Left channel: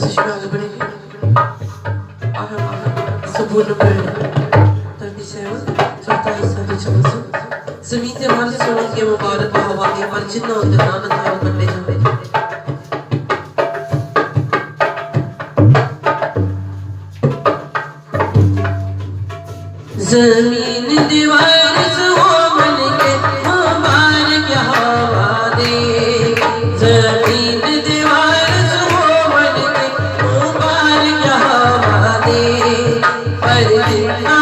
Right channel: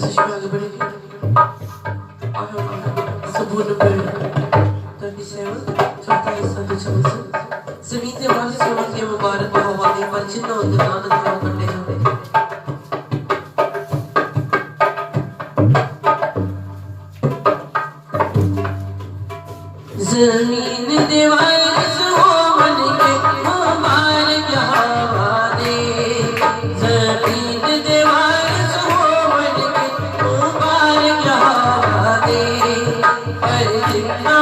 sich आगे बढ़ेंगे। संपूर्ण पेड़ 37 44 46 जमीन के हर सोने के मुबारक हवा दे पर जिन्ना उनके नानक है वो करने जाने जमीन दीवार सो मन के मुबारक हवा दे जमीन दीवार सो मन के मुबारक हवा दे पर जिन्ना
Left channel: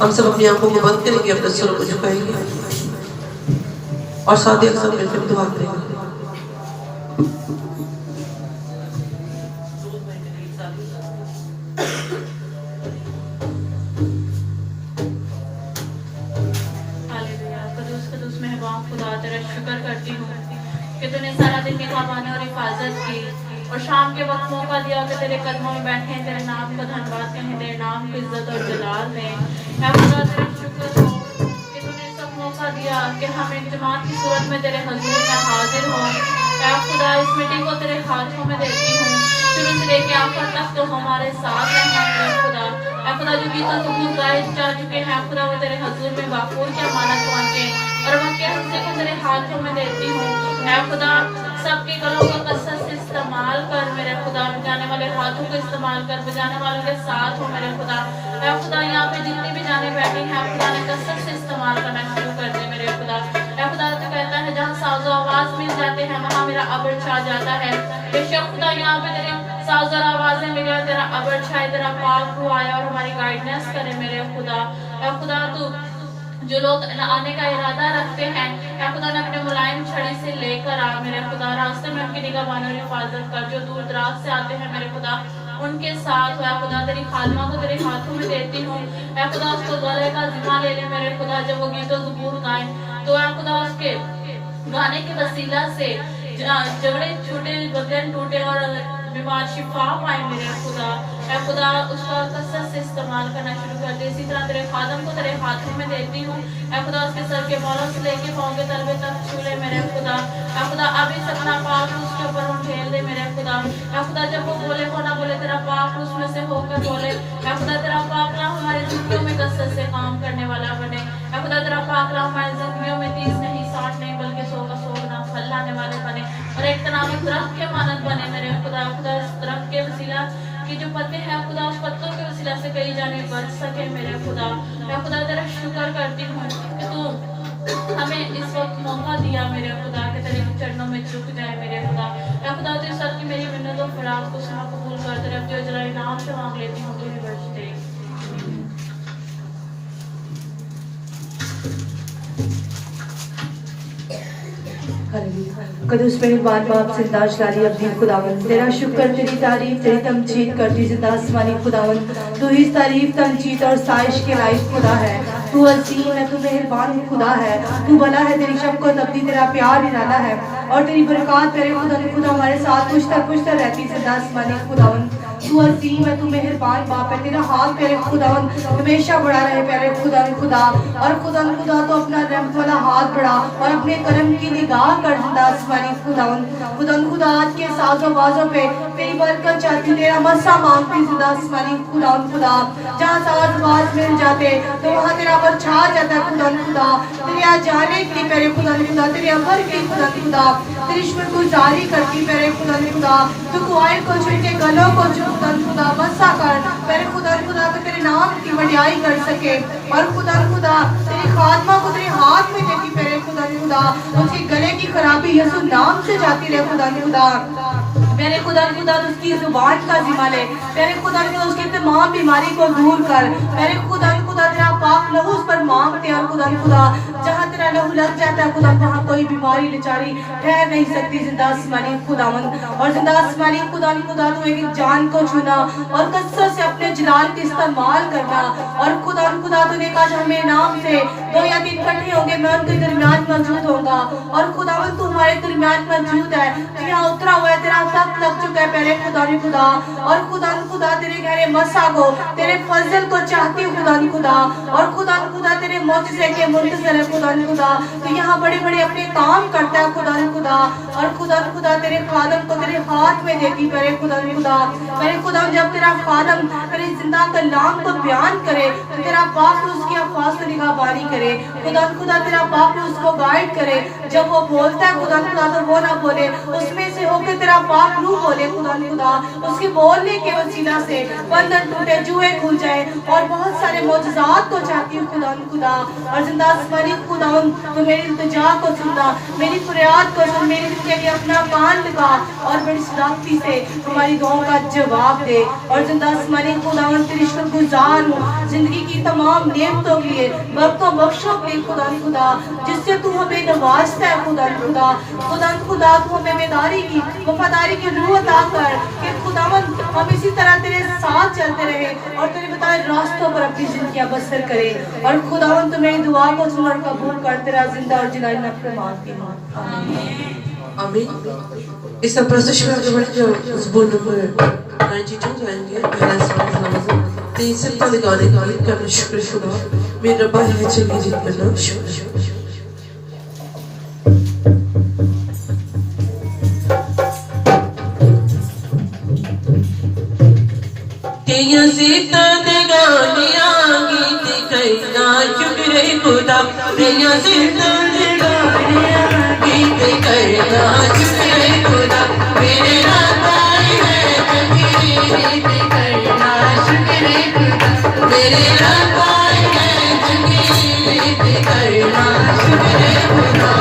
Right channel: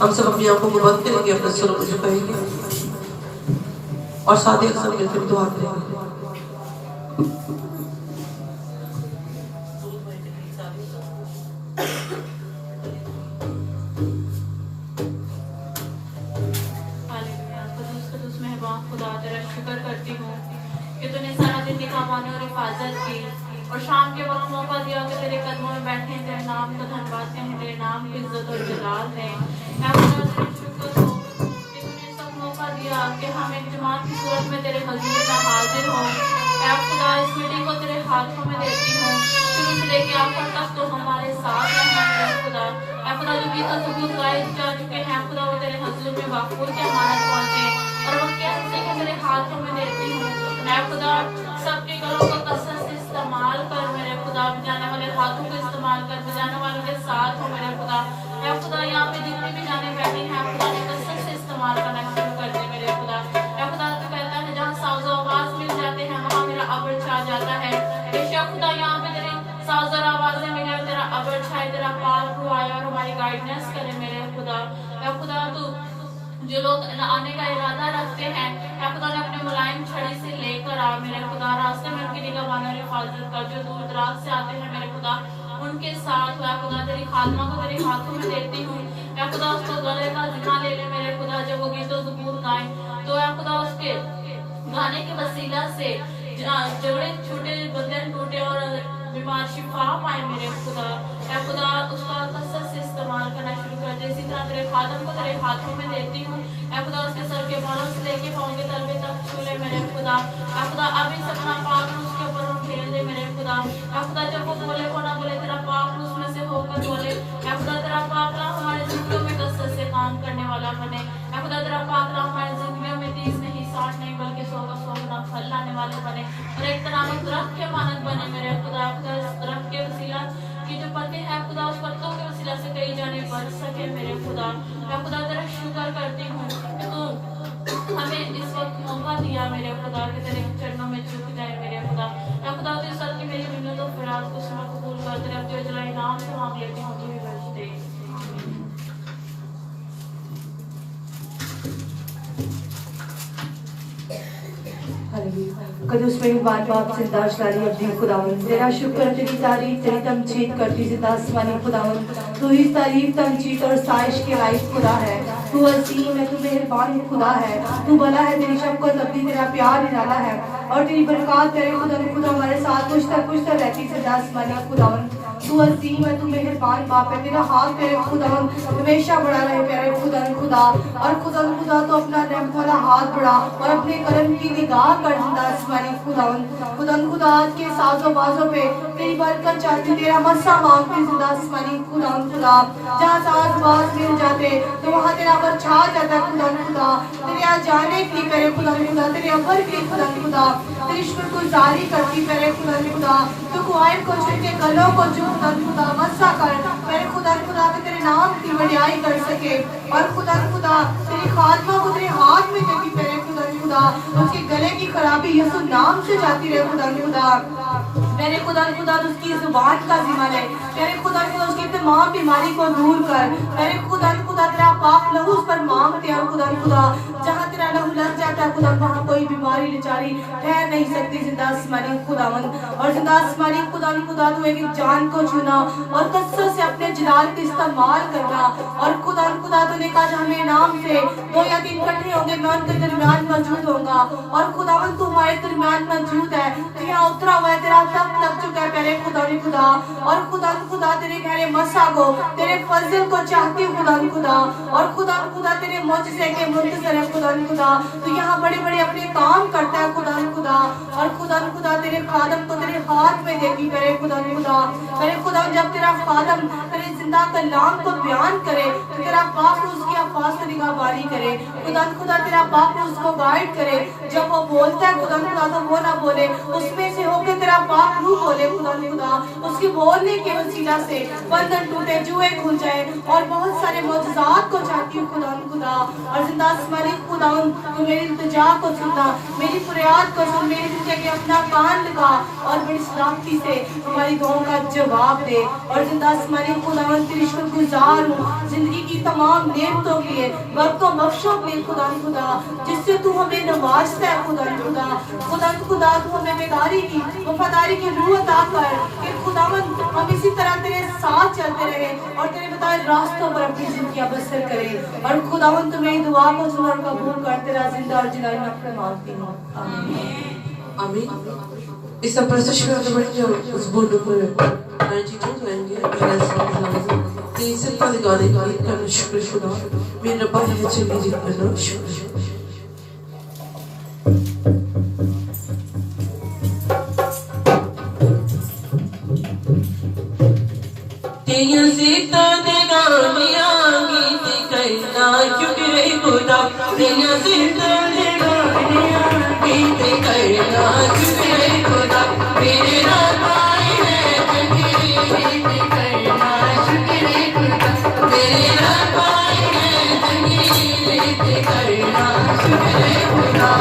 हम सब अपनी आंखों को बंद करेंगे अपने सिर को झुकाएंगे और साथ ही अक्सर मिलकर दुआ करेंगे शाम के वक्त मौका दिया कि तेरे कदमों में बैठे हैं, तेरे नाम को धन्यवाद कहें, तेरे नाम को इज्जत और जलाल दें। ऐ खुदा तेरे शुक्र हो कि तूने सब मौका दिया कि हम एक जमात की सूरत में तेरे हजूर में हाजिर हों। ऐ खुदा इस मीटिंग को तेरे हाथों में देती हूँ, शुरू से लेके आखिर तक तो हमारे साथ रहें। ऐ खुदा जो भी तो सबूत जाहिर जा चुके हैं खुदा वो तेरे हजूर में वाकूर के अमानत पहुँचे और वक्त हमसे को तेरे हाथों में देती हूँ। ऐ खुदा सबके गलों को कसरत से इस्तेमाल कर मेरे खुदा, बजाने वाले हाथों को इस्तेमाल कर, बजाने वालों के साथ हो मेरे खुदा। ऐ खुदा यहाँ पे जितने भी जाने बैठे हैं खुदा ने कसरत से इस्तेमाल करना शुरू कर दे मेरे खुदा। ऐ बेशक खुदा यहाँ पे तेरे साज और आवाज़ें मेरे तेरा अबर छाए तेरा पाक हुआ है और हमारी गाइडेंस करे मेरे खुदा। ऐ खुदा तू जो लोग आने का इरादा रखते हैं या खुदा ने अपने मुलायम छड़ी से लेकर आ मेरे खुदा, रास्ते में उनकी निगहबानी और हिफाजत कर। जो दूर दराज से आते हैं मेरे खुदा उनके साथ या खुदा तेरी खादमा को तेरे हाथों में देती हूँ। या खुदा उसको गले का जिम्मा ले ले मेरे खुदा, जब वो गीत ज़बूर गाए तो या खुदा उसके गाने के वसीला से झगड़े छूटे, बंधन टूटे और बीमार शिफा पाए मेरे खुदा। या खुदा उसका कसरत से इस्तेमाल करना शुरू कर दे। इसी तरह तेरे खादम को तेरे हाथों में देती हूँ। या खुदा उसके सर के बालों से लेके पाँव के तलवे तक छू ले मेरे खुदा। या खुदा अभी से अपना पाक उसके ऊपर उठेल दे मेरे खुदा। या खुदा जब वो बोले वो ना बोले, तेरा पाक उसमें से होकर बोले। या खुदा तेरा पाक नाम हमारी जिंदगियों में कसरत से काम करने वाला बने। या खुदा तेरा पाक नाम हमारी जिंदगियों में 30 नहीं 60 नहीं बल्कि 100 का 100 गुना फल लाने वाले बने और एक तनाव दरख्त के मानद बने मेरे खुदा। खुदा इस दरख्त के वसीला की जो पत्ते हैं खुदा उस पत्तों के वसीला से कई जाने बढ़ सके मेरे खुदा। मैं खुदा तेरा शुक्र करती हूँ कि तू हमें इस वक्त मौका दिया मेरे खुदा के तेरे चरणों में झुक जाए मेरे खुदा। या खुदा तेरे सर की मेरी मिन्नतों फिराद को सुना कबूल कर तेरे अब जो जरा इनाम से मांग लेती हूँ तू ही बख्श दे। कदुस मेहरबान बाप जिंदाश लाली अपनी खुदावन, तेरा शुक्र तेरी तारीफ तेरी तमजीद करती जिंदा आसमानी खुदावन। तू ही तारीफ तमजीद और साइश के लायक खुदा है। तू अजीम है, तू मेहरबान खुदा है, तू भला है, तेरी शफ़क़त अब्दी तेरा प्यार निराला है और तेरी बरकत तेरे खुदा हमारे साथ पुश्तर रहती जिंदा आसमानी खुदावन। तू अजीम है, तू मेहरबान बाप है, तेरा हाथ प्यारे खुदावन हमेशा बढ़ा रहे प्यारे खुदा और खुदा तो अपना रहमत वाला हाथ बढ़ा और अपने करम की निगाह कर जिंदा आसमानी खुदा आज के साजों बाजों पे तेरी बरकत चाहती, तेरा मसा मांगती जिंदा आसमानी खुदा। जहाँ साज बाज मिल जाते तो वहाँ तेरा अमर छा जाता है खुदा। तेरे यहाँ जाने की प्यारे खुदा तेरे अमर की खुदा तेरी शुक्रगुजारी करती प्यारे खुदा। तू कुआए को छूटे गलों को खुदा मसा कर मेरे खुदा के तेरे नाम की वडियाई कर सके और खुदा तेरी खात्मा को तेरे हाथ में देखी प्यारे खुदा उसके गले की खराबी यसु नाम से जाती रहे खुदा मेरे खुदा उसकी जुबान का जिम्मा ले मेरे खुदा उसकी तमाम बीमारी को दूर कर मेरे खुदा तेरा पाक लहू उस पर मांगते हैं खुदा जहाँ तेरा लहू लग जाता है खुदा वहाँ कोई बीमारी बेचारी ठहर नहीं सकती जिंदा आसमानी खुदावंद और जिंदा आसमानी खुदा तू एक जान को छूना और कसरत से अपने जलाल का इस्तेमाल करना और खुदा तूने कहा हमें नाम से 2 या 3 इकट्ठे होंगे मैं उनके दरमियान मौजूद होऊंगा और खुदावंद तू हमारे दरमियान मौजूद है तू यहाँ उतरा हुआ है तेरा तख्त लग चुका है प्यारे खुदा और खुदा तेरे गहरे मसा को तेरे फजल को चाहती हूँ खुदा और खुदा तेरे मौजज़े के मुंतज़र है खुदा तो यहाँ बड़े अपने काम करता है खुदा और खुदा तेरे खादम को तेरे हाथ में देगी प्यारे खुदा जब तेरा खादम तेरे जिंदा कलाम को बयान करे तो तेरा पाक उसकी अल्फाज से निगाहबानी करे खुदा तेरा पाक उसको गाइड करे जब वो बोलता है खुदा तो वो ना बोले उसमें से होकर तेरा पाक रूह बोले खुदा उसके बोलने के वसीला से बंधन टूटे जुए खुल जाए और बहुत सारे मौजज़ात को चाहती हूँ खुदा और जिंदा आसमानी खुदा तो मेरी इल्तिजा को सुनना मेरी फरियाद को सुन मेरी जिंदगी के अपना कान लगा और बड़ी सलामती से हमारी दुआओं का जवाब दे और जिंदा आसमानी खुदा तेरी शुक्रगुजार हूँ जिंदगी की तमाम नेमतों के लिए वक्तों बख्शों के लिए खुदा जिससे तू हमें नवाजता है खुदा तू हमें बेदारी की वफादारी की रूह अता कर कि खुदावंद हम इसी तरह तेरे साथ चलते रहे और तेरे बताए रास्तों पर अपनी जिंदगियां बसर करें और खुदावंद तू मेरी दुआ को सुन और कबूल कर तेरा जिंदा और जिलाली नफ्स मांगती हूँ आमीन। इस प्रस्तुत में आगे बढ़ेंगे उस बोर्ड नंबर 92 जाएंगे पहला सवाल तेईस से गाने का करना शुक्र मेरे रब्बा है चलिए जीत करना शुक्र तेया सीता दे गाने आगे कहना शुक्र खुदा तेया सीता दे गाने आगे कहना शुक्र खुदा मेरे रब्बा है चलिए करना शुक्र खुदा मेरे रब्बा है चलिए करना शुक्र खुदा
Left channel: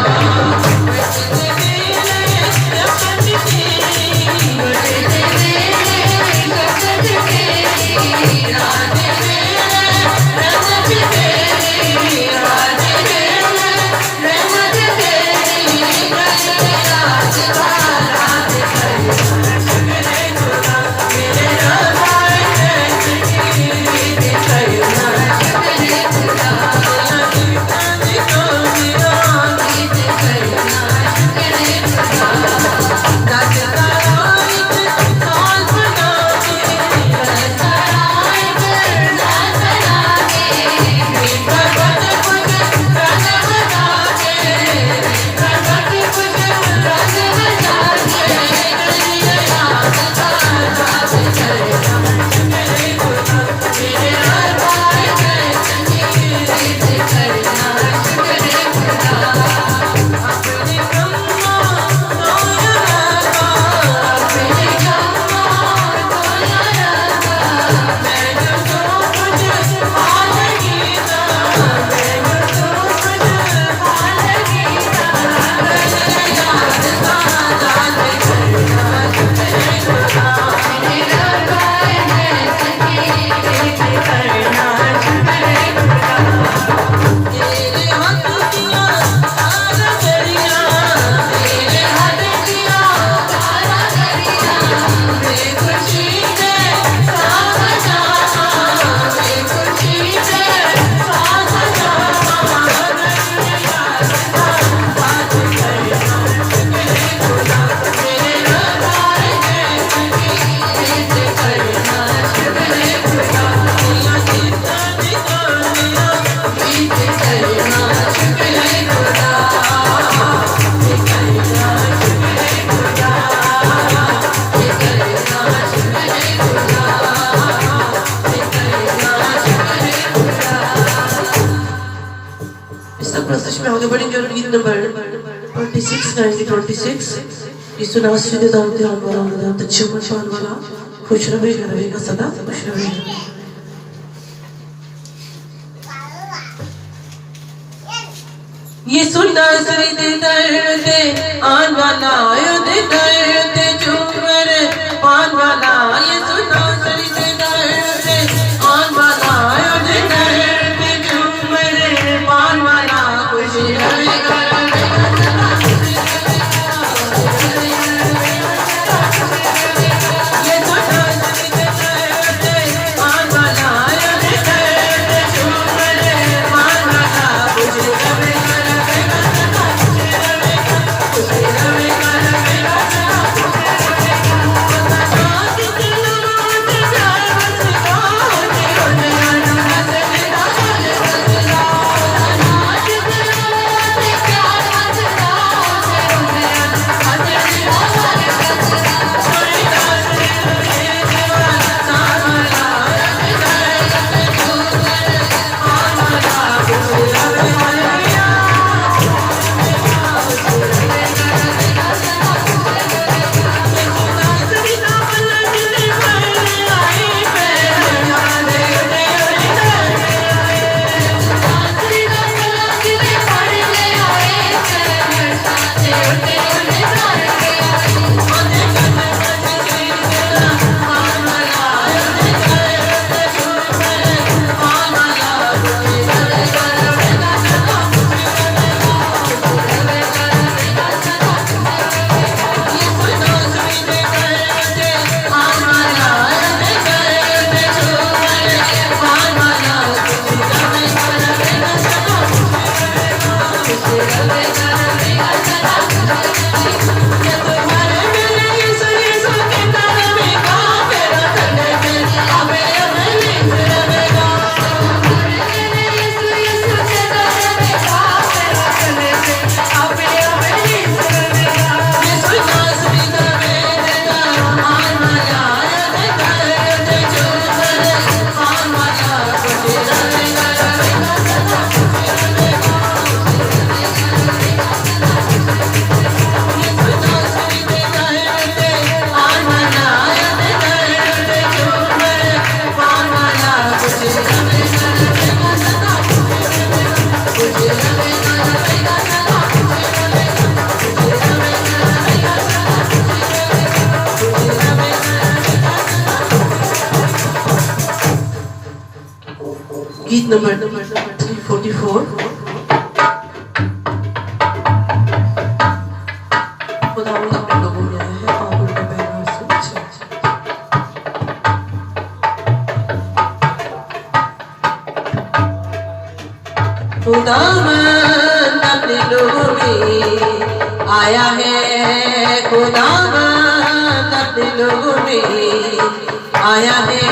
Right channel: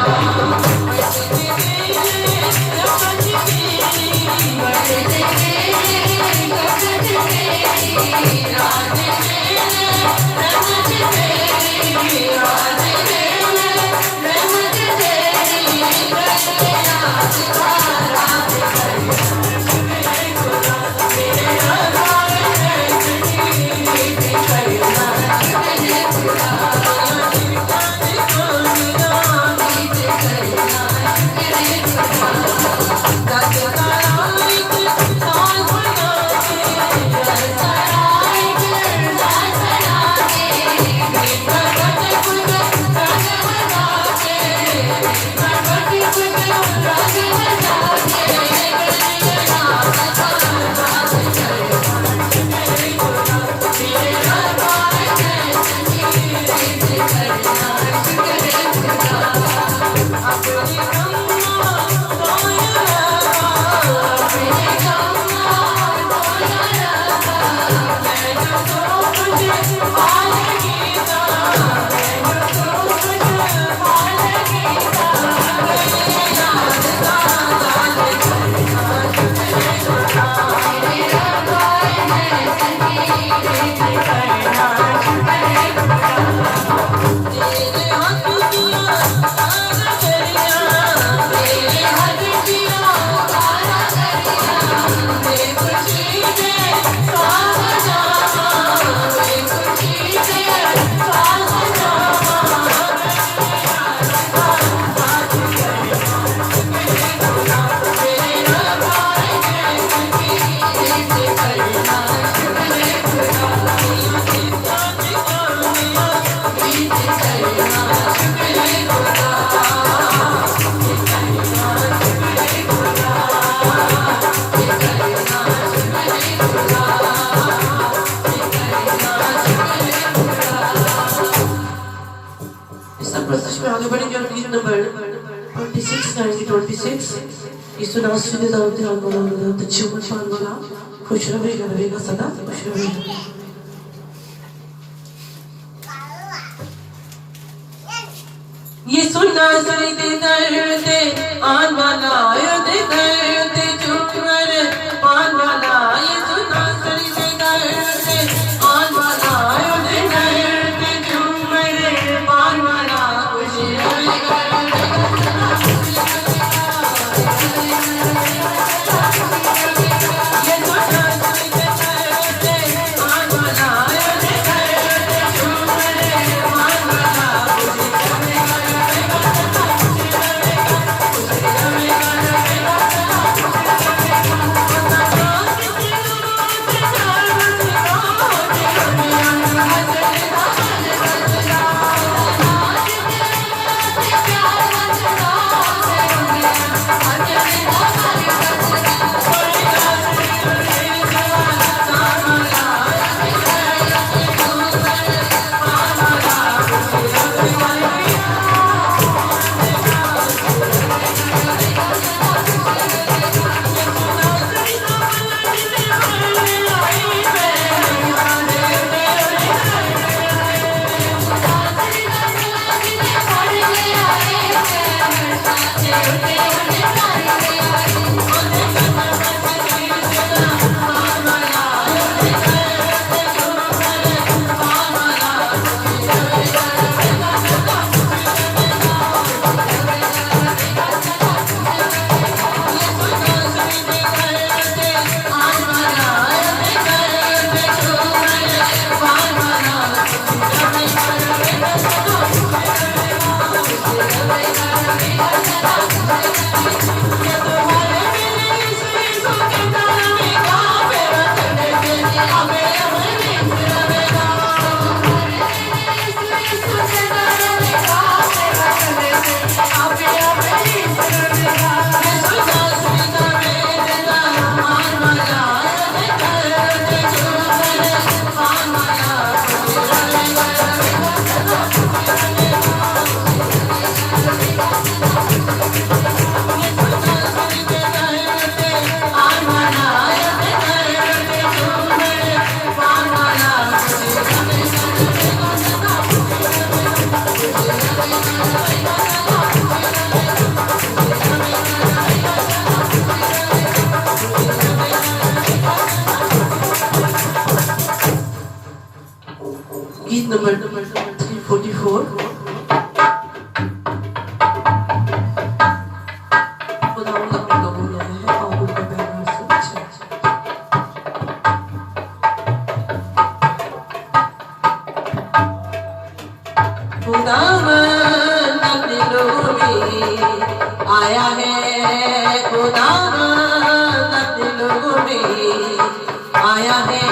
सब प्रस्तुत में आगे बढ़ेंगे और गीत नंबर 26 1926 यीशु नासरी के दाम ध्यान वाला मदद तच्छो शान वाला खुश रहेगा सदा खुश रहेगा यीशु नासरी दे करते आन वाला दे करते चुमर पान वाला यीशु नासरी दे करते आन वाला दे करते चुमर पान वाला खुश रहेगा गीत नंबर 344 खुदावंद अपने लोगों में आया है और उनका पहला सुन खुदावंद अपने लोगों में आया है खुदावंद अपने लोगों में आया है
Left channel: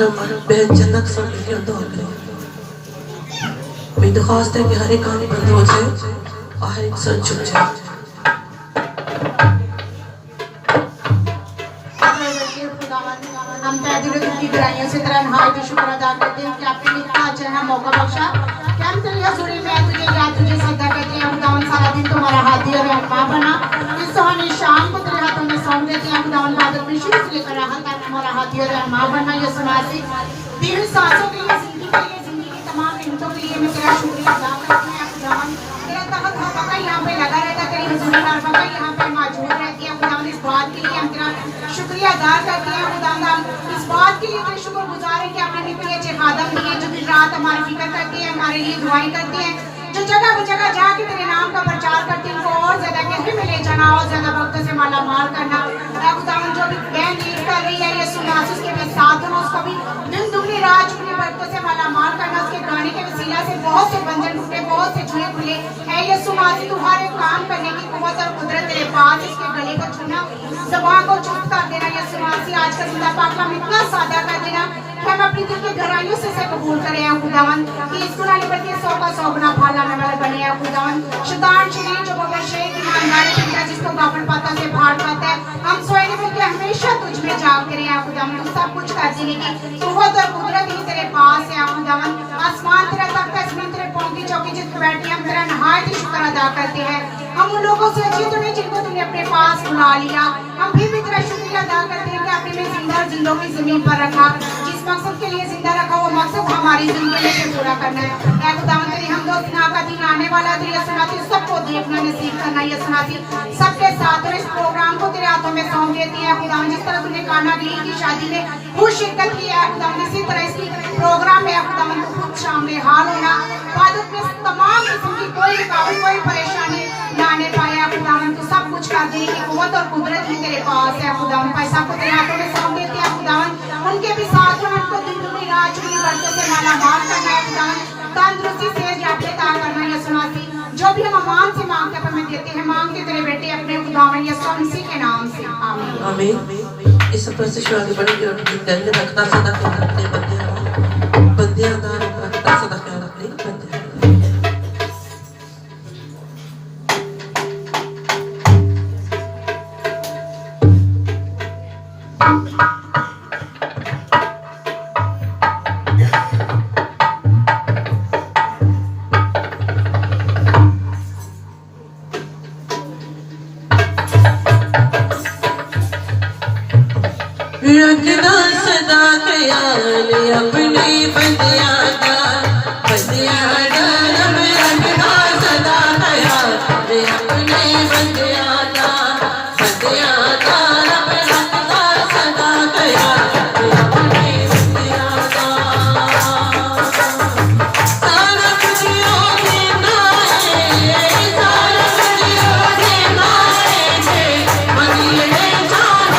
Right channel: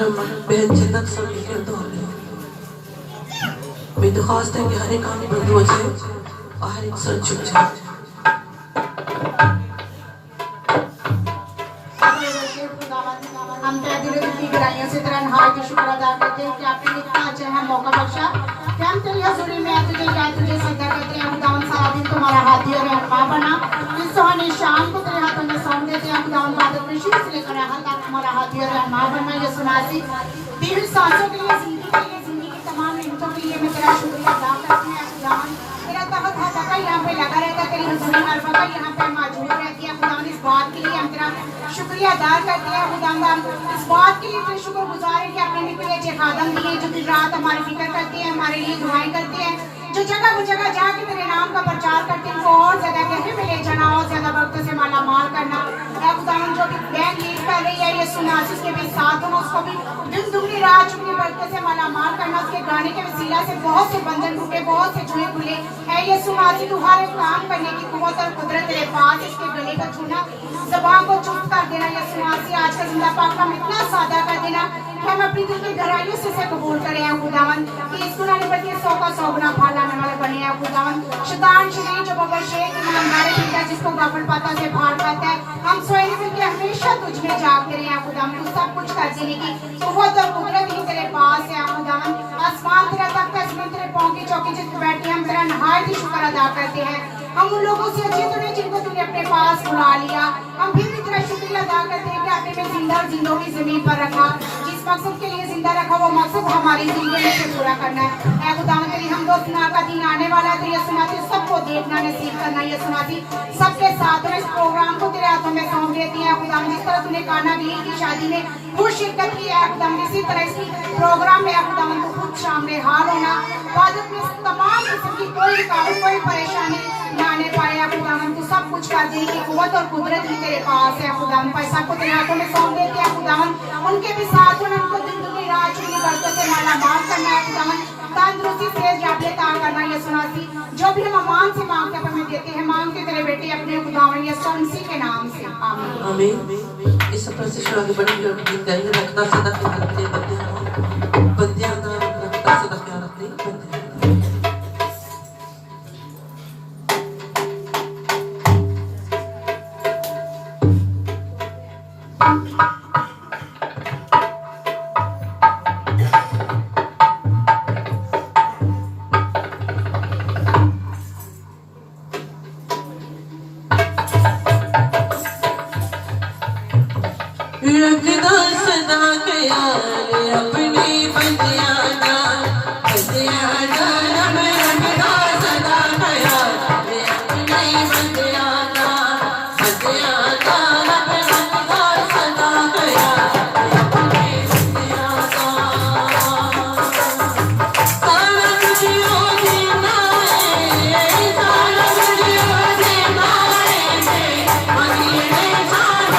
मरहम बहन जन्नत सब मिलकर दुआ करें। मेरी दरख्वास्त है कि हर एक कान बंद हो जाए और हर एक सर झुक जाए। हम तहे दिलों की गहराइयों से तेरा नहायत शुक्र अदा करते हैं कि आपने इतना अच्छा है मौका बख्शा कि हम तेरी हज़ूरी में तुझे याद तुझे सजदा करते हैं। खुदावन सारा दिन तुम्हारा हाथी और रहनुमा बना। इस सुहानी शाम को तेरे हाथों में सौंप देते हैं। खुदावन बादल में शुरू से लेकर यहाँ तक तुम्हारा हाथी और रहनुमा बनना। ये सुनासी तेरी सांसों के लिए जिंदगी के लिए जिंदगी की तमाम हिम्मतों के लिए मैं तेरा शुक्रिया अदा करती हूँ। खुदावन तेरा तख्त हर वक्त यहाँ पे लगा रहता है। तेरी हज़ूरी हर वक्त यहाँ पे मौजूद रहती है। खुदावन इस बात के लिए हम तेरा शुक्रिया अदा करते हैं। खुदावन इस बात के लिए तेरे शुक्रगुजार हैं कि आपने इतने अच्छे खादम दिए जो दिन रात हमारी फिक्र करते हैं, हमारे लिए दुआएं करते हैं, जो जगह जगह जाके तेरे नाम का प्रचार करते हैं। वो और ज्यादा कहने में ले जाना और ज्यादा वक्तों से माला माल करना। खुदावन जो भी बहन लीड कर रही है ये सुना उसके भी साथ हो, उसको भी दिन दुगनी रात चुगनी बरकतों से माला माल करना। उसके गाने के वसीला से बहुत से बंधन टूटे, बहुत से जुए खुले है। ये सुना तू हर एक काम करने की कुव्वत और कुदरत तेरे पास, इसके गले को छूना, ज़बान को चुप कर देना। ये सुनासी आज का जिंदा पाक हम इतना सादा कर देना कि हम अपनी दिल की गहराइयों से कबूल करें हैं खुदावन कि इस गुनाह बल्कि 100 का 100 गुना फैलाने वाला बने हैं खुदावन। शैतान शरीर जो बाबा शेर की ईमानदारी करता है, जिसको गाफिल पाता से फाड़ पाता है, हम सोए बल्कि हमेशा तुझ में जाग करे हैं खुदावन। तू सब कुछ कर देने की कुव्वत और कुदरत ही तेरे पास है खुदावन। आसमान तेरा तख्त है, जमीन तेरे पांव की चौकी जिस पे बैठे हम तेरा नहायत ही शुक्र अदा करते हैं। हम उन लोगों से अच्छे तो नहीं जिनको तूने अपने पास बुला लिया। हम भी तेरा शुक्रिया अदा करते हैं कि आपने हमें जिंदा जिंदों की जमीन पर रखा। जिस मकसद के लिए जिंदा रखा वो मकसद हमारी जिंदगी में पूरा करना है। ऐ खुदावन तेरी हमदो सना का दिन आने वाला है। तो ये सुनाती सबको देखना नसीब करना। ये सुनाती सबके साथ और इस प्रोग्राम को तेरे हाथों में सौंप देती है खुदावन। जिस तरह तूने काना बिली की शादी में खुद शिरकत की है खुदावन, इसी तरह इसी प्रोग्राम में खुदावन को खुद शामिल हाल होना। इबादत में तमाम किस्म की कोई रुकावट कोई परेशानी ना आने पाया खुदावन। तू सब कुछ कर दी कि कुव्वत और कुदरत ही तेरे पास है खुदावन। पैसा को तेरे हाथों में सौंप देती है खुदावन। उनके भी साथ में हमको दिन दुनी रात चुनी बरकत से माला माल करना है खुदावन। तंदुरुस्ती से याफ्ता करना। ये सुनाती जो भी हम अमान से मांगते हैं हमें देते हैं। मांगते तेरे बेटे अपने खुदावन यीशु मसीह के नाम से आमीन आमीन। इस पर से शुरू आगे बढ़ेंगे और दिन रखता सदा ख्याल रखते बंदियां दा रखता सदा ख्याल रखते बंदियां। रखदा सदा ख्याल अपनी बंदियां दा रब रखदा सदा ख्याल अपनी बंदियां दा रब रखदा सदा ख्याल अपनी बंदियां दा। सारा कुछ ओदी नाए सारा कुछ ओदी नाए मंगिए जाना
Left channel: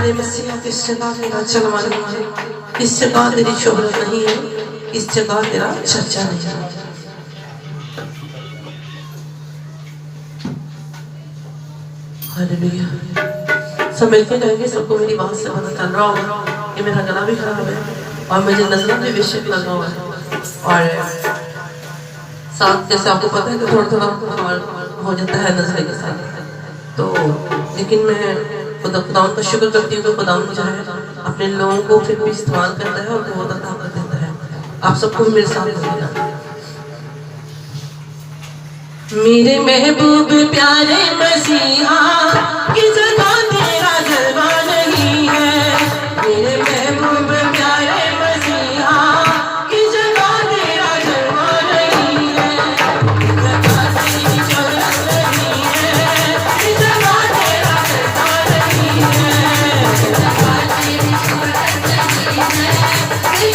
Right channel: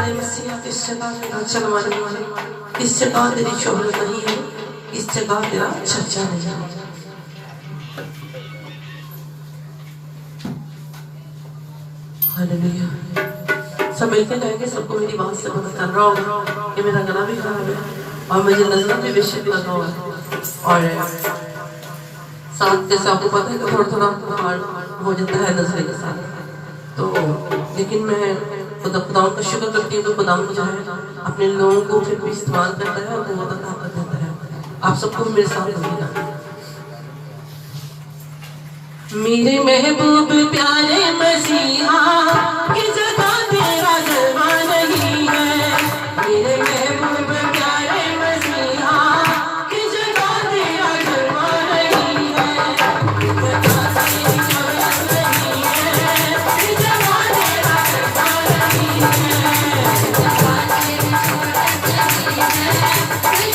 प्यारे मसीहा इस जगह तेरा चलवा नहीं है, इस जगह तेरी शोहरत नहीं है, इस जगह तेरा चर्चा नहीं है। हालेलुया। सब मिलकर कहेंगे, सबको मेरी बात से मदद कर रहा होगा कि मेरा गला भी खराब है और मुझे नजर भी विषय लगा हुआ है और साथ जैसे आपको पता है कि थोड़ा थोड़ा हो जाता है नजर के साथ, तो लेकिन मैं खुदावंद का शुक्र करती हूँ कि खुदावंद जो है अपने लोगों को फिर भी इस्तेमाल करता है और बहुत ताकत देता है। आप सबको भी मेरे साथ रहेगा। मेरे महबूब प्यारे मसीहा की जगह तेरा जलवा नहीं है, मेरे महबूब प्यारे मसीहा की जगह तेरा जलवा नहीं है, जगह तेरी शोहरत नहीं है, जगह तेरा जलवा नहीं है, जगह तेरी शोहरत नहीं है,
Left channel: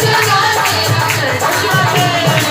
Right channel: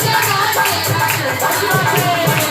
जगह तेरा जलवा नहीं है।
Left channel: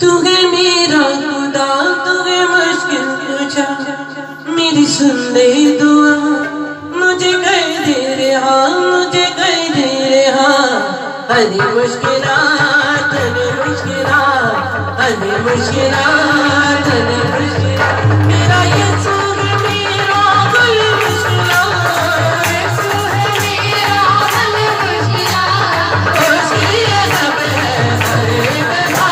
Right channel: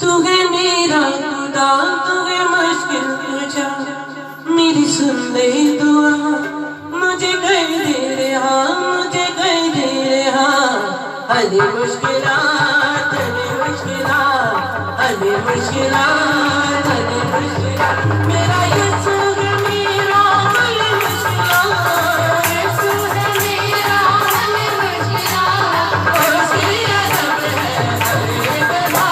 तूगे मेरा खुदा, तूगे मुश्किल पूछा, मेरी सुन ले दुआ, मुझे कर दे रहा, मुझे कर दे रहा, हरी मुश्किलात, हरी मुश्किलात, हरी मुश्किलात, हरी मुश्किलात, मेरा यीशु है मेरा हल मुश्किलात, यीशु है मेरा हल मुश्किलात, उसकी सब है हरे बता।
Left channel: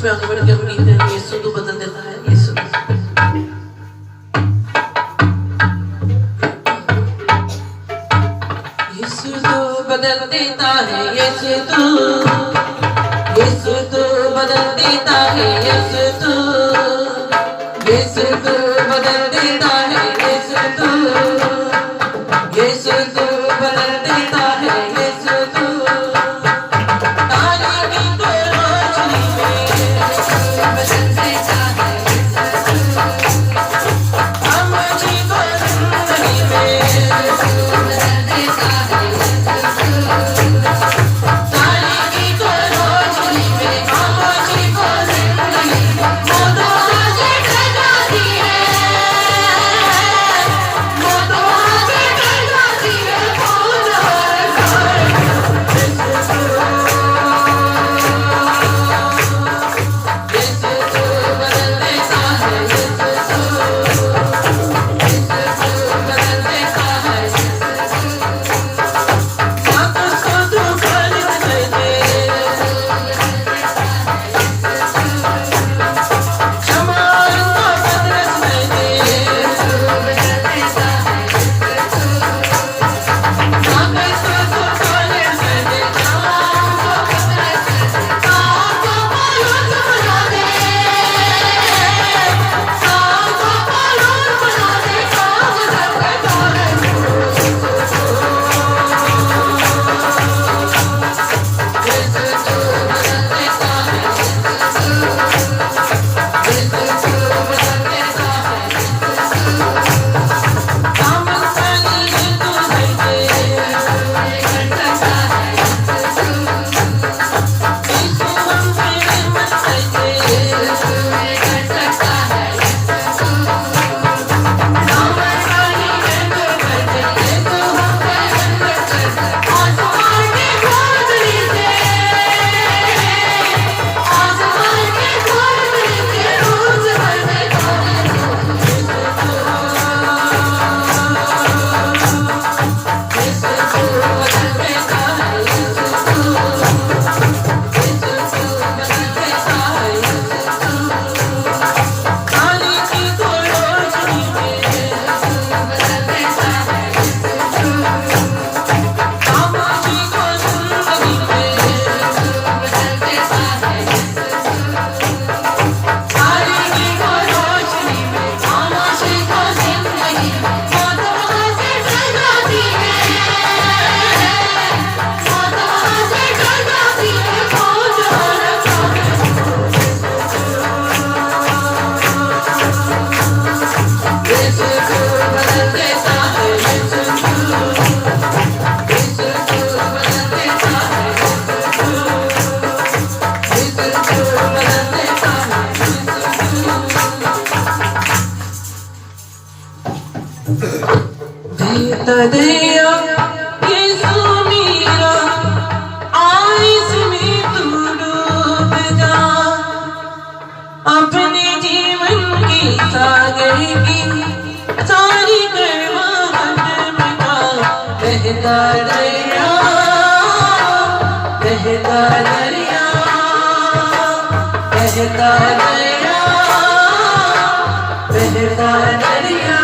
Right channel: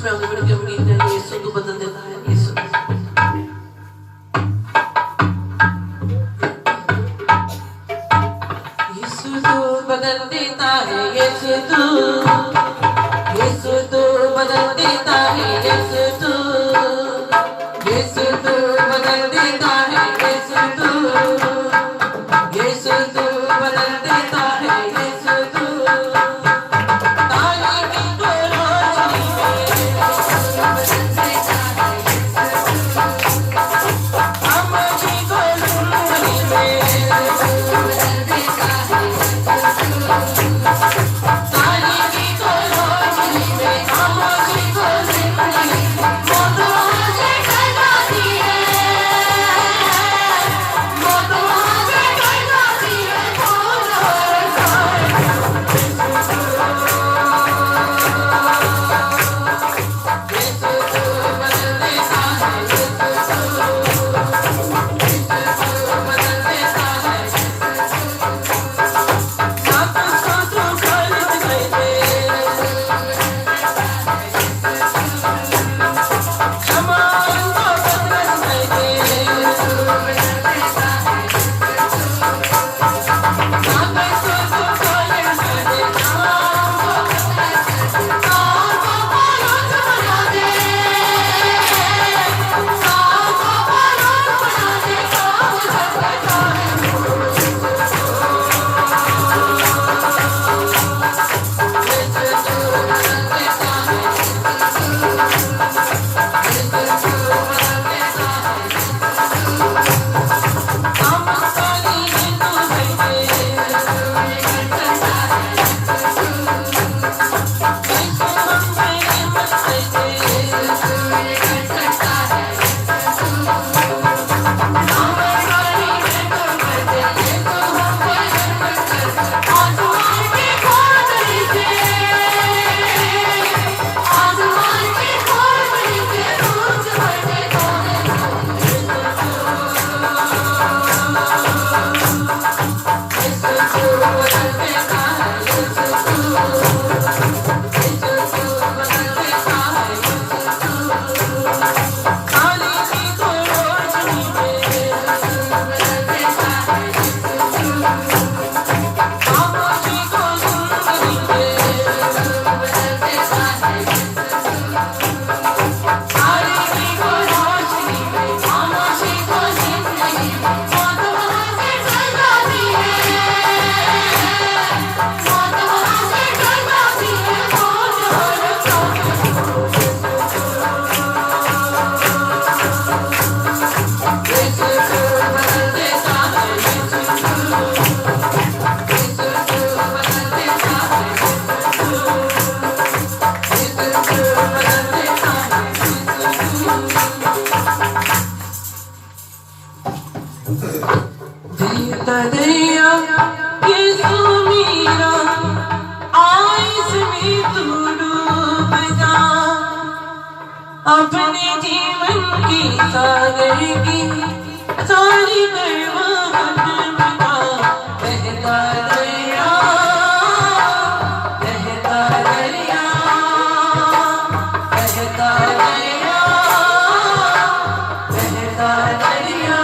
बीच में आगे बढ़ के उम्मीद है कि यीशु तू बदल देता है। यीशु यीशु तू बदल देता है। यीशु तू बदल देता है। यीशु तू बदल देता है। यीशु तू बदल देता है। यीशु तू तारीकी को रोशनी में बदल देता है। खामोशी को जिंदगी में बदल देता है। तारीकी को रोशनी में, खामोशी को जिंदगी में, मौत वहाँ से टल जाती है। मौत वहाँ से टल जाती है। कौन हारता है? यीशु तू बदल देता है। यीशु बदल देता है। सातों स्तोत्रों खाली बजाइए। क्षमा उनको पतरस दीजिए। सातों स्तोत्रों खाली बजाइए। क्षमा उनको पतरस दीजिए। साल को पालोन बना दे। साल को पालोन बना दे। काम करके देता दया यीशु मेरा, आइस में तू डूब जा। अपने जीवन की सागर की सारी करवाहट मिटा। बहता दरिया, बहता दरिया, बहता दरिया, बहता दरिया।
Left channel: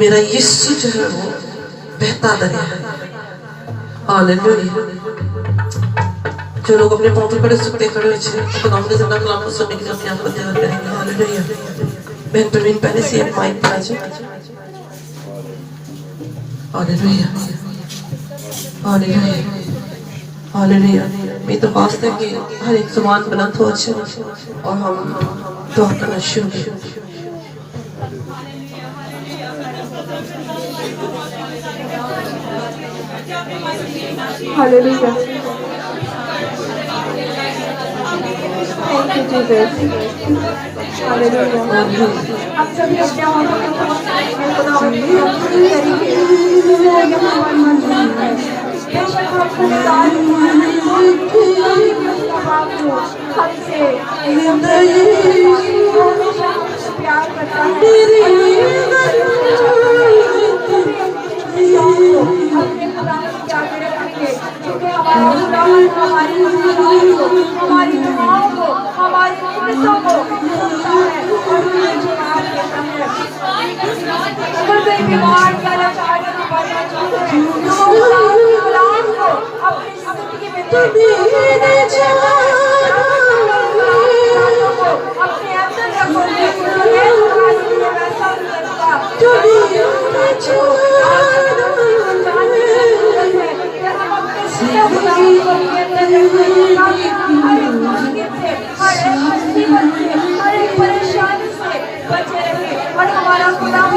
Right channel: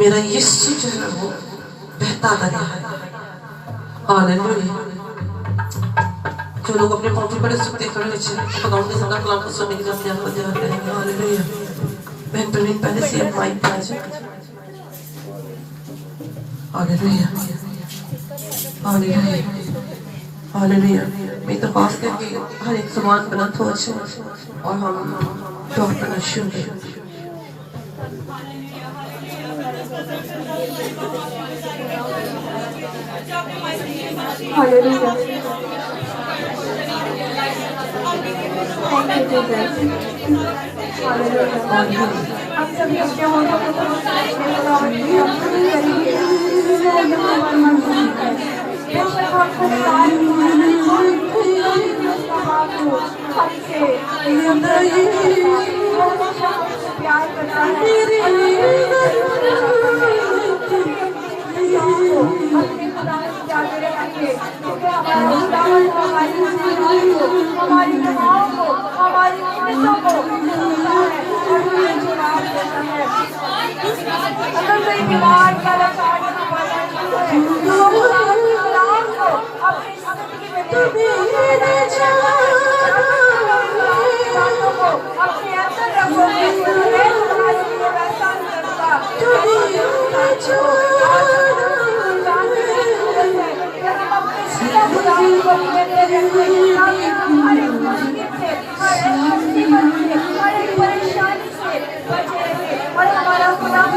मेरा यीशु जो है वो बहता दरिया है। हालेलुया। जो लोग अपने पांव पे पड़े सुखते खड़े हुए थे तो नाम के जिंदा कलाम को सुनने के लिए अपनी आंखें बंद करेंगे। हालेलुया। बहन प्रवीण पहले से माइक पर आ जाए। हालेलुया। हालेलुया। हालेलुया। मैं तो वास्ते कि हर एक ज़ुबान बुलंद हो अच्छे और हम दुआ करना शुरू करें। Hallelujah. Thank you, Jesus. Hallelujah. हम सभी अपने हाथों को खुदावंद की बेशक हम खुदावंद हमसे प्यार करता है। हमारी दुआओं को, हमारी मिन्नतों को और हमें जवाब देता है। अगर कोई बीमार या लाचार या बीमार है तो अपने गुलाम को अपनी जिंदगी में अपने अंदर रखो। वैसा करता परेशानी से बचे रहे और हमारा गुलाम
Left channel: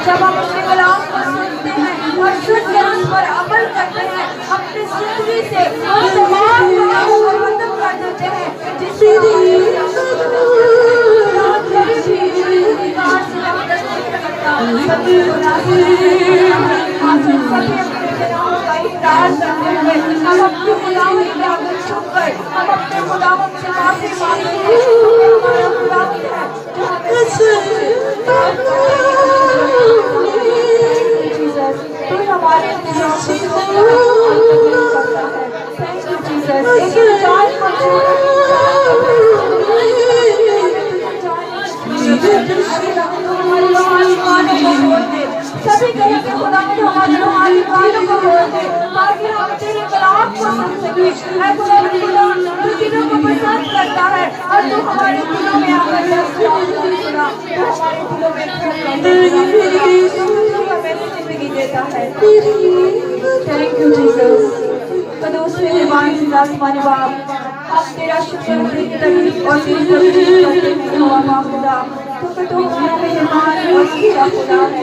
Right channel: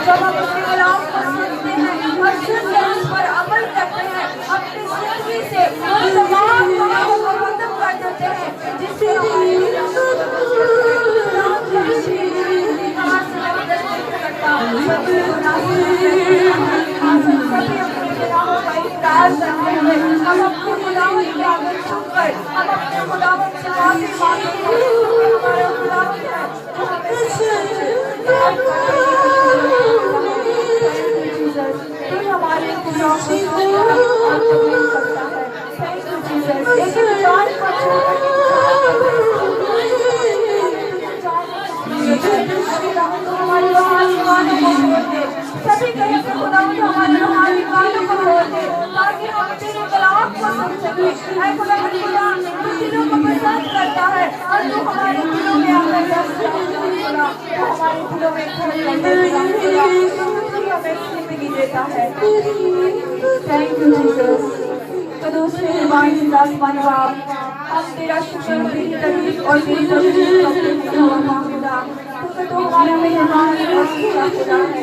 जब हम उसके गुलाम को सुनते हैं और सुन के उस पर अमल करते हैं, अपनी जिंदगी से तमाम गुनाहों को खत्म कर देते हैं जिससे सभी कहेंगे खुदा ने हमारी बातों को बोल दे ताकि हम तेरे कलाम को सुन सके। ऐ खुदा तू दिलों को पसंद करता है और तू हमारे दिलों में आकर बस जाओ। तू हमारे दिलों में हमें जिंदगी देता है। Thank you Jesus. कदूस मेहरबान आसमानी बाप, हम तेरा शुक्र और तेरी तकलीफ और तेरी तवज्जो करते हैं खुदा, क्योंकि तू हमारा मेहरबान और सच्चा खुदा है।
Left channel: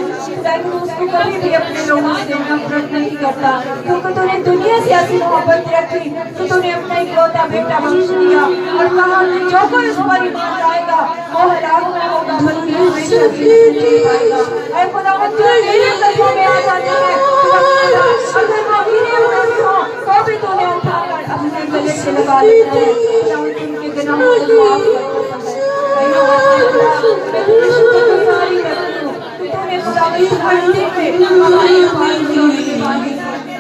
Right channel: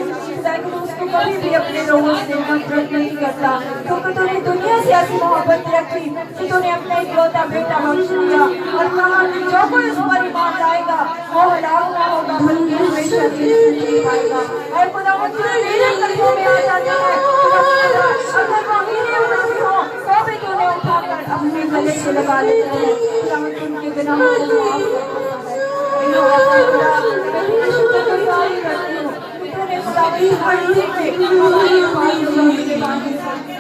तू उसको कभी भी अपने लोगों से नफरत नहीं करता, क्योंकि तूने दुनिया से ऐसी मोहब्बत रखी कि तूने अपना इकलौता बेटा बख्श दिया और कहा जो कोई उस पर ईमान लाएगा वो हलाक न होगा बल्कि हमेशा जिंदगी पाएगा। ऐ खुदावंद तू मेरे कदमों में आ जाता है। अगर मैं हीरे हुए भी हो तो भी तूने उठाकर अपने गले से लगा देता है। खुदावंद उनके गुनाहों को माफ करता है। मैं शुक्रगुजारी करती हूँ। तूने खुदावंद जिंदगी में हमारे पास होने के बाद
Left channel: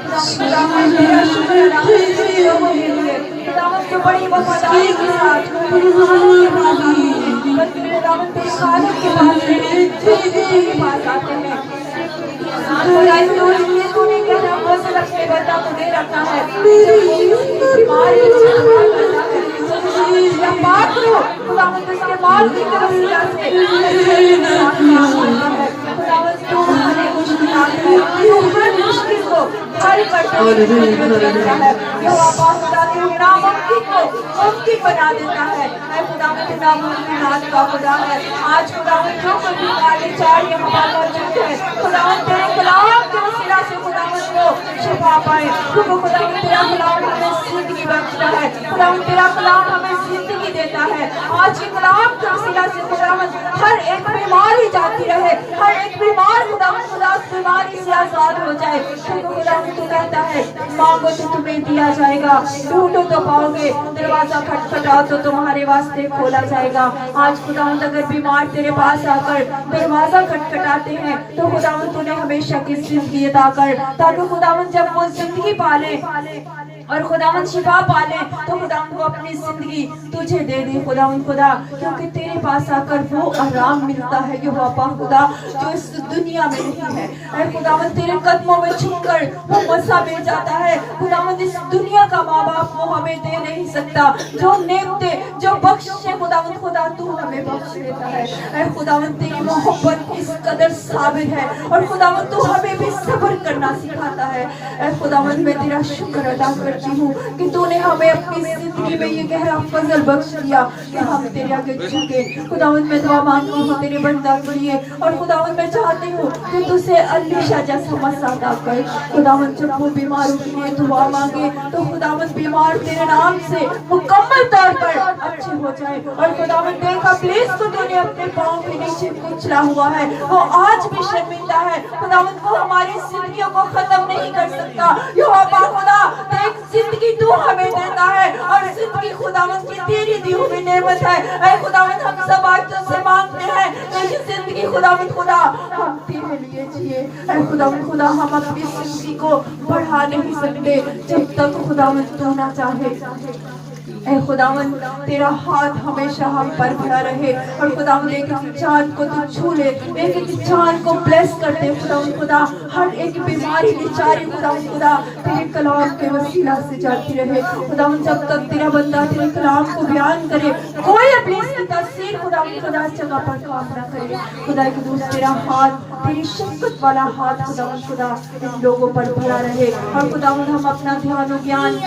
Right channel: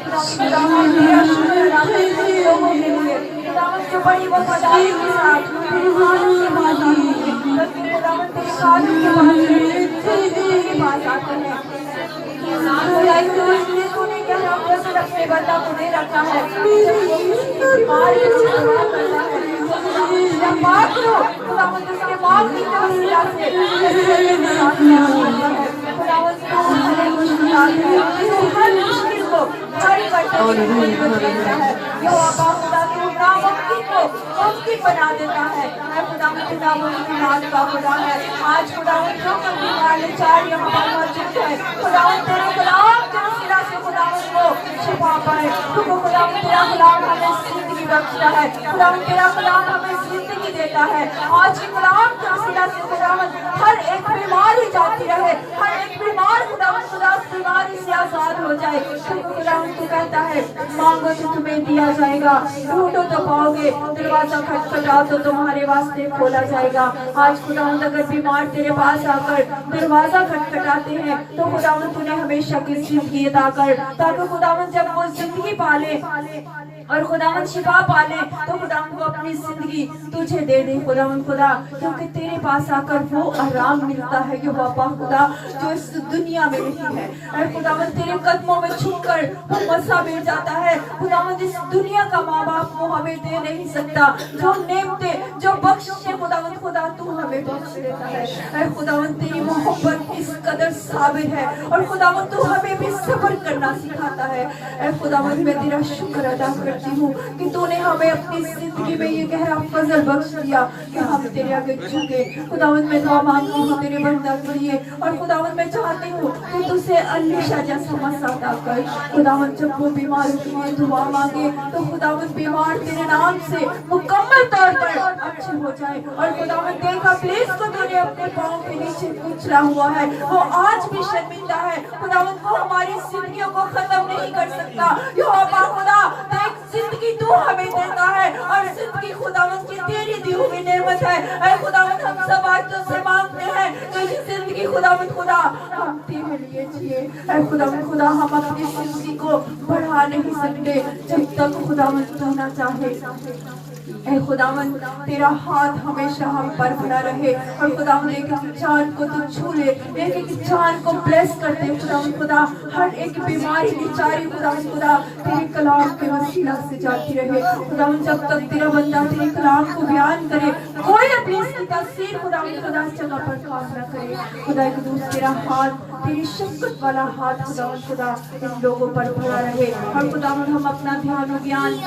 खुदावन तेरा शुक्र लोगों के लिए खुदावन जो बड़ी वफादारी के साथ बड़ी खुदावन तेरे खालिक के पास आते हैं तूने कहना वजन अपने बंदा को दे रखा है या मार दो खुदावन उसके माल की वसीला से खुदावन तू हमारे मुश्किलात में हर मुश्किल को हल करता है यहोवा पाक खुदा तेरे नामुमकिन को मुमकिन बना देता है खुदावन तू नामुमकिनात का खुदा है आज खुदावन जो कुछ वाले चार यहाँ पर मौजूद है खुदावन तेरे कलाम के वसीला से खुदावन को शिफा पाए क्योंकि खुदावन तेरा कलाम हमें जिंदगी बख्शता है खुदावन तेरा कलाम हमें जिंदगी देता है आज के कलाम के वसीला से खुदावन हर एक बीमारी जाती रहे हर एक बीमार खुदावन खुदा उस बीमारी से आजाद हो जाए क्योंकि खुदावन तू कहता है मांगो तो तुम्हें दिया जाएगा ढूंढो तो पाओगे दरवाजा खटखटाओ तो तुम्हारे वास्ते खोला जाएगा आज खुदावन अगर बीमार तेरे पास आकर दरवाजा खटखटाते हैं तो खुदावन तूने हमेशा की जिंदगी अता कर ताकि खुदावन जब वो जिंदगी पाले और खुदावन शिफा पाले तो खुदावन वो अपनी जिंदगी तुझे दे दे खुदावन खुदा क्योंकि तेरे पास आकर वो आराम मिलता है यहोवा पाक खुदा जो इस दुनिया में नहीं है और खुदावन तेरे कदमों में छुपकर वो मज़ा मिल जाता है खुदावन इस दुनिया का माँ बाप वो हमें दे नहीं सकता जो नेमते जो बख्शे खुदावन खुदा तू हमें बख्श देता है और खुदावन तेरी मोहब्बत इस कदर साबित है और खुदावन तू हमें भी सब्र करना सिखाता है और खुदावन मैं तेरा शुक्र अदा करती हूँ कि तूने हमें अपनी जिंदगी में ये गहरा फजल बख्श दिया कि हम तेरे आगे झुके खुदावन मैं दुआ मांगती हूँ तेरे बंदा के लिए और खुदावन मैं चाहती हूँ कि तुझसे अलीशा जैसा मसा अदा कर खुदावन जब वो बीमारों के लिए दुआ मांगे तो खुदावन बीमार तेरे नाम से मुकम्मल तौर पर अच्छे हो जाए और खुदावन देखा प्लीज को तेरे अपने पाँव के नीचे कुचला हुआ है वो आज भी शर्मिंदा है खुदावन वो हमारी जिंदगियों को खत्म नहीं कर सकता यहोवा खुदा देख जिंदगी तू हमें देता है और जिंदगी खुदावन की तेरी दी हुई नेमत है ऐ खुदावन हम सब आज तुझसे मांगते हैं लेकिन जिंदगी खुदावन खुदा हम तेरे लिए जिए ऐ खुदावन खुदा हम अपनी जिंदगी को बढ़ा नहीं सकते जब तक खुदावन तू ना चाहे ऐ खुदावन तेरा हाथ हमेशा हम पर खड़ा रहे और खुदावन एक चांद को तू छू ले एक चांद को ब्लेस कर दे खुदावन खुदा हर एक बीमारी बेचारी खुदावन खुदा तेरे कलाम के वसीला से जाती रहे खुदावन जब तक तेरा बंदा तेरे कलाम को बयान करे कोई अपनी इसकी तस्वीर खुदावन खुदा इस जगह पर काम ना करे खुदा के दूसरा तेरा हाथ तेरी शफ़क़त वाला हाथ खुदावन खुदा इन लोगों पर भरा रहे और खुदावन हम अपना ध्यान और ज्ञान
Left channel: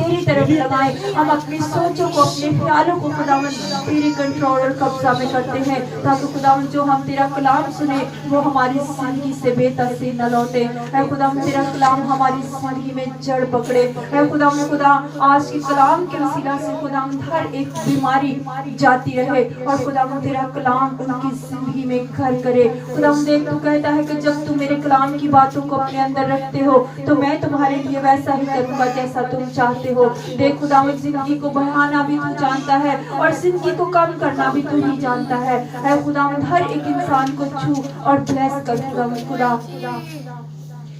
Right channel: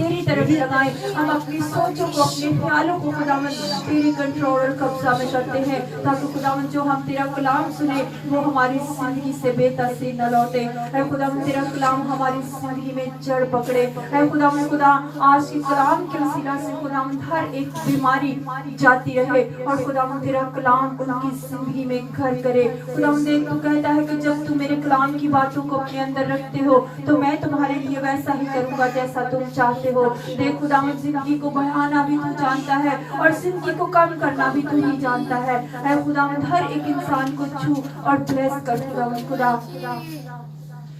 तेरी तरफ लगाएं हम अपनी सोचों को अपने ख्यालों को खुदावन तेरी कंट्रोल और कब्जा में करते हैं ताकि खुदावन जो हम तेरा कलाम सुने वो हमारी जिंदगी से बेतासीर न लौटे है खुदावन तेरा कलाम हमारी जिंदगी में जड़ पकड़े है खुदावन खुदा आज के कलाम के वसीला से खुदावन हर एक बीमारी जाती रहे और खुदावन तेरा कलाम उनकी जिंदगी में घर करे खुदावन देख तू कहता है कि जब तुम मेरे कलाम की बातों को अपने अंदर रखते हो तो मैं तुम्हारे लिए वैसा ही करूंगा जैसा तुम चाहते हो देख खुदावन जिंदगी को बढ़ाना भी तू जानता है और जिंदगी को कम करना भी तू ही जानता है ऐ खुदावन हर एक इंसान को छू और ब्लेस कर खुदावन खुदा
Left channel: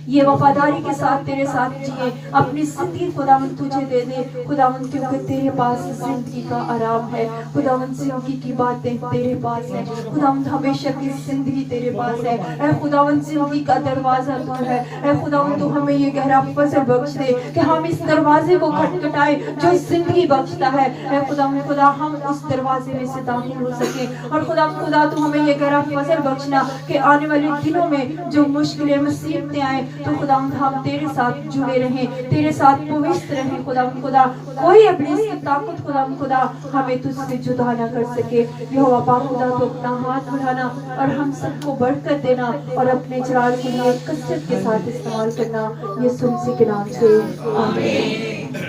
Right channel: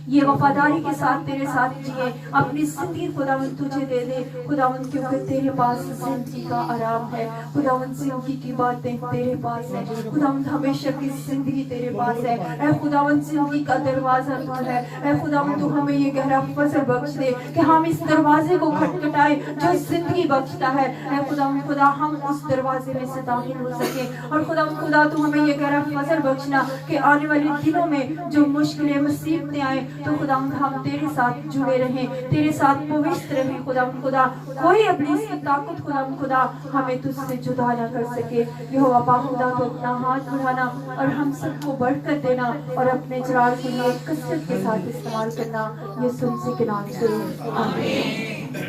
ये वफादारी के साथ तेरे साथ जिए अपनी जिंदगी खुदावन तुझे दे दे खुदावन क्योंकि तेरे पास जिंदगी का आराम है खुदावन जिंदगी की बातें तेरे पास है खुदावन हमेशा की जिंदगी तेरे पास है ऐ खुदावन जिंदगी का दरवाजा तू है ऐ खुदावन तू हमें ये गहरा फजल बख्श दे कि हम इस दरवाजे को खटखटाए जो जिंदगी बख्शता है ऐ खुदावन खुदा हम उस दरवाजे में से दाखिल हो सके और खुदावन खुदा तू हमें ये गहरा फजल बख्शना कि आने वाले दिनों में जो मुश्किलें मुसीबतें आए तो खुदावंद हम तेरे साथ जुड़े रहें तेरे साथ पवित्र रहें खुदावंद खुदा कोई अपनी ताकत खुदावंद खुदा हमें तुझसे जुदा ना कर सके यहोवा पाक खुदा तो अपना हाथ बढ़ाना और हम सबको बरकत देना और अपने जलाल के लिए कसरत के साथ इस्तेमाल करना यीशु मसीह के नाम से आमीन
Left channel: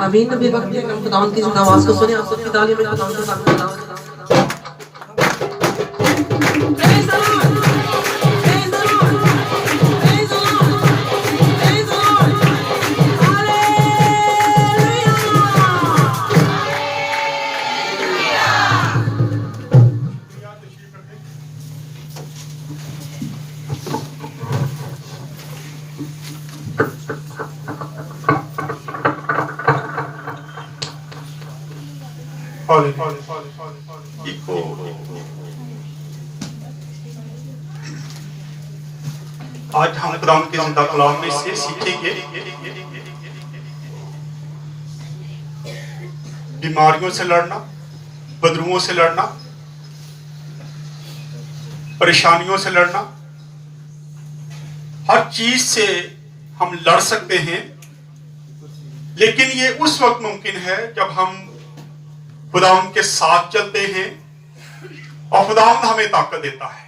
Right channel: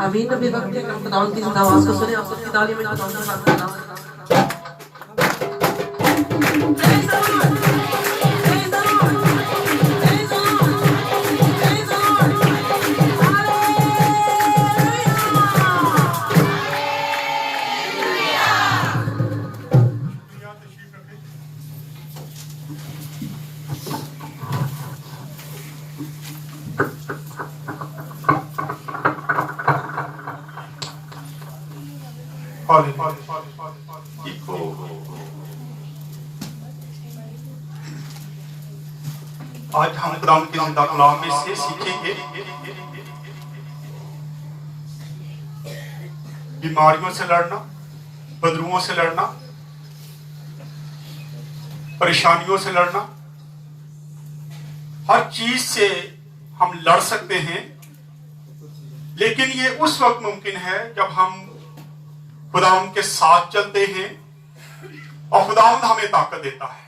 आमीन नबी वक्त में खुदावंद की आवाज को सुने आप सबकी ताली में खुदावंद का साथ आज हम खुदावंद के जिंदा कलाम में से सीखेंगे बीमारियों से लड़ना, बदरुओं से लड़ना, परेशानियों से लड़ना। हर चीज से हम लड़ सकते हैं, लेकिन ये उस वक्त मुमकिन है जब हम खुदावंद के साथ चलते हैं और खुदावंद हमें ताकत देता है,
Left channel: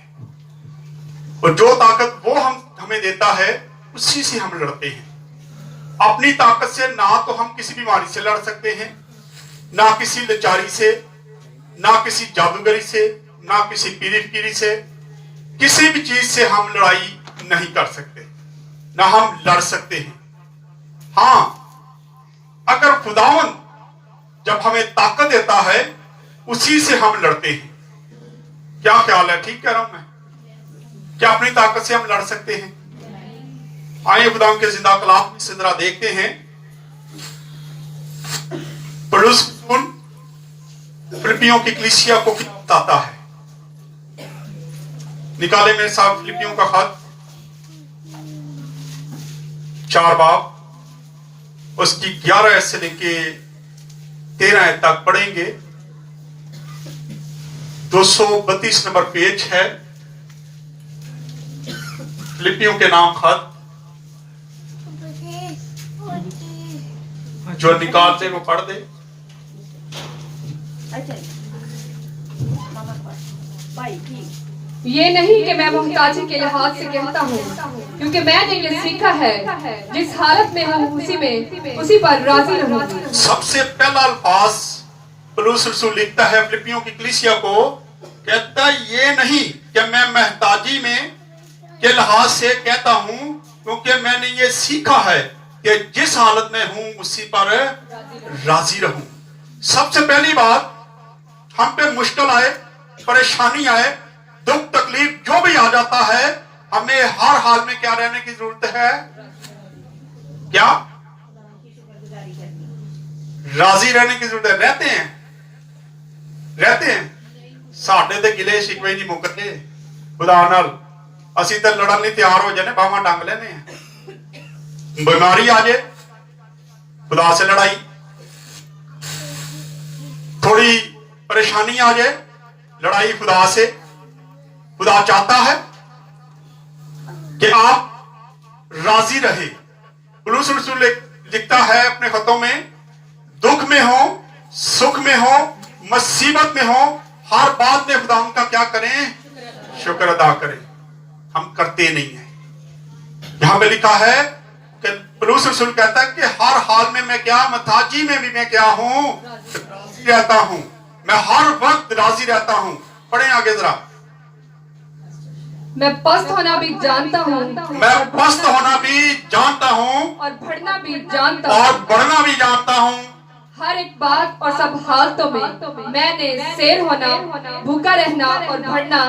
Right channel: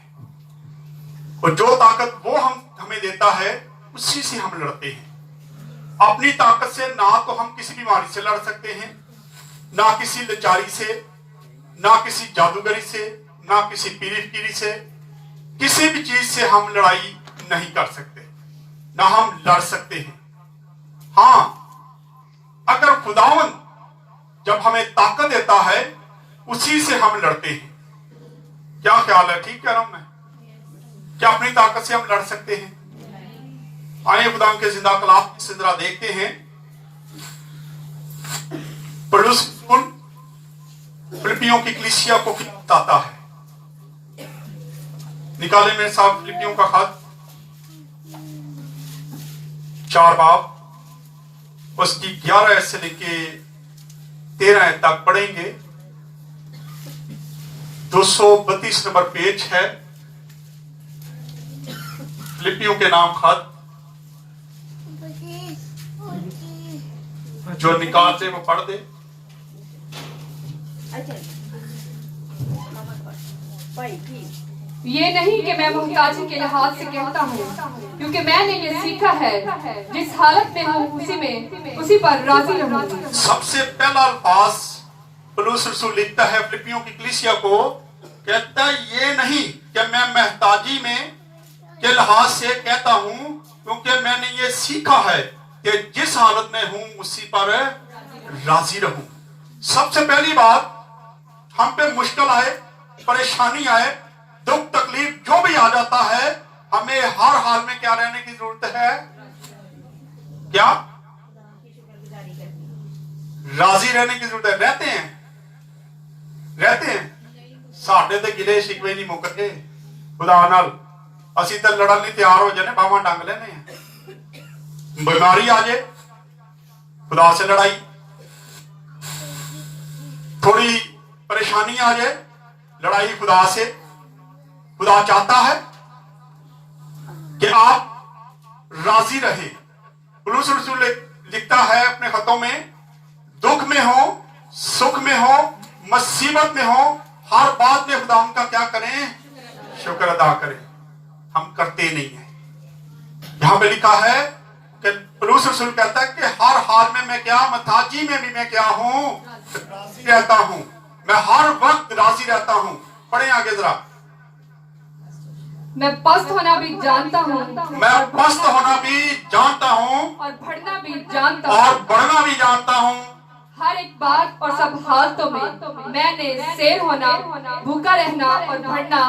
और जो ताकत वो हमें देता है उसी से हम लड़ते हैं। अपनी ताकत से ना तो हम किसी बीमारी से लड़ सकते हैं, ना किसी लाचारी से, ना किसी जादूगरी से, ना किसी पीरी फकीरी से, किसी भी चीज से हम लड़ाई नहीं कर सकते, ना हम लड़ सकते हैं। हाँ, अगर खुदावंद जब हमें ताकत देता है उसी से हम लड़ते हैं। क्या ख्याल है? ठीक कह रहा हूं मैं? क्या अपनी ताकत से हम लड़ सकते हैं? आइए खुदावंद के जिंदा कलाम से जरा देखते हैं। पौलुस फिलिपियों की कलीसिया को क्या बताता है। निकाले मेरे साथ फिलिपियों का खत 4 बाब, उसकी 11 से लेके 13 तक पढ़ेंगे। 232 नंबर पेज है फिलिपियों के नाम खत। जो निकालते वो पढ़ दे। ये नहीं कि मैं मोहताजी के लिहाज से कहता हूँ, क्योंकि मैंने ये सीखा है जिस हालत में हूँ उसी पर राजी रहूं। सबसे पहला अल्फाज पौलुस रसूल लिखता है फिलिपियों की कलीसिया को, कहता ये नहीं कि मैं महताजी में के लिहाज से कहता हूँ, क्योंकि मैंने ये सीखा है कि जिस हालत में हूँ उसी पर राजी रहूं। सबसे पहली बात, हम पे मुश्किल आए, परेशानी आए, दुख तकलीफ जो भी आ जाता है, हमें हर हाल में क्या रहने की जरूरत है? क्या? राजी रहने की जरूरत है। रहते हैं साढ़े ते गिले शिकवे नहीं मुकते खुदा नाल। असी तो लड़न लिए तैयार हो जाने, बावा टंग लेने। बीमारी आ जाए, खुदा से लड़ाई, थोड़ी परेशानी आ जाए, लड़ाई खुदा से। खुदा चाहता है कि आप राजी रहे। पौलुस रसूल लिखता है अपने खतों में, दुख में हो, सुख में हो, मुसीबत में हो, हर बात में खुदा का क्या करें? शुक्र अदा करें। हम करते नहीं है। यहां पे लिखा है कि पौलुस रसूल कहता है कि हर हाल में मैं क्या, महताजी में भी मैं क्या हूं? राजी रहता हूं। मैं हर वक्त राजी रहता हूं। पढ़े आगे जरा। मैं पस्त होना भी जानता हूँ, मैं पस्त होना भी जानता हूँ, और बढ़ना भी जानता हूँ, और बढ़ना भी जानता हूँ। हर एक बात और सब हालतों में मैंने शेर होना, भूखा रहना और बढ़ना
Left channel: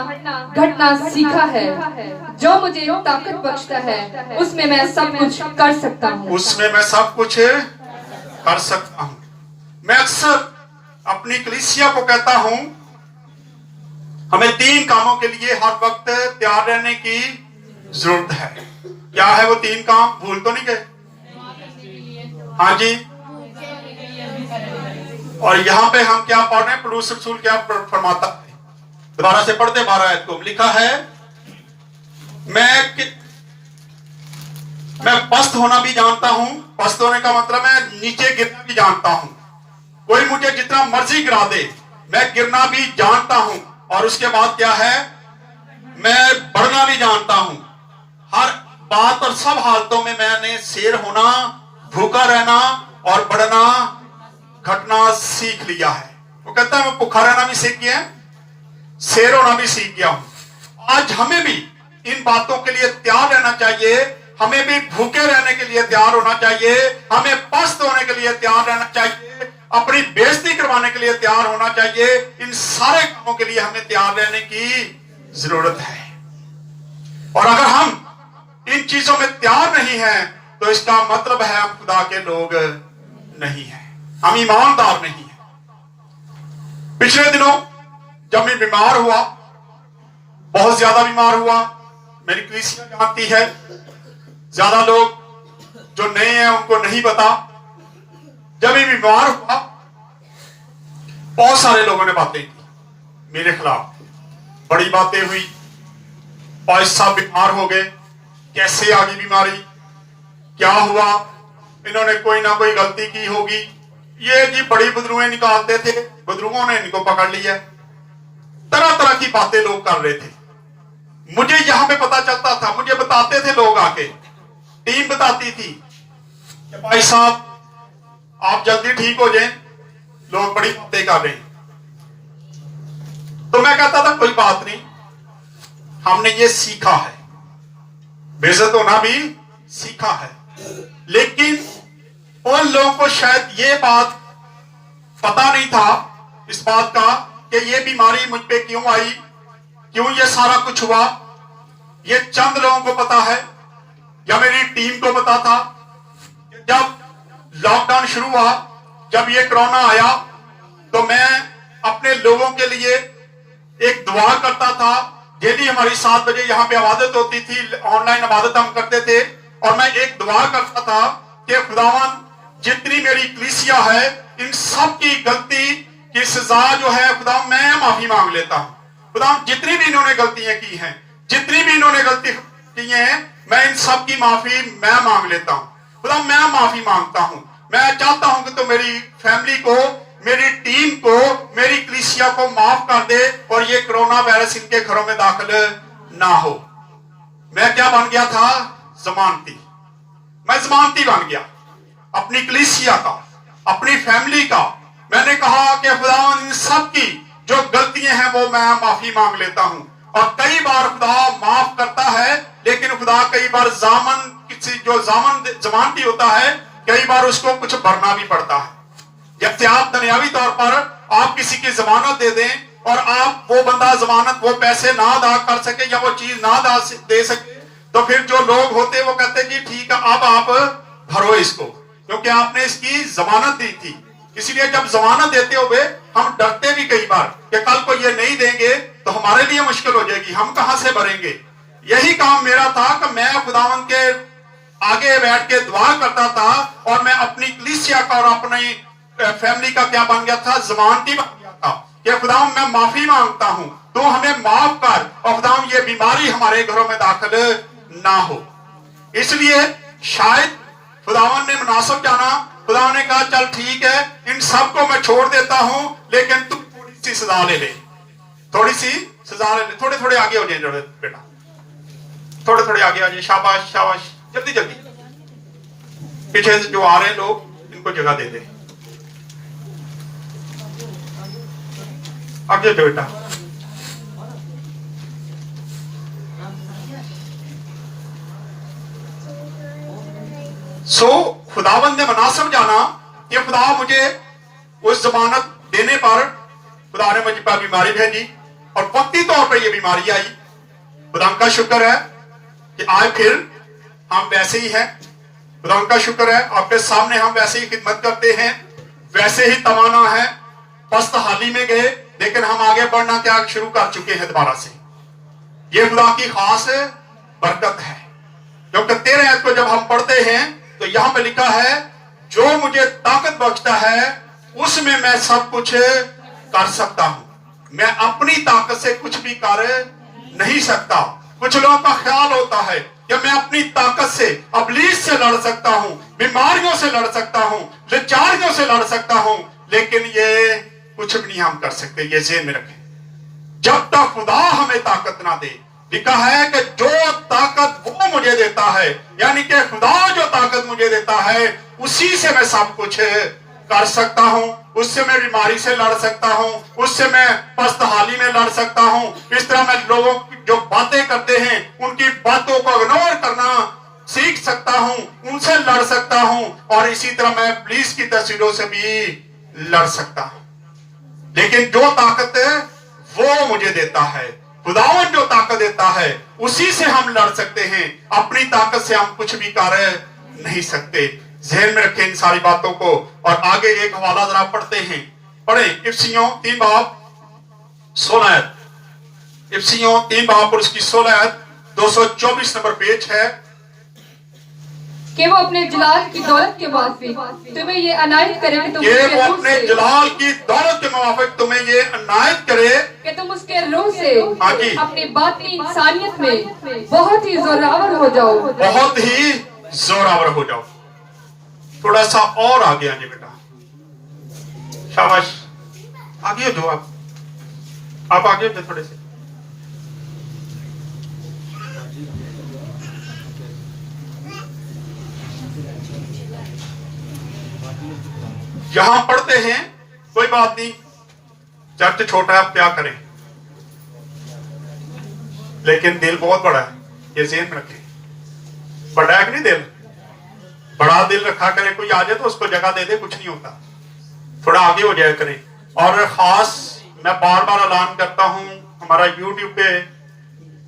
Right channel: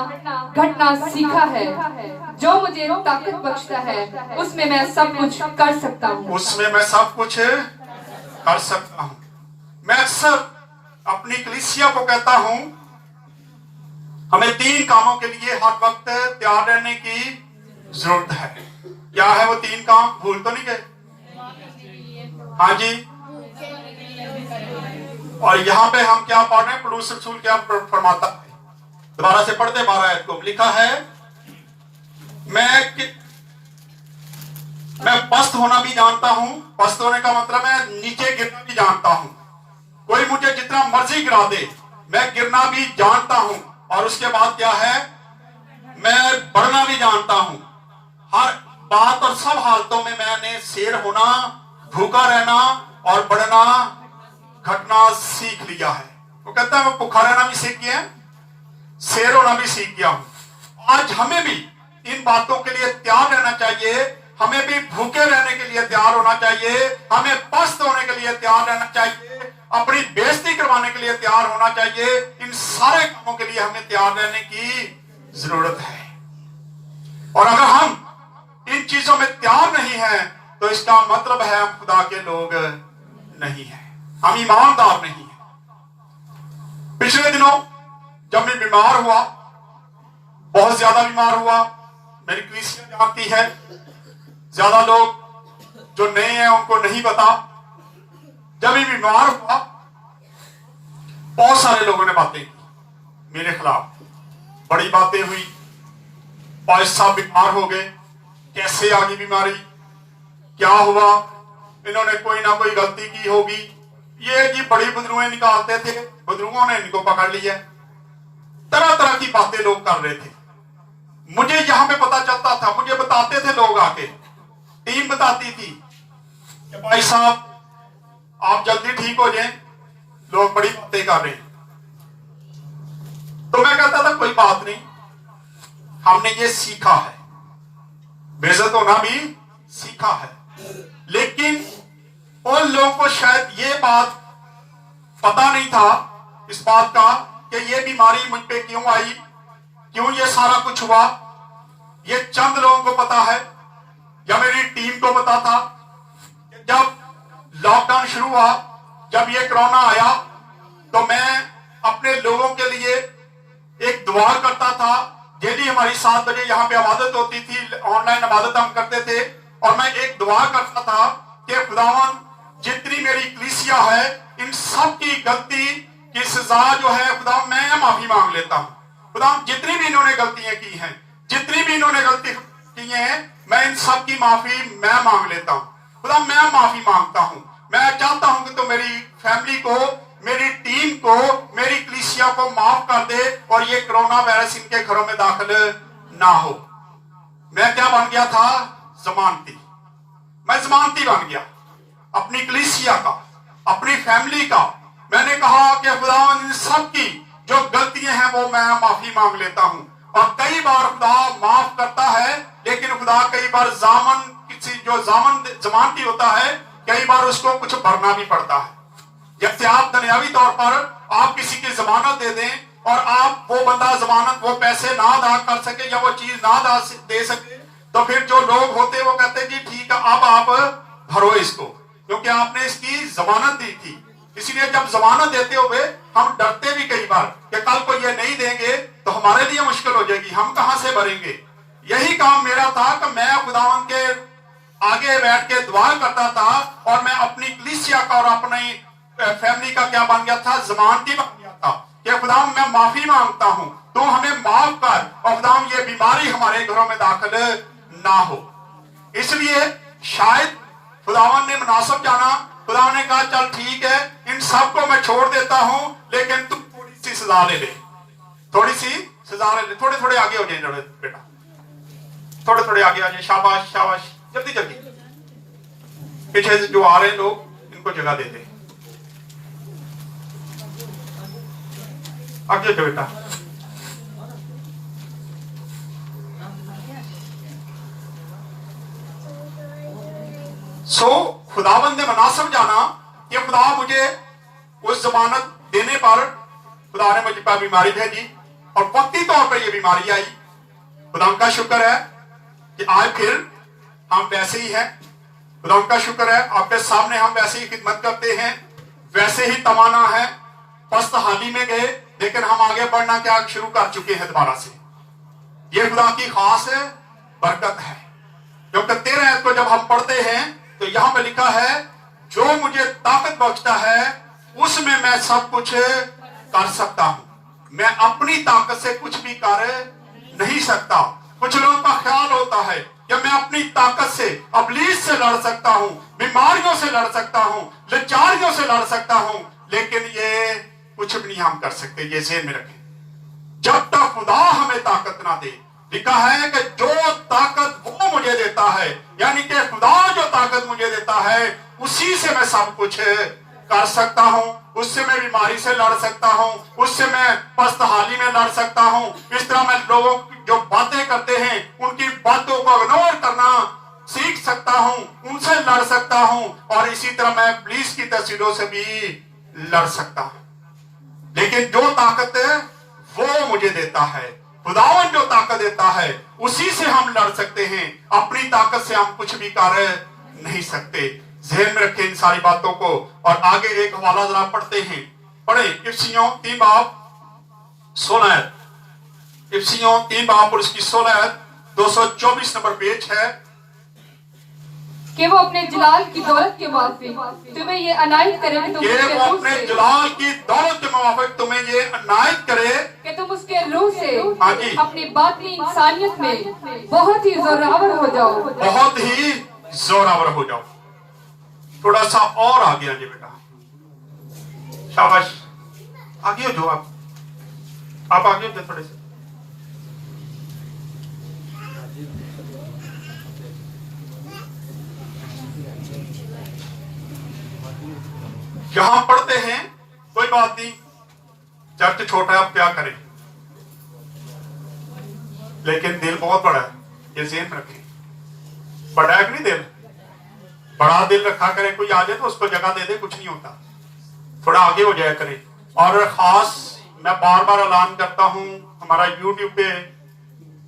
घटना सीखा है। जो मुझे ताकत बख्शता है उसमें मैं सब कुछ कर सकता हूँ। उसमें मैं सब कुछ कर सकता हूँ। मैं अक्सर अपनी कलीसिया को कहता हूँ, हमें 3 कामों के लिए हर वक्त तैयार रहने की जरूरत है। क्या है वो 3 काम? भूल तो नहीं गए? हाँ जी। और यहाँ पे हम क्या पढ़ रहे हैं? पौलुस रसूल क्या फरमाता है? दोबारा से पढ़ते 12 आयत को। लिखा है, मैं पस्त होना भी जानता हूं। पस्त होने का मतलब है नीचे गिरना भी जानता हूं। कोई मुझे जितना मर्जी गिरा दे, मैं गिरना भी जानता हूं। और उसके बाद क्या है? मैं बढ़ना भी जानता हूं। हर बात और सब हालतों में मैंने शेर होना, भूखा रहना और बढ़ना घटना सीख लिया है। वो कहता है मैं भूखा रहना भी सीख गया, शेर होना भी सीख गया हूं। आज हमें भी इन बातों के लिए तैयार रहना चाहिए। हमें भी भूखे रहने के लिए तैयार होना चाहिए। हमें पस्त होने के लिए तैयार रहना चाहिए। अपनी बेइज्जती करवाने के लिए तैयार होना चाहिए। इन सारे कामों के लिए हमें तैयार रहने की जरूरत है। और अगर हम इन चीजों में तैयार नहीं हैं, तो इसका मतलब है हम खुदा के लोग नहीं हैं, हम ईमानदार नहीं हैं। पिछले दिनों जब मैं बीमार हुआ, बहुत ज्यादा बीमार हुआ, मेरी कलीसिया जानती है, ज्यादा लोग जो नए हैं उनको नहीं पता। जब ये बीमार हुआ, बहुत सारे लोगों ने बातें की मेरे खिलाफ, बड़ी बातें हुई। भाई साहब बीमार हो गए, कैसे आ गई बीमारी, क्या हुआ, इन्होंने कोई ना कोई गलती की होगी। ये जी बड़ी बदरुएं निकालते थे, बदरुओं ने इनको पकड़ लिया। तरह तरह की बातें लोग कर रहे थे। मुझे यहां पे पता चलता था, मुझे बताते थे लोग आके, टीम बताती थी कि भाई साहब आप जल्दी ठीक हो जाएं, लोग बड़ी बातें कर रहे हैं। तो मैं कहता था कोई बात नहीं, हमने ये सीखा है, बेइज्जत होना भी सीखा है। लेकिन उन लोगों को शायद ये बात पता नहीं था, इस बात का कि ये बीमारी मुझ पे क्यों आई, क्यों ये सारा कुछ हुआ। ये चंद लोगों को पता है या मेरी टीम को पता था। जब लॉकडाउन शुरू हुआ, जब ये कोरोना आया, तो मैं अपने लोगों के लिए एक दुआ करता था। डेली हमारी 7 बजे यहाँ पे इबादत होती थी, ऑनलाइन इबादत हम करते थे, और मैं एक दुआ करता था कि खुदावन जितनी मेरी कलीसिया है, इन सब की गलती की सजा जो है खुदा मैं माफी मांग लेता हूँ। खुदा जितनी भी इन्होंने गलतियां की हैं, जितनी भी इन्होंने गलती की हैं, मैं इन सब की माफी मैं मांग लेता हूँ। खुदा मैं माफी मांगता हूँ। मैं चाहता हूं कि तो मेरी फैमिली को, मेरी टीम को, मेरी कलीसिया को माफ कर दे और ये कोरोना वायरस इनके घरों में दाखिल ना हो। मैं क्या बन गया था? जमानती। मैं जमानती बन गया अपनी कलीसिया का, अपनी फैमिली का। मैंने कहा कि खुदा इन सब की जो गलतियां हैं वो मैं माफी मांग लेता हूं। और कई बार खुदा माफ करता है, लेकिन खुदा कई बार जामन किसी जो जमानती होता है, कई बार उसको कुछ भरना भी पड़ता है। जैसे आप दुनियावी तौर पर आप किसी की जमानत दे दें और आप वो बंदा जमानत वो पैसे ना अदा कर सके या वो चीज ना दे सके, तो फिर जो लोग होते हैं वो कहते हैं जी ठीक है अब आप भरो इसको, क्योंकि आपने इसकी जमानत दी थी। इसीलिए जब जमानत देते हुए हम डरते भी कई बार कि कल को ये नहीं देंगे तो हमारे लिए मुश्किल हो जाएगी, हम कहां से भरेंगे। यही काम मेरा था कि मैं खुदावंद के आगे बैठ के दुआ करता था और मैं अपनी कलीसिया का और अपनी फैमिली का क्या बन गया था? जमानती बन गया था कि खुदाम मैं माफी मांगता हूं, तो हमें माफ कर, और खुदाम ये बीमारी हमारे घरों में दाखिल ना हो। इसलिए शायद खुदावन ने मुनासिब जाना, खुदा ने कहा चल ठीक है इन सबको मैं छोड़ देता हूं, लेकिन तुम थोड़ी सी सजा ले ले, थोड़ी सी सजा ले ले। थोड़े थोड़े आगे हो जाए बेटा, थोड़े थोड़े आगे आ जाए। शाबाश शाबाश, जल्दी जल्दी। पीछे से जो आ रहे हैं लोग इनको जगह दे दे। आगे बेटा। खुदावंद ने मुनासिब जाना कि खुदा मुझे उस जमानत देने पर खुदा ने मुझ पर बीमारी भेजी और वक्ती तौर पर यह बीमारी आई। खुदा का शुक्र है कि आज फिर हम वैसे ही हैं। खुदा का शुक्र है आपके सामने हम वैसे ही खिदमत करते हैं, वैसे ही तवाना है। पस्त हाली में गए लेकिन हम आगे बढ़ना क्या शुरू कर चुके हैं दोबारा से। ये खुदा की खास बरकत है, क्योंकि 13 आयत को जब हम पढ़ते हैं तो यहां पे लिखा है जो मुझे ताकत बख्शता है उसमें मैं सब कुछ कर सकता हूं। मैं अपनी ताकत से कुछ भी कर नहीं सकता। कुछ लोगों का ख्याल होता है कि मैं अपनी ताकत से इब्लीस से लड़ सकता हूं, बीमारियों से लड़ सकता हूं, लाचारियों से लड़ सकता हूं, लेकिन ये कुछ भी नहीं हम कर सकते। ये ज़हन में रखें, जब तक खुदा हमें ताकत ना दे। लिखा है कि जो ताकत वो मुझे देता है, यानी कि खुदा जो ताकत मुझे देता है उसी से मैं सब कुछ कर सकता हूं। उससे मैं बीमारी से लड़ सकता हूं, उससे मैं पस्तहाली में लड़ सकता हूं। इस तरह मैं लोगों जो बातें करते हैं उनकी बातों को इग्नोर करना सीख सकता हूं, उनसे लड़ सकता हूं, और इसी तरह मैं इब्लीस की तस्वीरों से भी लड़ सकता हूं। लेकिन जो ताकत वो मुझे देता है, खुदावन जो ताकत देता है उसी से हम लड़ सकते हैं। अपनी ताकत से हम कुछ भी कर नहीं सकते। ज़हन में रखें इन सारी बातों को। और आगे एक हवाला जरा पढ़ते हैं, पढ़े इफिसियों 3 बाब 16। इफिसियों 3 बाब और उसकी 16 224 नंबर पेज है। कि वो अपने जलाल की दौलत के मुताबिक तुम्हें ये अनायत करे कि तुम कि उसके वो रूह अपने से जलाल की दौलत के मुताबिक तुम्हें ये अनायत करे कि तुम उसके रूह से हाँ जी। अपनी बातनी इंसानियत में बहुत ही जोरावर हो जाओ। बहुत ही जोरावर हो जाओ। थोड़ा सा और आगे आ जाए बेटा, शाबाश, आगे हो जो आप आगे हो जाओ थोड़े से। यहां पढ़ते हैं, कोई बात नहीं, चर्च छोटा है, आप क्या करें, लेकिन दिल बहुत बड़ा है, ये ज़हन में रखें। बड़ा है कि नहीं दिल? बड़ा दिल रखा करें, कोई आ जाए तो उसको जगह दे दे, कुछ नहीं होता, थोड़ा आगे हो जाया करें। और खास मैं बार बार ऐलान करता हूं, हमारा यूट्यूब पे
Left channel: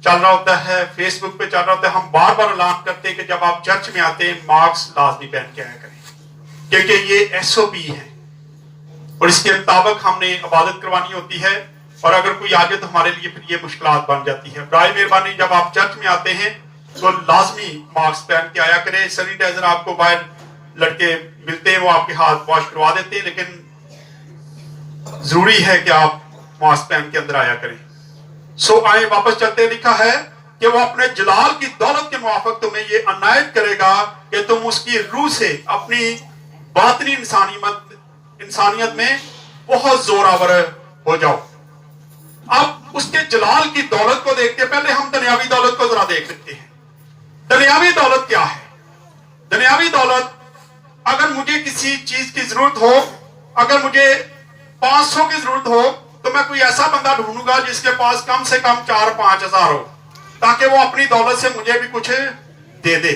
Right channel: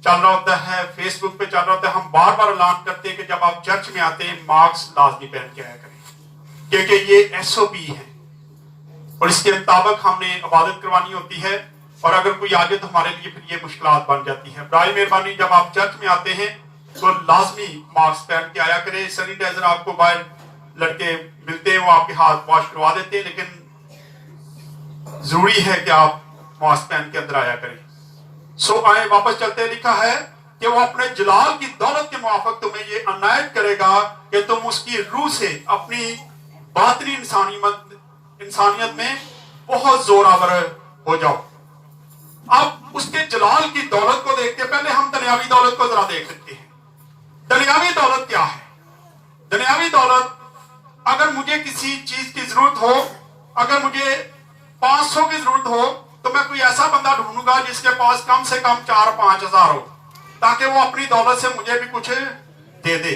चल रहा होता है, फेसबुक पे चल रहा होता है, हम बार बार ऐलान करते हैं कि जब आप चर्च में आते हैं मास्क लाजमी पहन के आया करें, क्योंकि ये SOP है और इसके मुताबिक हमने इबादत करवानी होती है। और अगर कोई आ जाए तो हमारे लिए फिर ये मुश्किलात बन जाती है। बराए मेहरबानी जब आप चर्च में आते हैं तो लाजमी मास्क पहन के आया करें। सैनिटाइजर आपको बाहर लड़के मिलते हैं, वो आपके हाथ वॉश करवा देते हैं, लेकिन जरूरी है कि आप मास्क पहन के अंदर आया करें। सो आए वापस चलते, लिखा है कि वो अपने जलाल की दौलत के मुआफिक तुम्हें ये अनायत करेगा कि तुम उसकी रूह से अपनी बातनी इंसानियत में बहुत जोरावर हो जाओ। अब उसके जलाल की दौलत को देखते पहले हम दुनियावी दौलत को जरा देख लेते हैं। दुनियावी दौलत क्या है? दुनियावी दौलत, अगर मुझे किसी चीज की जरूरत हो, अगर मुझे 500 की जरूरत हो तो मैं कोई ऐसा बंदा ढूंढूंगा जिसके पास कम से कम 4-5 हजार हो, ताकि वो अपनी दौलत से मुझे भी कुछ दे दे।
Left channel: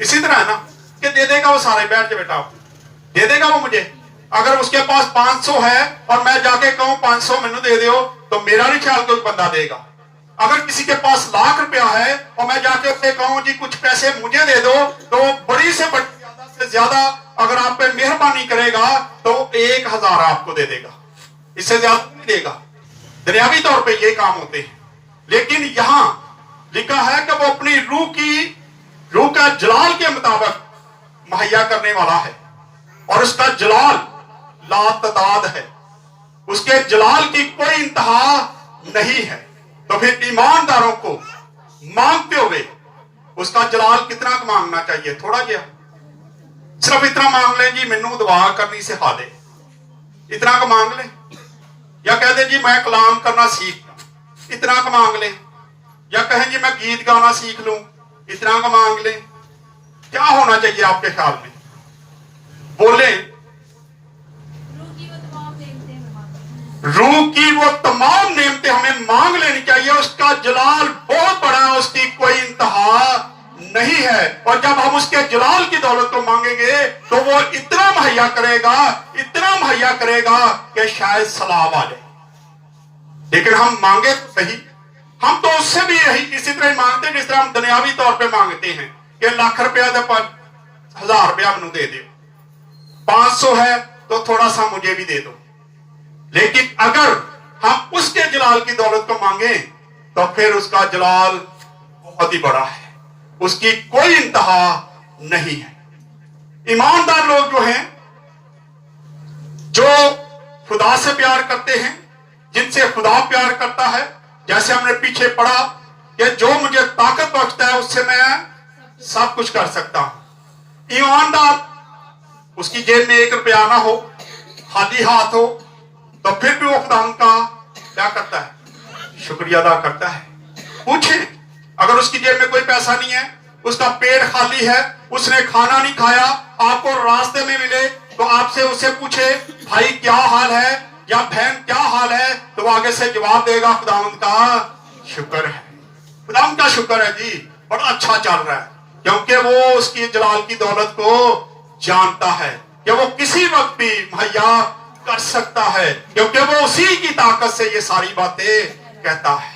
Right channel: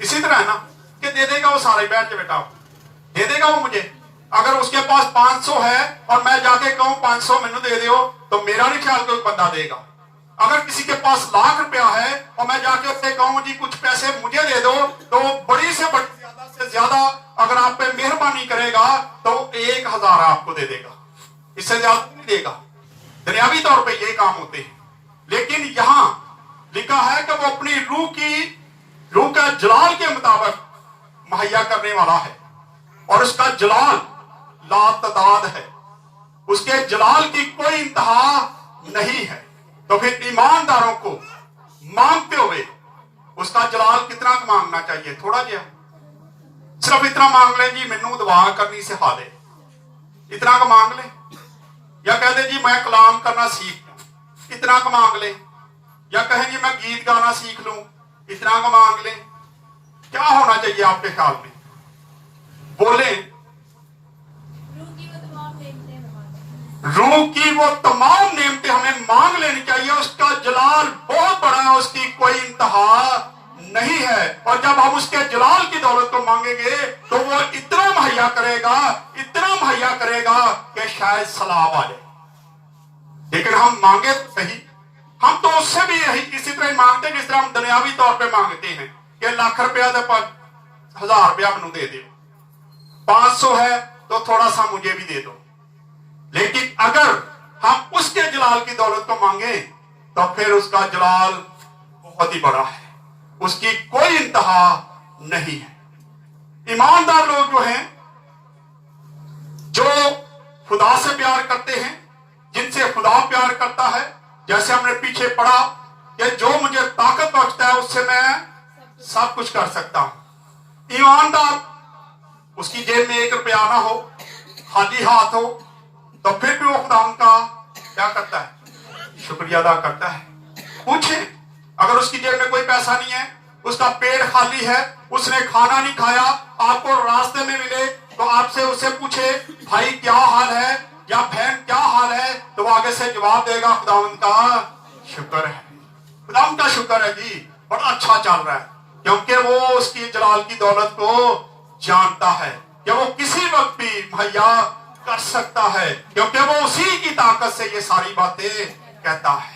इसी तरह है ना कि दे देगा वो सारे, बैठ के बेटा दे देगा वो मुझे। अगर उसके पास 500 है और मैं जाके कहूं 500 मैनू दे दो, तो मेरा नहीं ख्याल कोई बंदा देगा। अगर किसी के पास लाख रुपया है और मैं जाके उससे कहूं जी कुछ पैसे मुझे दे दो, तो बड़ी से बड़ी ज्यादा से ज्यादा अगर आप पे मेहरबानी करेगा तो 1000 आपको दे देगा, इससे ज्यादा नहीं देगा। दुनियावी तौर पे ये काम होते हैं। लेकिन यहां लिखा है कि वो अपनी रूह का जलाल के मुताबिक मुहैया करने वाला है, और उसका जलाल लातदाद है, उसके जलाल की कोई इंतहा नहीं है। तो फिर ईमानदारों को मांगते हुए उसका जलाल कितना मांगना चाहिए? थोड़ा गया, सिर्फ इतना मांग ले जी मैनू दुआ करनी सिखा दे, इतना का मांग ले। या कह दे जी मैं कलाम करना सीख लूं, इतना का मांग ले। या कहें जी मैं गीत गाना सीख लूं, इतना का मांग ले। क्या होना चाहिए आपके ख्याल में? बोले रूह की वो तमाम नेमतें हमें मांग लेनी चाहिए। उसका जलाल बहुत बड़ा है, उसकी कोई इंतहा नहीं है। और जब हम उसके जलाल की दौलत को मांगेंगे तो वो इतना मुहैया करेगा, इतना मुहैया करेगा कि शायद सलाब आ जाए। लेकिन हम मांगे तो सही, हम तो उससे भी यही इसी तरह मांगते हैं जिस तरह हम दुनियावी तौर पे मांगते हैं कि लाख रुपया दे पर 1000 रुपया मुझे दे दो, 500 है तो थोड़ा सा मुझे भी दे दो। लेकिन अगर हम उसके जलाल की दौलत को मांगे तो फिर उसका जलाल बहुत ही बड़ा है, उसकी कोई इंतहा नहीं है। ईमानदार लोग जो हैं, जो खुदा से प्यार करते हैं, जिनसे खुदा प्यार करता है, जैसे हमने पीछे पढ़ा कि जो मुझे ताकत बख्शता है उससे मैं सब कुछ कर सकता हूं। ईमानदार, उसकी जेब में 1 रुपया ना हो, खाली हाथ हो, तो फिर भी वो खुदा का क्या करता है? शुक्रिया अदा करता है। पूछे, अगर उसकी जेब में कोई पैसा नहीं है, उसका पेट खाली है, उसने खाना नहीं खाया, आपको रास्ते में मिले तो आपसे उससे पूछे भाई क्या हाल है या बहन क्या हाल है, तो वो आगे से जवाब देगा खुदावंद का शुक्र है, खुदावंद का शुक्र है जी, बड़ा अच्छा चल रहा है। क्योंकि वो उसकी जलाल की दौलत को जानता है कि वो किसी वक्त भी मुहैया कर सकता है, क्योंकि वो उसी की ताकत से ये सारी बातें कहता है।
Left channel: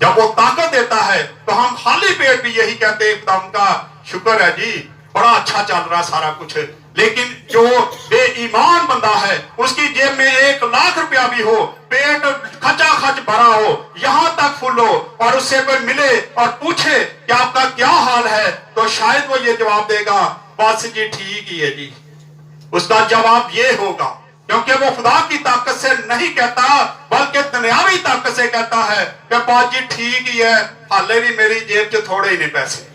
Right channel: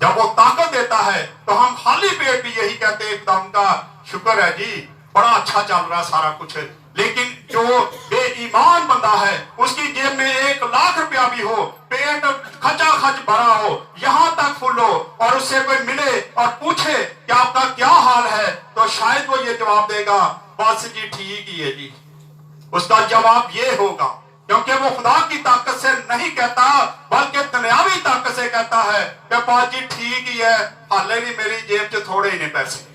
जब वो ताकत देता है तो हम खाली पेट भी यही कहते हैं खुदा का शुक्र है जी, बड़ा अच्छा चल रहा सारा कुछ। लेकिन जो बेईमान बंदा है, उसकी जेब में 1 लाख रुपया भी हो, पेट खचाखच भरा हो, यहाँ तक फुल हो, और उससे कोई मिले और पूछे कि आपका क्या हाल है, तो शायद वो ये जवाब देगा, बस जी ठीक ही है जी। उसका जवाब ये होगा, क्योंकि वो खुदा की ताकत से नहीं कहता, बल्कि दुनियावी ताकत से कहता है कि बात जी ठीक ही है, हाले भी मेरी जेब से थोड़े ही नहीं पैसे।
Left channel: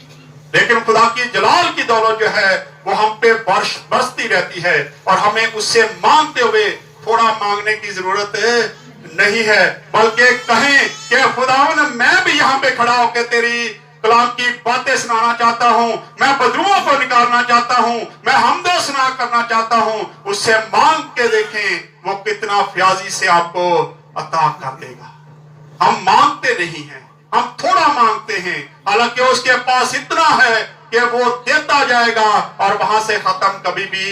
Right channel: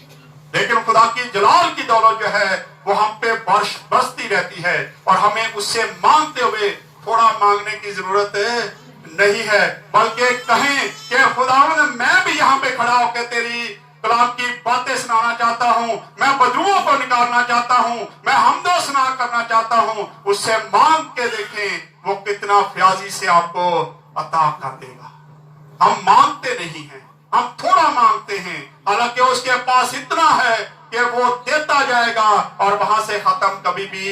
लेकिन खुदा की जलाल की दौलत जो है वो हम पे बरसती रहती है, और हमें उससे मांगते हुए थोड़ा मांगने की जरूरत नहीं है, बल्कि कहें कि खुदावंद मैं भी यहाँ पे खड़ा होकर तेरी कलाम की बातें सुनाना चाहता हूँ, मैं बदरुओं को निकालना चाहता हूँ, मैं हमदो सुना करना चाहता हूँ। उससे मांग के देखें वो कितना फ्याजी से आपको अता कर देगा। हम मांगते नहीं हैं, हम थोड़ा मांगते हैं, हालांकि उसके पास इतना है कि वो देता जाएगा और वहां से खत्म कभी भी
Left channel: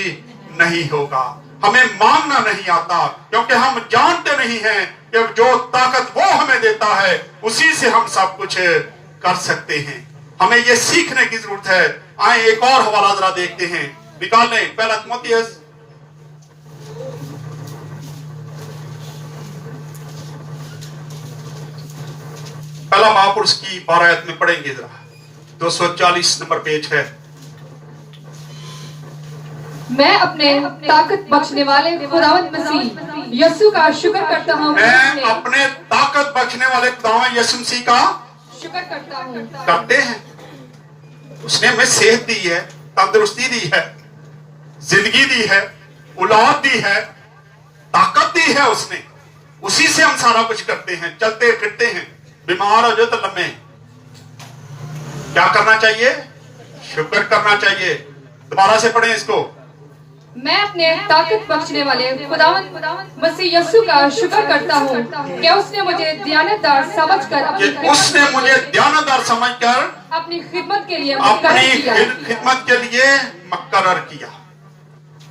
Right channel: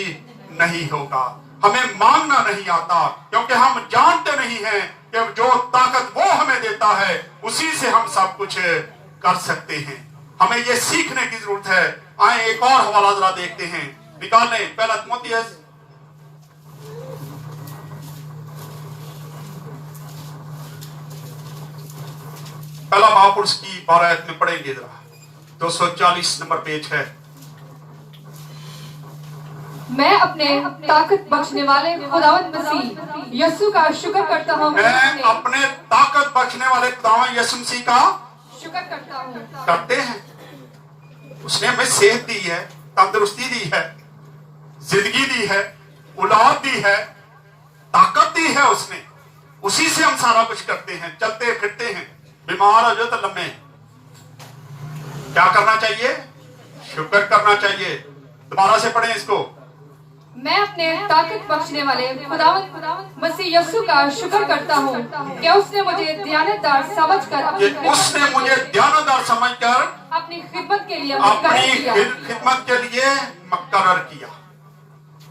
नहीं होगा। हमें मांगना नहीं आता, क्योंकि हम जानते नहीं हैं कि जो ताकत वो हमें देता है उसी से हम सब कुछ कर सकते हैं। हमें ये सीखने की जरूरत है। आए एक और हवाला जरा देखते हैं, निकाल लें पहला तिमोथियस पहला बाब और उसकी 12 आयत में पढ़ेंगे जरा। 240 नंबर पेज है। मैं अपने ताकत बख्शने वाले खुदावंद मसीह यीशु का शुक्र करता हूँ। मैं अपने ताकत बख्शने वाले खुदावंद यीशु मसीह का शुक्र करता हूँ। करते हैं। उसने हमें सेहत दी है, तंदुरुस्ती दी है, जिंदगी दी है, औलाद दी है, ताकत दी है उसने। उसी से हम सारा कुछ करते हैं, चलते फिरते हैं। बीमार हो जो तो लम्बे, क्या करना चाहिए? शुक्र करना चाहिए। दोबारा से पढ़ें इसको। मैं अपने ताकत बख्शने वाले खुदावंद मसीह यीशु का शुक्र करता हूँ कि उसने मुझे दियानतदार समझकर अपनी खिदमत के लिए मुकर्रर किया।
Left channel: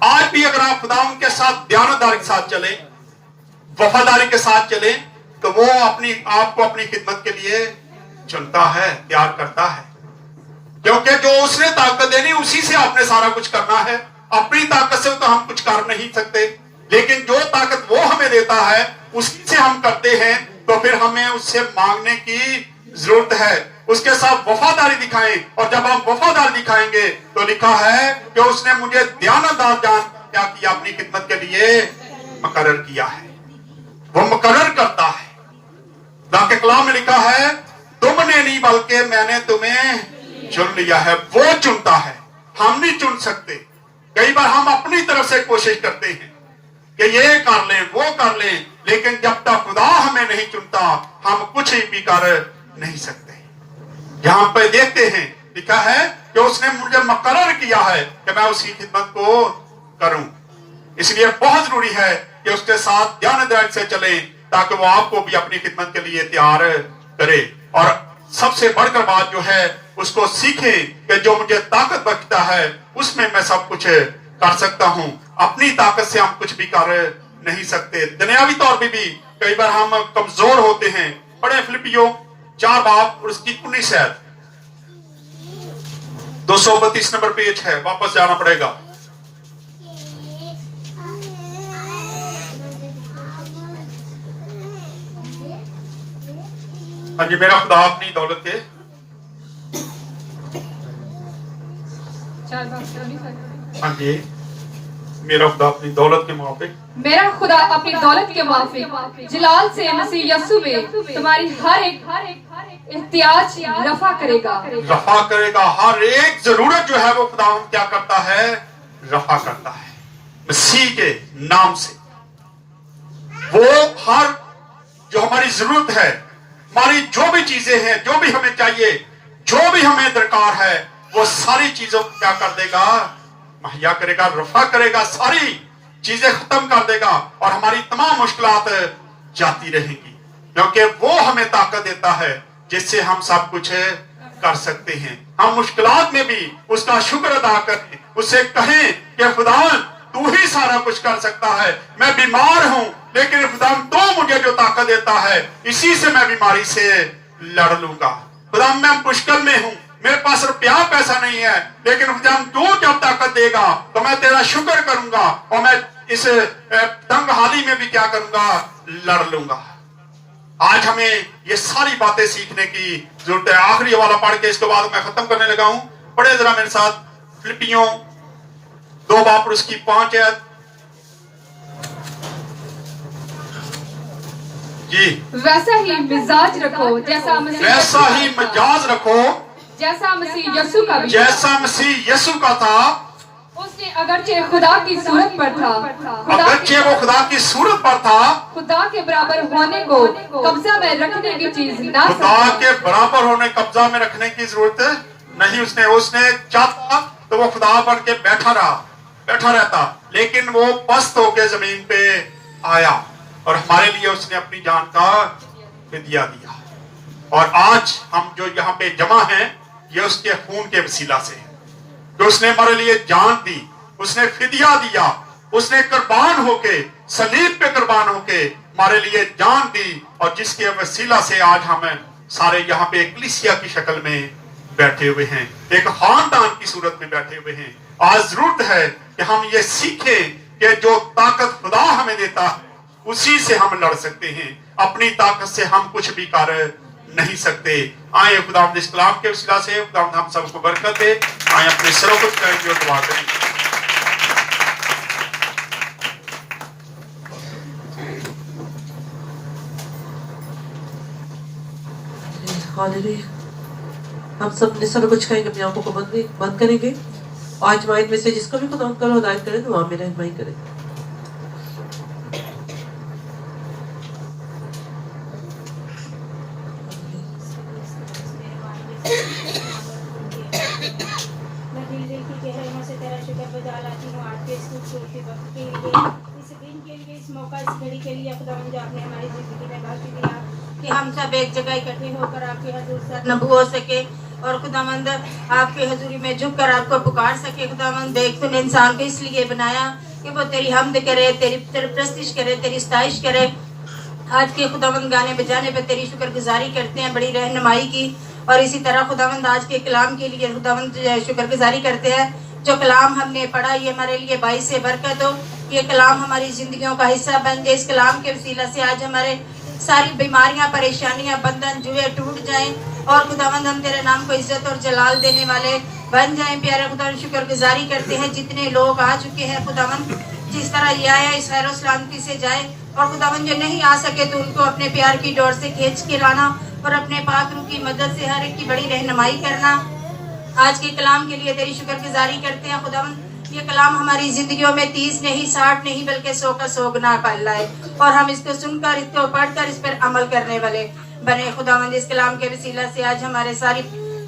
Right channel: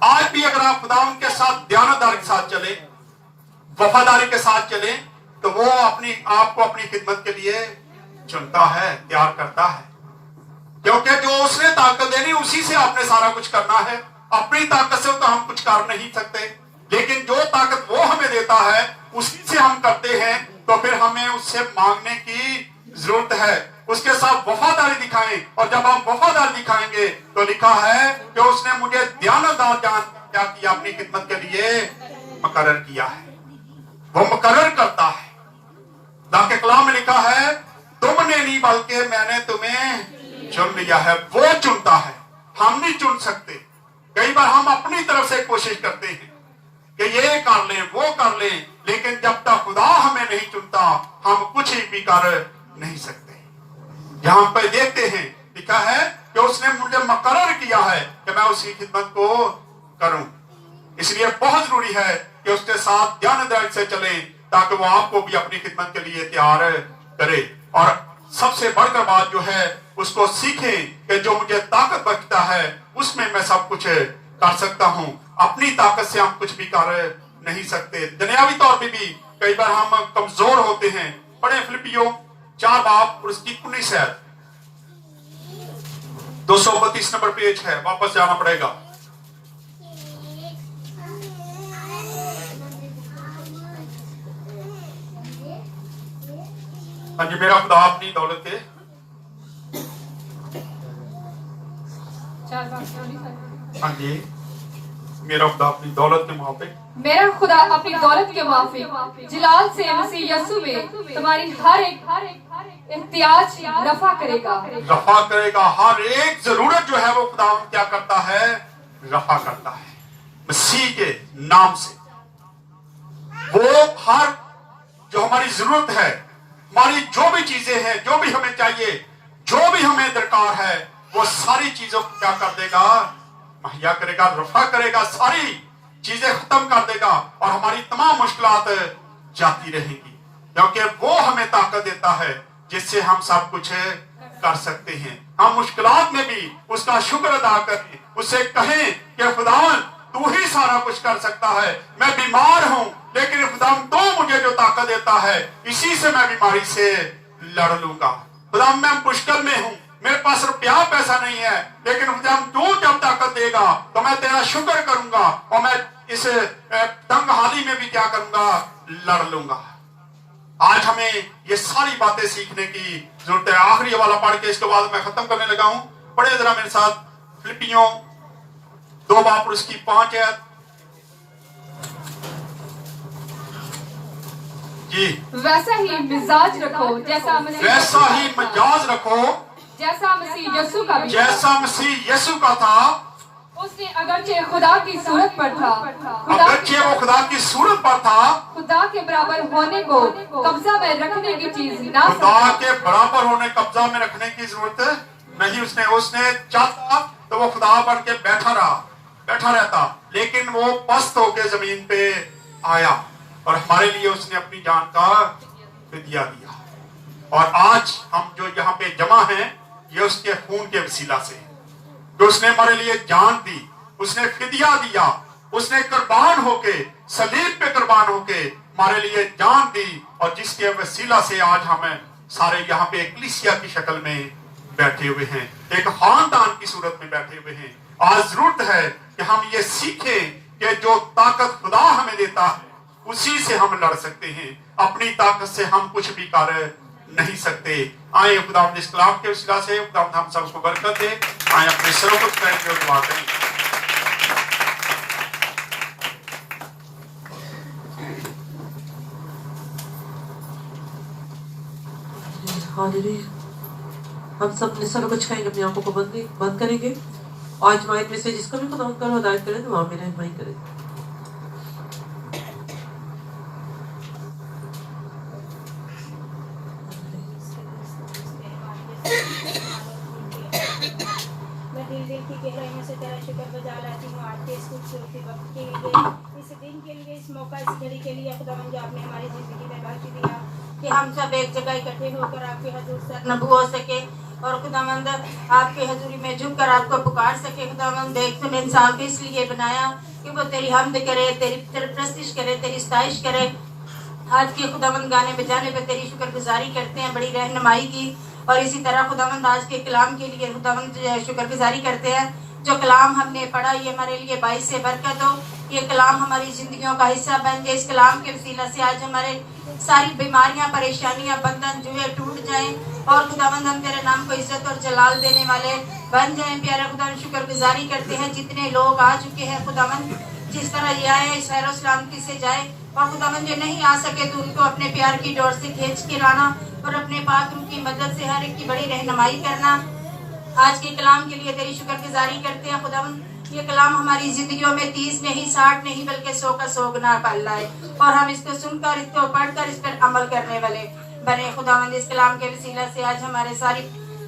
आज भी अगर आप खुदावंद के साथ दियानतदारी के साथ चले, वफादारी के साथ चले, तो वो अपनी आपको अपनी खिदमत के लिए चुनता है, तैयार करता है। क्योंकि जो उसने ताकत देनी उसी से आपने सारा कुछ करना है। अपनी ताकत से तो हम कुछ कर नहीं सकते, लेकिन जो ताकत वो हमें देता है उसी से हम करते हैं। तो फिर हमें उससे मांगने की जरूरत है, उसके साथ वफादारी दिखाएं। और जब आप वफादारी दिखाएंगे तो लिखा है कि उसने मुझे दियानतदार जान क्या किया, अपनी खिदमत के लिए मुकर्रर किया है। वो मुकर्रर करता है। के कलाम में लिखा है, तुमने नहीं बल्कि मैंने तुम्हें चुन लिया है। वो चुनता है, हम नहीं चुन सकते। कई बार हम अपनी तरफ से कोशिश करते हैं कि ये कर लें, वो कर लें, लेकिन जब तक खुदा हमें नहीं चुनता हम कुछ भी कर नहीं सकते। यहां पर देखते हैं लिखा है कि उसने मुझे मुकर्रर किया है कि मैं उसकी खिदमत को करूं। इसलिए बहुत जरूरी है कि उसके साथ ध्यान से चलें, ताकि वो आपको भी अपनी खिदमत के लिए तैयार करे। और सबसे बढ़कर बात जो है उसको सीखें कि जो मुझे ताकत बख्शता है उसमें मैं सब कुछ कर सकता हूं। अपनी ताकत से हम कुछ भी कर नहीं सकते। दुनियावी तौर पे भी कई बार हम कमजोर होते हैं। पढ़े फिलिपियों 4 बाब और उसकी 19 आयत। 232 नंबर पेज है, वापस जाना पड़ेगा। हाँ जी, मेरा खुदा अपनी दौलत के हाँ जी, मेरा खुदा अपनी दौलत के मुआफिक मेरा खुदा अपनी दौलत के मुआफिक जलाल से मसीह यीशु में तुम्हारी हर एक एहतियाज रफा करेगा। हर एक जरूरत जो है वो खुदा क्या करता है? रफा करता है मसीह के नाम से। वो हर जो हमारी जरूरत है, हमारी जो भी चीजें हैं, जो भी हमें चाहिए, जो भी हमें दरकार है, वो सारी चीजों को क्या कर देगा? मुहैया करेगा, रफा करेगा, सारी चीजें खत्म कर देगा और हमारी तमाम मुश्किलात जाती रहेंगी। क्योंकि वो हमें ताकत देता है जिससे हम सब कुछ कर सकते हैं। हम मुश्किलात में भी उसका शुक्र अदा करें, उससे कहें कि खुदावन तू ही सारा कुछ कर सकता है। मैं बीमार हूं, लेकिन खुदावन तू मुझे जो ताकत देता है इसी से मैं बीमारी से लड़ लूंगा। खुदावन मैं मुश्किल में हूं, मेरे पास रुपया पैसा नहीं है, लेकिन खुदावन तू जब ताकत देगा तो मैं तेरा शुक्र करूंगा और मैं इस तंग हाली में भी क्या करूंगा, लड़ लूंगा। आज हमें ये सारी बातें सीखने की जरूरत है। आखिरी वाला पढ़ के इसके बाद मैं खत्म करने लगा हूं। पढ़े जरा मेरे साथ फिलिपियों 2:5 जी। वैसा ही मिजाज रखो जैसा मसीह वैसा ही मिजाज रखो जैसा मसीह यीशु का भी जैसा मसीह यीशु का था। उसने अगरचे खुदा की सूरत पर था, अगरचे वो खुदा की सूरत पर था, खुदा के बराबर होने को कब्जा में रखने की चीज ना खुदा के बराबर होने कब्जा में रखने की जरूरत नहीं। उसने चाहता तो वो खुदा बन के बैठा रहता, लेकिन वो पस्त होके जमीन पे आया और हमारे लिए उसने अपनी जान का फिदिया दिया। और आज हम जो यहाँ पे जमा हैं, ये उसके खून के वसीला से है, जो उसने हमारे लिए जान दी, उसने फिदिया दिया, उसने कुर्बान होके सलीब पे कुर्बान होके हमारे लिए जान दी, और जिसके वसीला से आज हम सारे यहाँ पे कलीसिया की शक्ल में बैठे हुए हैं, एक खानदान की सूरत में बैठे हुए हैं। आज जरूरत है कि हम ये सीखें कि जो ताकत खुदा हमें देता है उसी से हम लड़ सकते हैं, अपनी ताकत से हम कुछ भी कर नहीं सकते। आए खुदावंद इस कलाम के वसीला से खुदावंद हम सबको बरकत दे। आए अपने सरों को झुकाएंगे और दुआ करेंगे। हालेलुया। हम सब अपने सरों को झुकाएंगे, अपनी आंखों को बंद करेंगे। आज माइंड में से जिसको भी खुदा करो हिदायत करें, दुआ में रहनुमाई करें। मैं दिल की गहराइयों से तेरा शुक्रगुजार लाती हूँ आज के इस खूबसूरती वक्त के लिए, इस दिन के लिए, इस मौका, इस घड़ी के लिए खुदावंद, जो आपने हमारी जिंदगी में बख्श दिया कि हम सब एक जगह इकट्ठे होकर आपके हजूर सरनबू हो सके और खुदावंद आपके हजूरी में झुककर आपको पुकार सके। खुदावंद देख तूने इंसान को इसलिए बनाया कि वो तेरी हमद करे, तेरी प्रस्तिश करे, तेरी सताइश करे। आज के खुदावंद गाने बजाने पे तेरी शुक्रगुजारी करते हैं, बड़ी रहनुमाई की। और इसी तरह खुदावंद आज के कलाम के लिए खुदावंद शुक्रगुजारी करते हैं, जो कलाम हमने पढ़ा ये हमारे लिए बाइस से बरकत हो, ये कलाम हमारी जिंदगियों का हिस्सा बन जाए। इस कलाम के वसीला से आज हमारे सारी बीमारियां, परेशानियां, बंधन, जुए टूट जाएं और खुदावंद हम तेरे नाम को इज्जत और जलाल देने वाले बन जाएं। प्यारा खुदावंद शुक्रगुजारी करते हैं जितने लोग आ चुके हैं खुदावंद, जिस तरह ये आया इस खैर सलामती से जाए, और खुदावंद जो नहीं आ सके तो उनको अपने प्यार की डोर से खींच के लाना और अपने पाक उनकी मदद से हर एक की बड़ी रहनुमाई करना। आज के कलाम के लिए तेरी शुक्रगुजारी करते हैं खुदावंद, ये कलाम हमारी जिंदगियों में 30 नहीं, 60 नहीं, बल्कि 100 का 100 गुना कर लाए और हम इसको सुनकर, इसको पढ़कर इस पर अमल करने वाले बने। खुदावंद इस कलाम के वसीला से आज हमारे सारी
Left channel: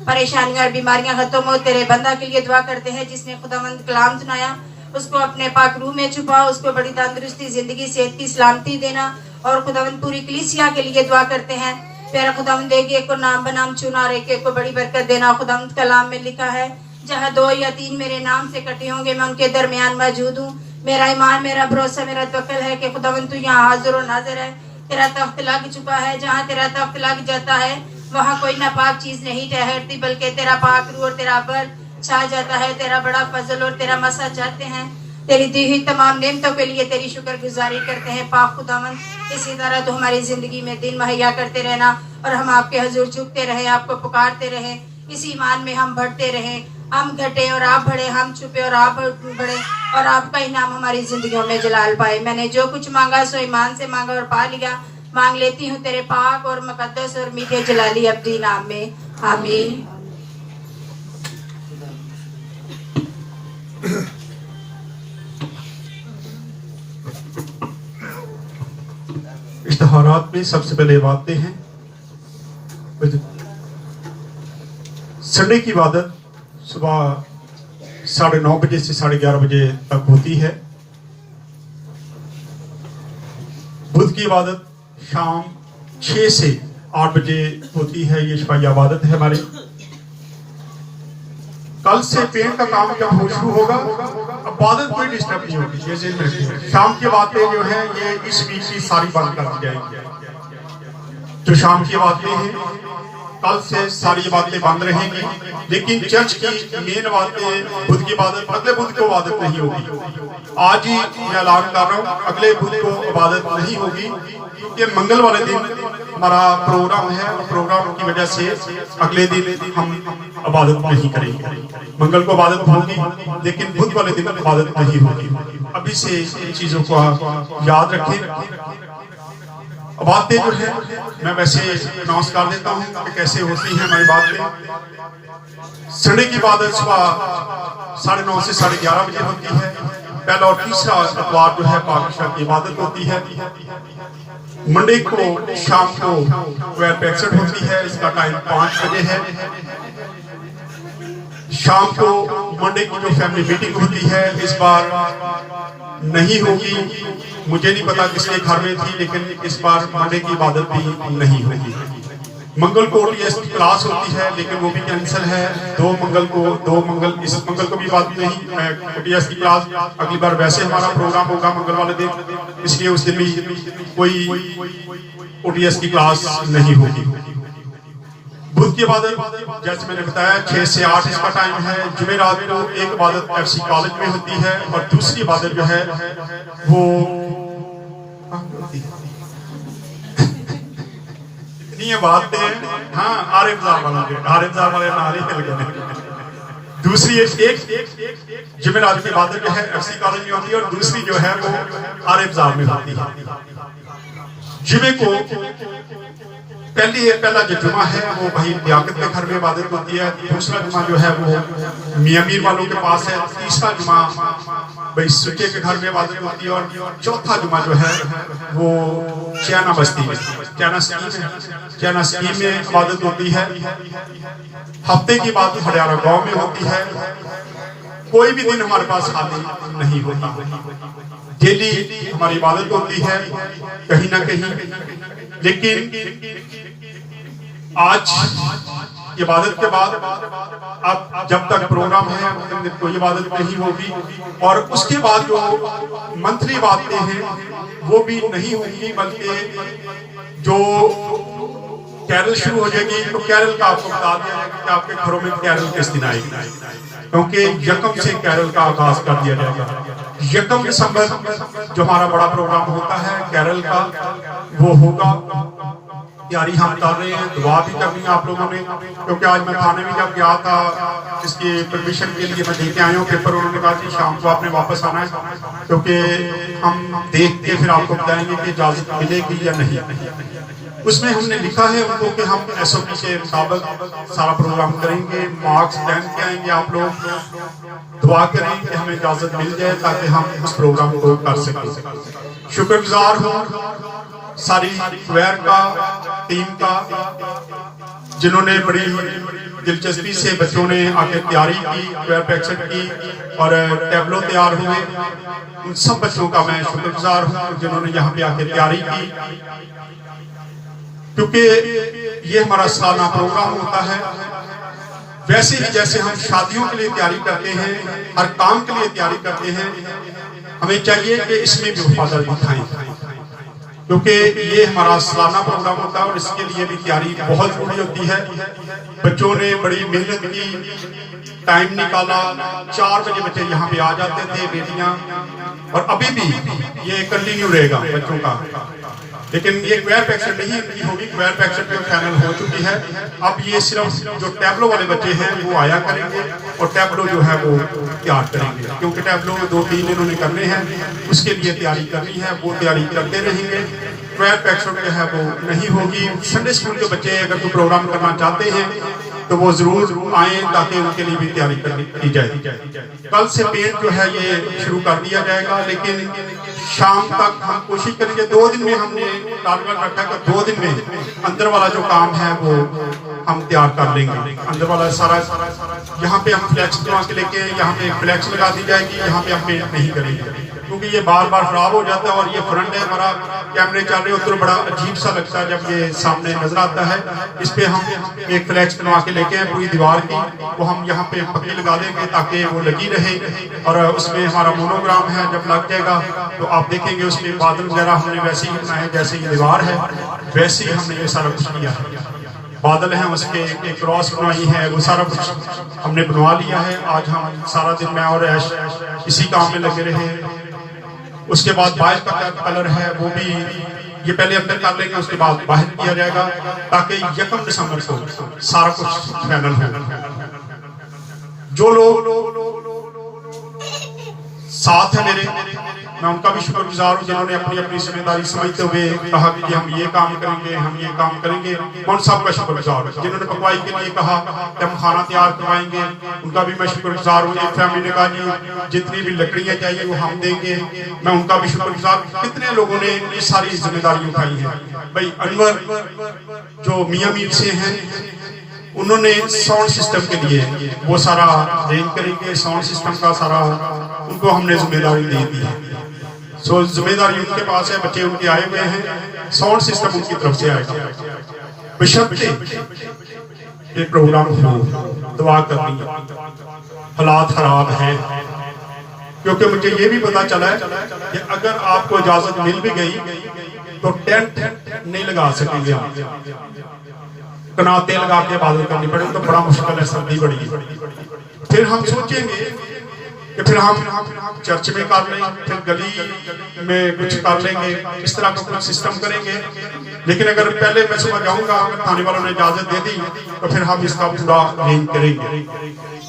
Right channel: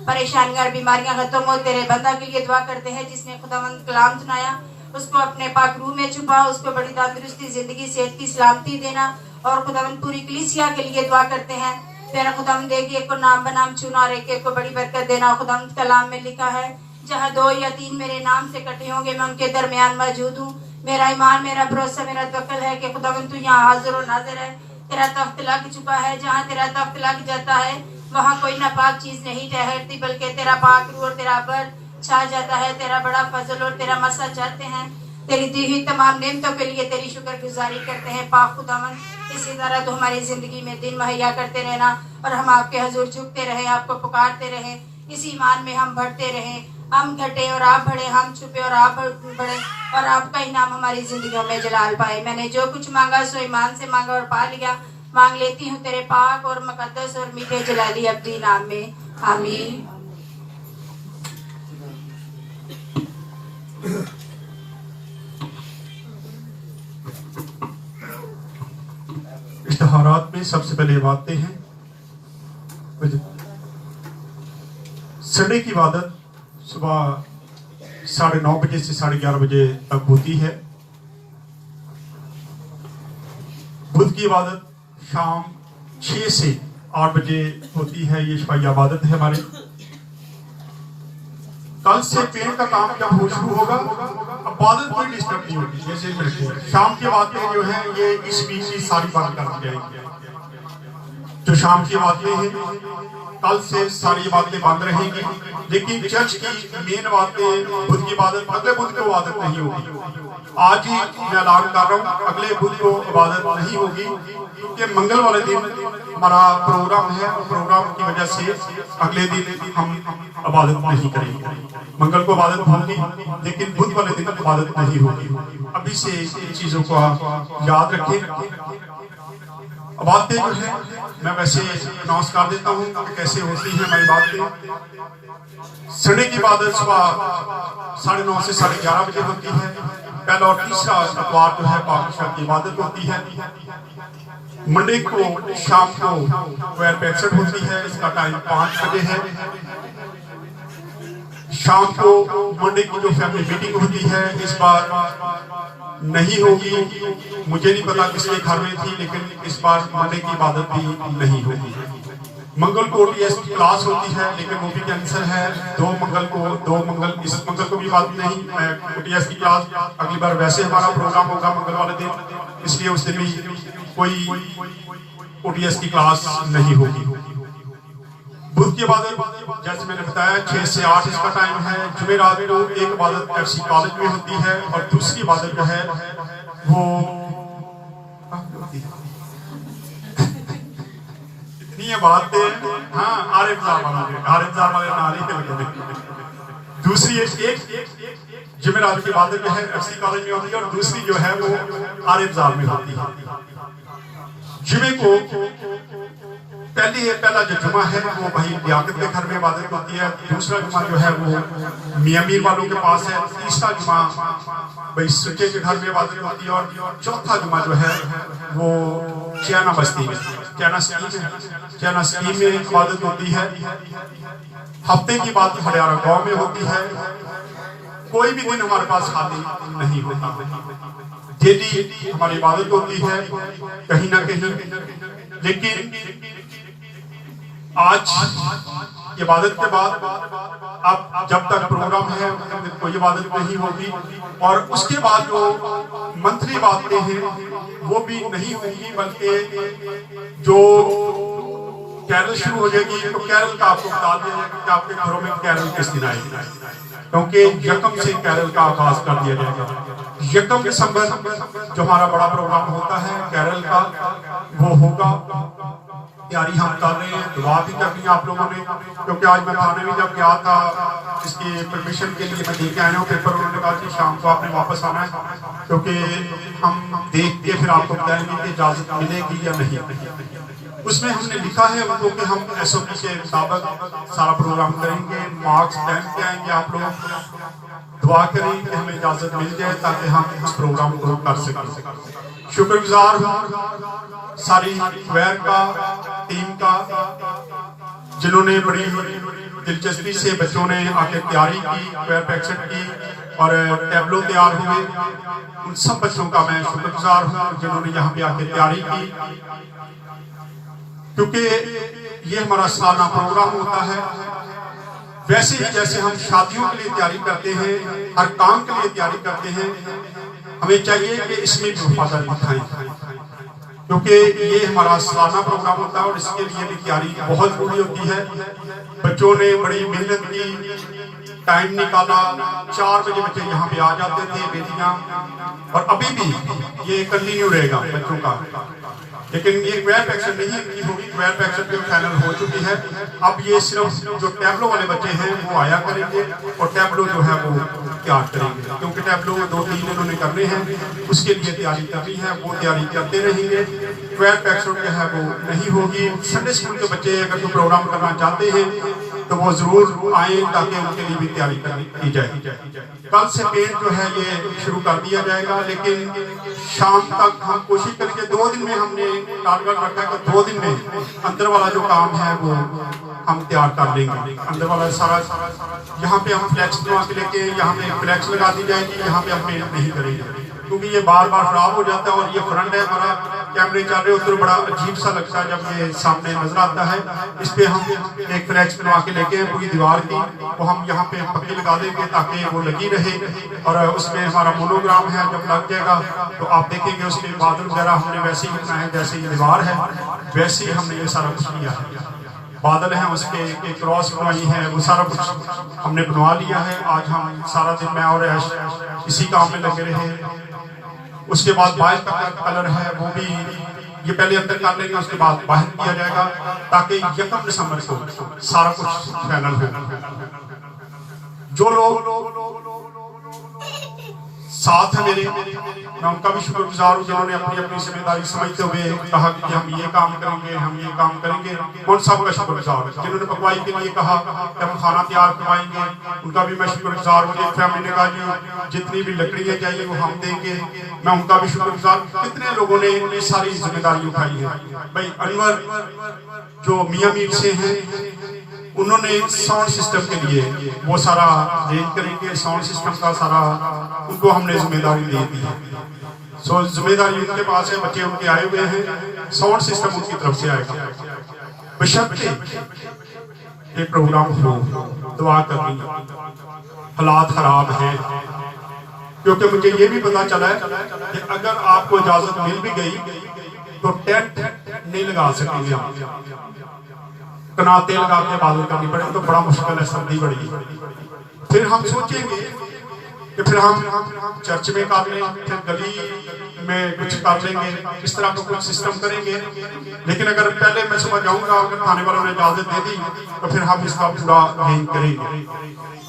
परेशानियां और बीमारियां खत्म हो। तेरे बंदा के लिए दुआ करते हैं जिसने खुदावंद कलाम सुनाया, उसको अपने पाक रूह में छुपा, उसको बड़ी तंदुरुस्ती, जिंदगी, सेहत की सलामती देना। और खुदावंद पूरी कलीसिया के लिए दुआ करते हैं, प्यारा खुदावंद एक एक को नाम बनाम चुना, एक एक को बड़ी बरकत देना। खुदावंद कलाम में लिखा है, जहाँ 2 या 3 मेरे नाम से इकट्ठे होंगे मैं उनके दरमियान मौजूद हूँ। मेरा ईमान, मेरा भरोसा, मेरा तवक्कुल है कि खुदावंद तू यहाँ हाजिर और नाजिर है। तेरा तख्त लग चुका है, जहाँ तेरा तख्त लग जाता है वहाँ कोई नापाक चीज नहीं ठहरती, बल्कि तेरा पाक रूह और तेरा बल छा जाता है। तेरा बड़ा फजल और तेरा मसा चाहते हैं, तेरी दी हुई तमाम नेमतों के लिए तेरी शुक्रगुजारी करते हैं। पाक खुदावंद इसी तरह तो हमारी जिंदगी में दिन मुहैया करते रहना और हम आपके हजूर झुकते रहे, आपको पुकारते रहे, इसी ईमान में हम बढ़ते रहे। हम घटे और आप बढ़े, हम छुपे और आप बढ़े, और आपका इनाम हमारी जिंदगियों में जलाल पाए। मैंने जो कुछ मांगा सो ईमान से मांगा और पा लिया। मांग लेती हूँ तेरे पाक और मुकद्दस और मीठे जलाली अब्दी नाम में, आमीन। इश्तिहारात में सबसे पहले बातें हैं, संडे की इबादत सुबह 9:30 बजे से 11:30 बजे तक होती है। बुध की इबादत शाम 6 से 8 बजे होती है। ये शफाई इबादत है हमारी। कल से पेंट का काम जब शुरू होगा, इबादत कोई डिस्टर्ब नहीं होगी। जैसे शाम की बातें जो है ये इस वीक की सारी बंद कर दी जाएंगी। जो शाम की बातें हैं कल से सारी बातें बंद रहेंगी, लेकिन चर्च की मेन बातें बुध की इबादत अगले बुध को इबादत नहीं होगी। आज ही मैं ऐलान कर रहा हूँ, अगले बुध को इबादत नहीं होगी, क्योंकि मंगल वाले दिन हमारा प्रोग्राम है और प्रोग्राम की वजह से अगले दिन हम इबादत नहीं करेंगे। मंगल को इबादत होगी, लेकिन बुध वाले दिन इबादत नहीं होगी। अभी से इन चीजों को आप याद रखें। बातें जो है मैं वैसे अनाउंस कर देता हूँ कि कैसे होती है हमारी बातें। संडे की इबादत सुबह 9:30 से 11:30 बजे होती है। पहला और तीसरा इतवार जो है पाक की इबादत होती है। मंडे को शाम को 12:65 होती है, इसका टाइम 5 बजे है। शाम को मंडे की जो फैमिली मीटिंग होती है इस बार नहीं होगी, मुझे नहीं पता किसके घर में थी, लेकिन इस बार मंडे की इबादत भी नहीं होगी। मंगल को ओटीएस की क्लास होती है, लेकिन वो भी कैंसिल है। इस मंगल को भी बात नहीं ओटीएस की क्लास। अगली बार वैसे हमारा प्रोग्राम होगा मंगल वाले दिन, इसलिए उस दिन भी कोई ओटीएस की क्लास नहीं होगी। बुध की इबादत जैसे मैंने बताया 6 से 8 इसका टाइम है। जुमेरात को एक इबादत एफसी कॉलेज में होती है और दूसरी इबादत जो है वो इतनी बातें हाँ आरिफ बाजार वाले नाली के लगे। दूसरी एक जुमेरात की इबादत जो है एफसी कॉलेज में होती है और दूसरी जो है वो आरिफ बाजार में होती है। जुमे को पहला जो जुमा है वो भाई लियाकत के घर में इबादत होती है। दूसरा जुमा जो है वो मियां मीर वालों के पास है। तीसरा जुमा भाई सुचे के घर में इबादत होती है और चौथा जुमा जो है वो चैना बस्ती में चैना स्कीम में इबादत होती है। हफ्ते की बात हरियाणा गांव में होती है। कोई भी दिन हमारे पास खाली नहीं होता, डेली हमारी इबादत होती है कहीं ना कहीं। लेकिन आज इबादत के बाद अब जब तक प्रोग्राम है कोई इबादत नहीं होगी, और उसके बाद जो मंथली बातें हैं वो भी नहीं होंगी, बल्कि जो कैरल शुरू हो जाएगी तो कैरल का आपको बता दिया जाएगा कि आपके घरों में कैरल किस दिन आएगी, क्योंकि यकम से कैरल का आगाज कर दिया जाएगा। यकम दिसंबर जो हमारा बड़ा प्रोग्राम होता है कैरल का वो होगा। तैयारी हम कर रहे हैं, दुआ भी करनी है आप लोगों ने, क्योंकि आज मैं थाने में जब गया था इसके परमिशन के लिए मैं देके आया हूँ पेपर। उन्होंने कहा कि शाम को आपने वापस आना है, क्योंकि हम देख के फिर आपको बताएंगे कि इजाजत मिलेगी या नहीं। उसमें हमने लिखा है उनको कि हम SOP के मुताबिक सारा प्रोग्राम करेंगे। मार्क्स पहन के आएंगे, आप लोग दुआ करें कि हमें इजाजत मिल जाए ताकि हम उस प्रोग्राम को कर सकें। शुक्रगुजार हूँ सारी क्वेयर का टीम का, जिन्होंने बड़ी दिलचस्पी से बच्चों ने आके तैयारी की, क्वेयर प्रैक्टिस की और टैबलो तैयार हुए। उन सब बच्चों का मैं शुक्रगुजार हूँ जिन्होंने यहाँ पे आके तैयारी की, क्योंकि ये हमारा सालाना प्रोग्राम होता है। वैसे ही जैसे हम शादियों के लिए तैयारी करते हैं, हर काम के लिए तैयारी करते हैं, हमें चाहिए कि इसमें भी वफादारी दिखाएं, क्योंकि ये हमारा सालाना प्रोग्राम होता है और इसके लिए भी तैयारी बहुत जरूरी होती है। बच्चों ने बड़ी मेहनत की, टाइम निकाला। 4 बजे बच्चे यहाँ पे आ जाते थे, बेटियां, और अभी भी ये कंटिन्यू रहेगा बच्चों का। लेकिन ये क्वेयर पैक्शन नहीं होगी, क्वेयर पैक्शन पे फाइनल हो चुकी है। अब ये सिर्फ जो टैबलो वाले बच्चे हैं वो आया करेंगे और टैबलो जो है वो तैयार करेंगे, क्योंकि टैबलो 2-3 इन्होंने करने हैं, उसके लिए तैयारी करनी है, वो तैयारी करते रहेंगे। क्वेयर पैक्शन जो है वो नहीं होगी। संडे स्कूल के बच्चे अगर कोई प्रोग्राम करना चाहते हैं तो वो जरूर आए ताकि उनके लिए भी तैयारी की जाए। कल से पेंट जो है ये शुरू कर दिया जाएगा, लेकिन शाम तक हम कोशिश करेंगे। 2 दिन में हमने टारगेट रखा है कि 2 दिन में अंदर वाला जो काम है वो हम तैयार कर लेंगे। अंदर वाला सारा यहाँ पे हम फ्लैक्स बनवा के लेके यहाँ पे फ्लैक्स लगा दी जाएगी, यहाँ पे हम पेंट नहीं करेंगे, क्योंकि ये बार बार खराब हो जाता है। और ये फ्रंट है हमारा, कैमरे चल रहे हो तो बड़ा अजीब सा लगता है जब ये सामने नजर आता है। इस पे हम एक फ्लैक्स बनवा के लेके हैं पूरी दीवार की, वो हम यहाँ पे पक्की लगा देंगे ताकि वो लगी रहे। और उसमें हमारा मोनोग्राम है, जब लग जाएगा तो आप देखेंगे उसके बादल वगैरह हमने वैसे ही बनाए जैसे ये दीवार है, वैसे ही हमने ये सारा कुछ किया है। बादल हैं उसके एक क्रॉस बनाई है, वो सारा कुछ हमने बनवा लिया है। आज हम सारा दिन मैं और ऐश इसी काम में लगे रहे। उसके बाद बाहर का कलर है वो भी ये पहले अंदर कर लेंगे, उसके बाद बाहर किया जाएगा ताकि 1 दिसंबर को सारा कुछ फाइनल हो। जो लोग साथ है मेरे, मैं उनका भी शुक्रगुजार हूँ जिन्होंने अपनी अपनी जिम्मेदारी समझते हुए कहा कि हम ये काम करेंगे, हम ये काम करेंगे। उन सब का शुक्रगुजार हूँ। जिन्होंने पकवाई के लिए कहा कि हम खाना तैयार करवाएंगे, उनका भी मैं शुक्रगुजार हूँ। एक फैमिली ने कहा जी जितनी भी लकड़ियाँ चाहिए वो हम देंगे, मैं उनका भी शुक्रगुजार हूँ। कितने लोगों ने ये सारी जिम्मेदारी उठाई है। भाई अनवर जो मियाँ मीर से हैं, उन्होंने साउंड सिस्टम के लिए वो सारा अरेंज करेंगे। साउंड सिस्टम का सारा उनको हमने जिम्मेदारी दे दी है। सो जिम्मेदारी उनके पास है, बच्चे उनके आए हुए हैं, साउंड सिस्टम उनकी तरफ से आएगा। बशर्ते ये प्रोग्राम हो, दुआ करनी, हालात खराब हैं, क्योंकि मुझे ये भी पता चला है कि अगर आपको इजाजत मिल भी गई तो टेंट नहीं लगा सकेंगे आप, कनाते लगा के इबादत करनी पड़ेगी, तो बड़ा मुश्किल है, सर्दी बड़ी है। फिर हम सोचेंगे कि फिर हम चर्च में कर लें, फिर गली में कुछ कर लेंगे, इस तरह का कुछ सिस्टम करेंगे। लेकिन अगर पहले मैं सुबह जाऊंगा, अगर खाने वालों ने इजाजत दे दी तो फिर हम इसका पूरा अरेंज करेंगे।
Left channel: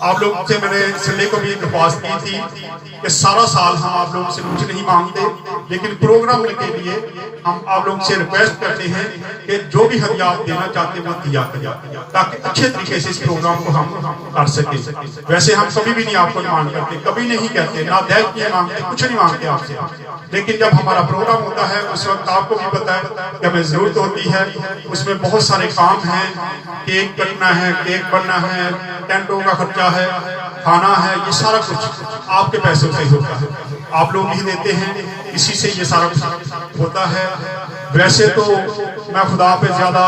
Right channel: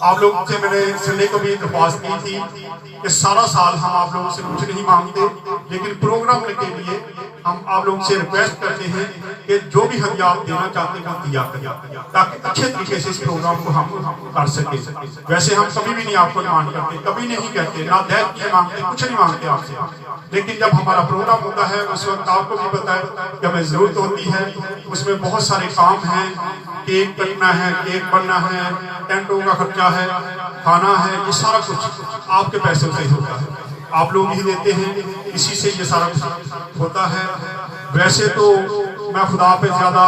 आप लोग से मैंने संडे को भी एक दरख्वास्त की थी कि सारा साल हम आप लोगों से कुछ नहीं मांगते, लेकिन प्रोग्राम के लिए हम आप लोगों से रिक्वेस्ट करते हैं कि जो भी हदिया आप देना चाहते हैं वो दिया करें, ताकि अच्छे तरीके से इस प्रोग्राम को हम कर सके। वैसे हम कभी भी नहीं आपको डिमांड करते, कभी नहीं कहते, ना दहेज नहीं मांगते, कुछ नहीं मांगते आपसे। लेकिन जब हमारा प्रोग्राम होता है उस वक्त आपको भी पता है कि हमें जरूरत होती है, उसमें बहुत सारे काम हैं, केक कटना है, केक बनना है, टेंटों का खर्चा है, खाना है, ये सारा कुछ आपके पैसे से होता है, आप लोग ही देते हैं, इसी से ये सारा कुछ होता है। वैसे तो मैं खुदा पे ज्यादा